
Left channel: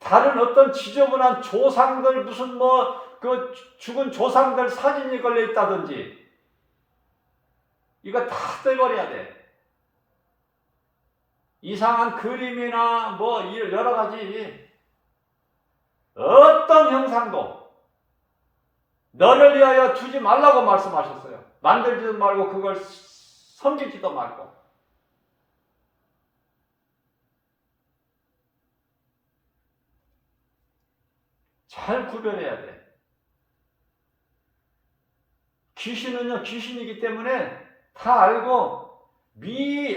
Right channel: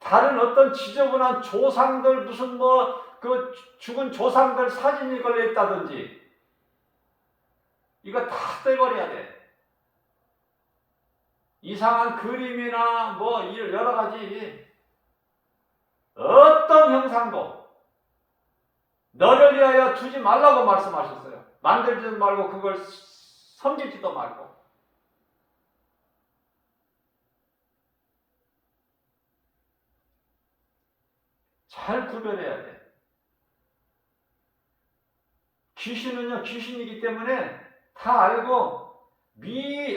다른 어떤 지저분한 조상들 무슨 뭐 그 죽은 조상들 사진이 걸려 있다든지 이거 다 떼버려야 돼. 이상한 그림이나 뭐 여러 가지 어떤 형상도 너를 위하여 두지 말라고 말씀하셨어요. 만들지도 말고 그걸 섬기지도 말고. 잘 구별해야 돼. 귀신은요, 귀신이기 때문에 다 알고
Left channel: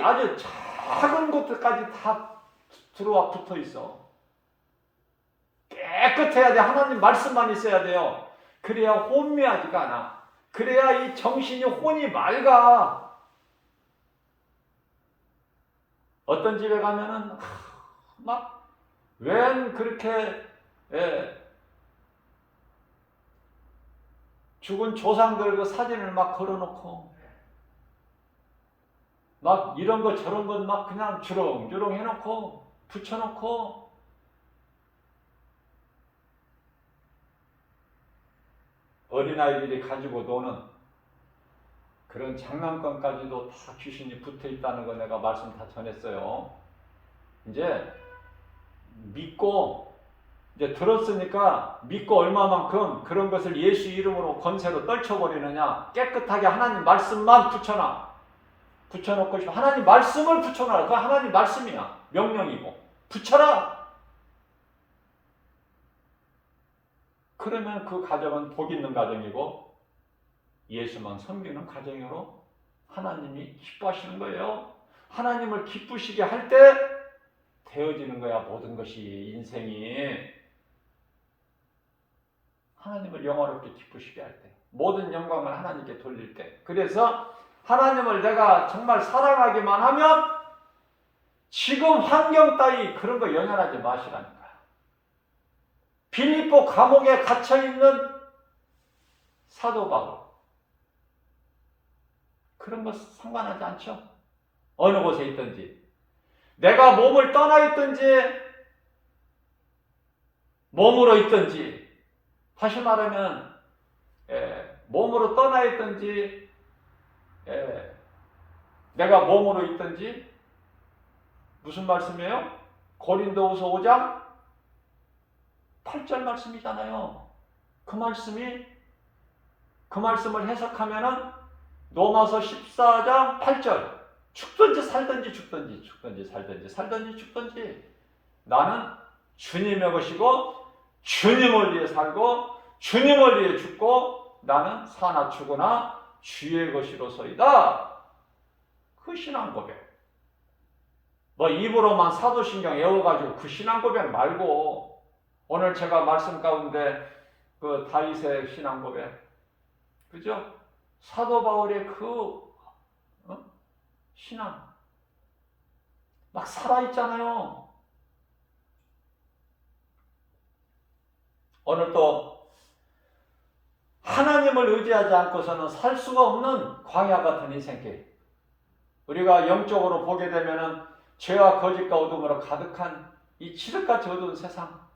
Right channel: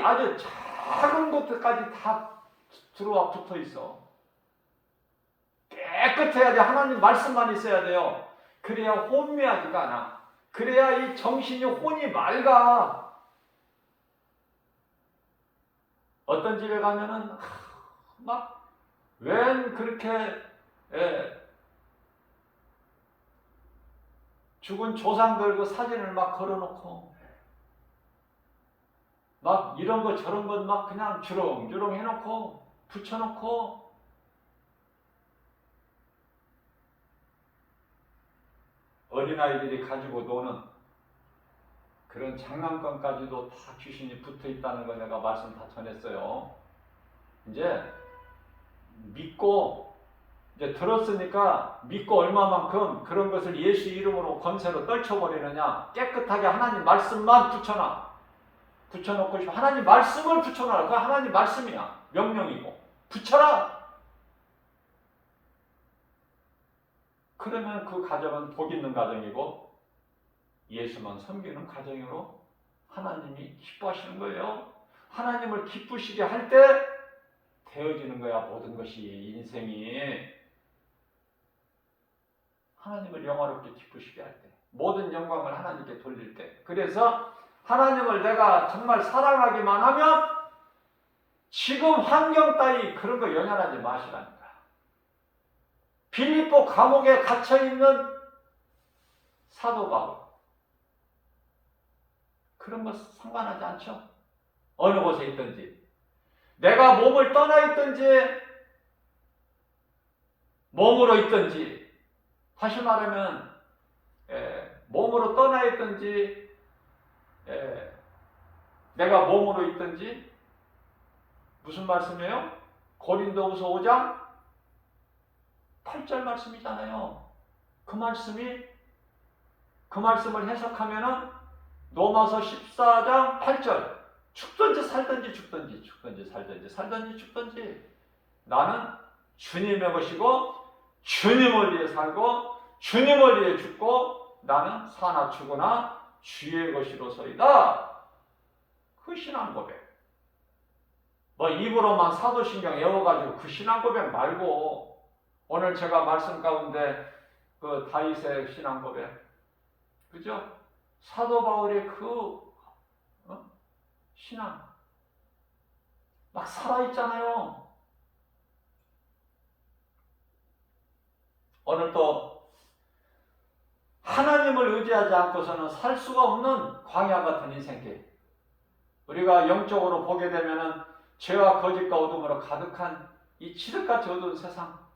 아주 작은 것들까지 다 들어와 붙어 있어. 깨끗해야 돼. 하나님 말씀만 있어야 돼요. 그래야 혼미하지가 않아. 그래야 이 정신이 혼이 맑아. 어떤 집에 가면은 막 웬 그렇게 죽은 조상들 그 사진을 막 걸어놓고 막 이런 것 저런 것 막 그냥 주렁주렁 해놓고 붙여놓고 어린아이들이 가지고 노는 그런 장난감까지도 다 귀신이 붙어있다는 거 내가 말씀 다 전했어요. 이제 믿고 이제 들었으니까 믿고 얼마만큼 그런 것을 예수 이름으로 권세로 떨쳐버리느냐. 깨끗하게 하나님 말씀만 붙여놓고 싶어. 하나님 말씀을 붙여놔라. 그 하나님 말씀이야. 명령이고 붙여라. 그러면 그 가정은 복 있는 가정이고 예수만 섬기는 가정으로 하나님이 기뻐하시는 거예요. 하나님을 기쁘시게 할 때 되어지는 거야. 모든 것이 인생이 하나님을 영화롭게 기쁘시게 할 때, 모든 영광을 하나님께 돌릴 때. 그래서 하나님을 내가 정말 사랑하기만 하면 지금 환경 따위 그런 거 연연하지 마시랍니다. 빌립보 감옥에 갇혀있는 사도 바울. 그런 거 상관하지 않죠? 어느 곳에 있든지. 내가 몸을 떠나 있든지, 몸으로 있든지, 다시 말하면, 몸으로 떠나 있든지, 내가 몸으로 있든지, 무슨 말씀이에요? 고린도후서 5장 8절 말씀이잖아요. 그 말씀을 해석하면은 로마서 14장 8절 죽든지 살든지 죽든지 죽든지 살든지 죽든지 나는 주님의 것이고 주님을 위해 살고 주님을 위해 죽고 나는 사나 죽으나 주의 것이로소이다. 그 신앙 고백. 뭐 입으로만 사도신경 외워가지고 그 신앙 고백 말고 오늘 제가 말씀 가운데 그 다윗의 신앙 고백, 그죠? 사도 바울의 그 신앙 막 살아있잖아요. 오늘 또 하나님을 의지하지 않고서는 살 수가 없는 광야 같은 인생길. 우리가 영적으로 보게 되면은 죄와 거짓과 어둠으로 가득한 이 칠흑같이 어두운 세상.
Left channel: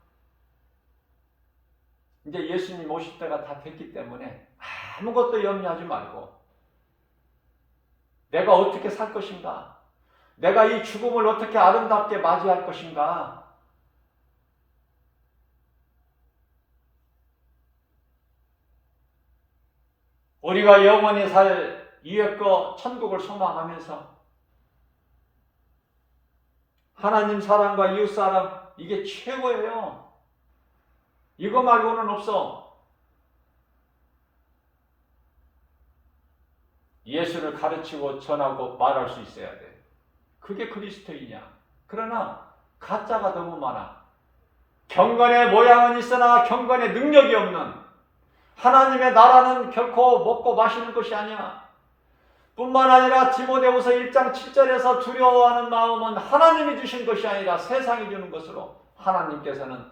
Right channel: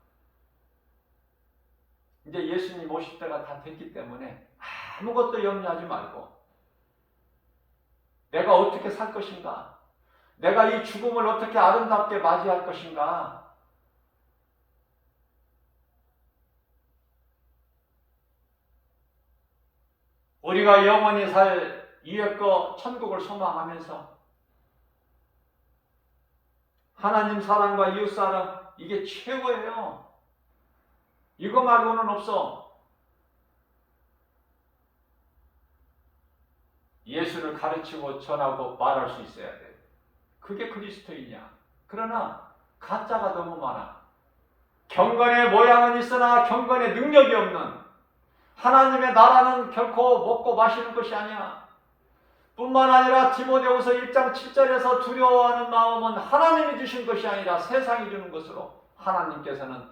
이제 예수님 오실 때가 다 됐기 때문에 아무것도 염려하지 말고 내가 어떻게 살 것인가? 내가 이 죽음을 어떻게 아름답게 맞이할 것인가? 우리가 영원히 살 위의 거 천국을 소망하면서 하나님 사랑과 이웃 사랑 이게 최고예요. 이거 말고는 없어. 예수를 가르치고 전하고 말할 수 있어야 돼. 그게 그리스도이냐. 그러나 가짜가 너무 많아. 경건의 모양은 있으나 경건의 능력이 없는 하나님의 나라는 결코 먹고 마시는 것이 아니야. 뿐만 아니라 디모데후서 1장 7절에서 두려워하는 마음은 하나님이 주신 것이 아니라 세상이 주는 것으로 하나님께서는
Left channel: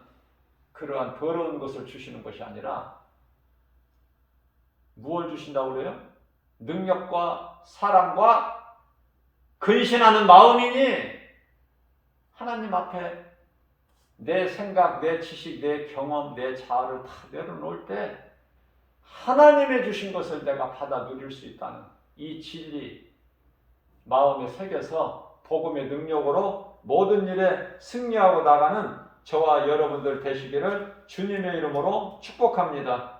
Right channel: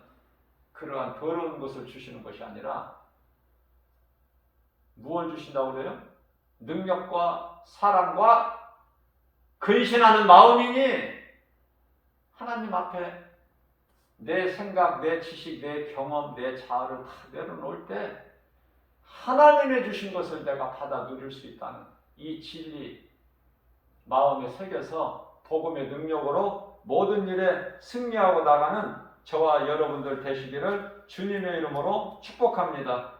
그러한 더러운 것을 주시는 것이 아니라 무엇을 주신다고 그래요? 능력과 사랑과 근신하는 마음이니 하나님 앞에 내 생각, 내 지식, 내 경험, 내 자아를 다 내려놓을 때 하나님의 주신 것을 내가 받아 누릴 수 있다는 이 진리 마음에 새겨서 복음의 능력으로 모든 일에 승리하고 나가는 저와 여러분들 되시기를 주님의 이름으로 축복합니다.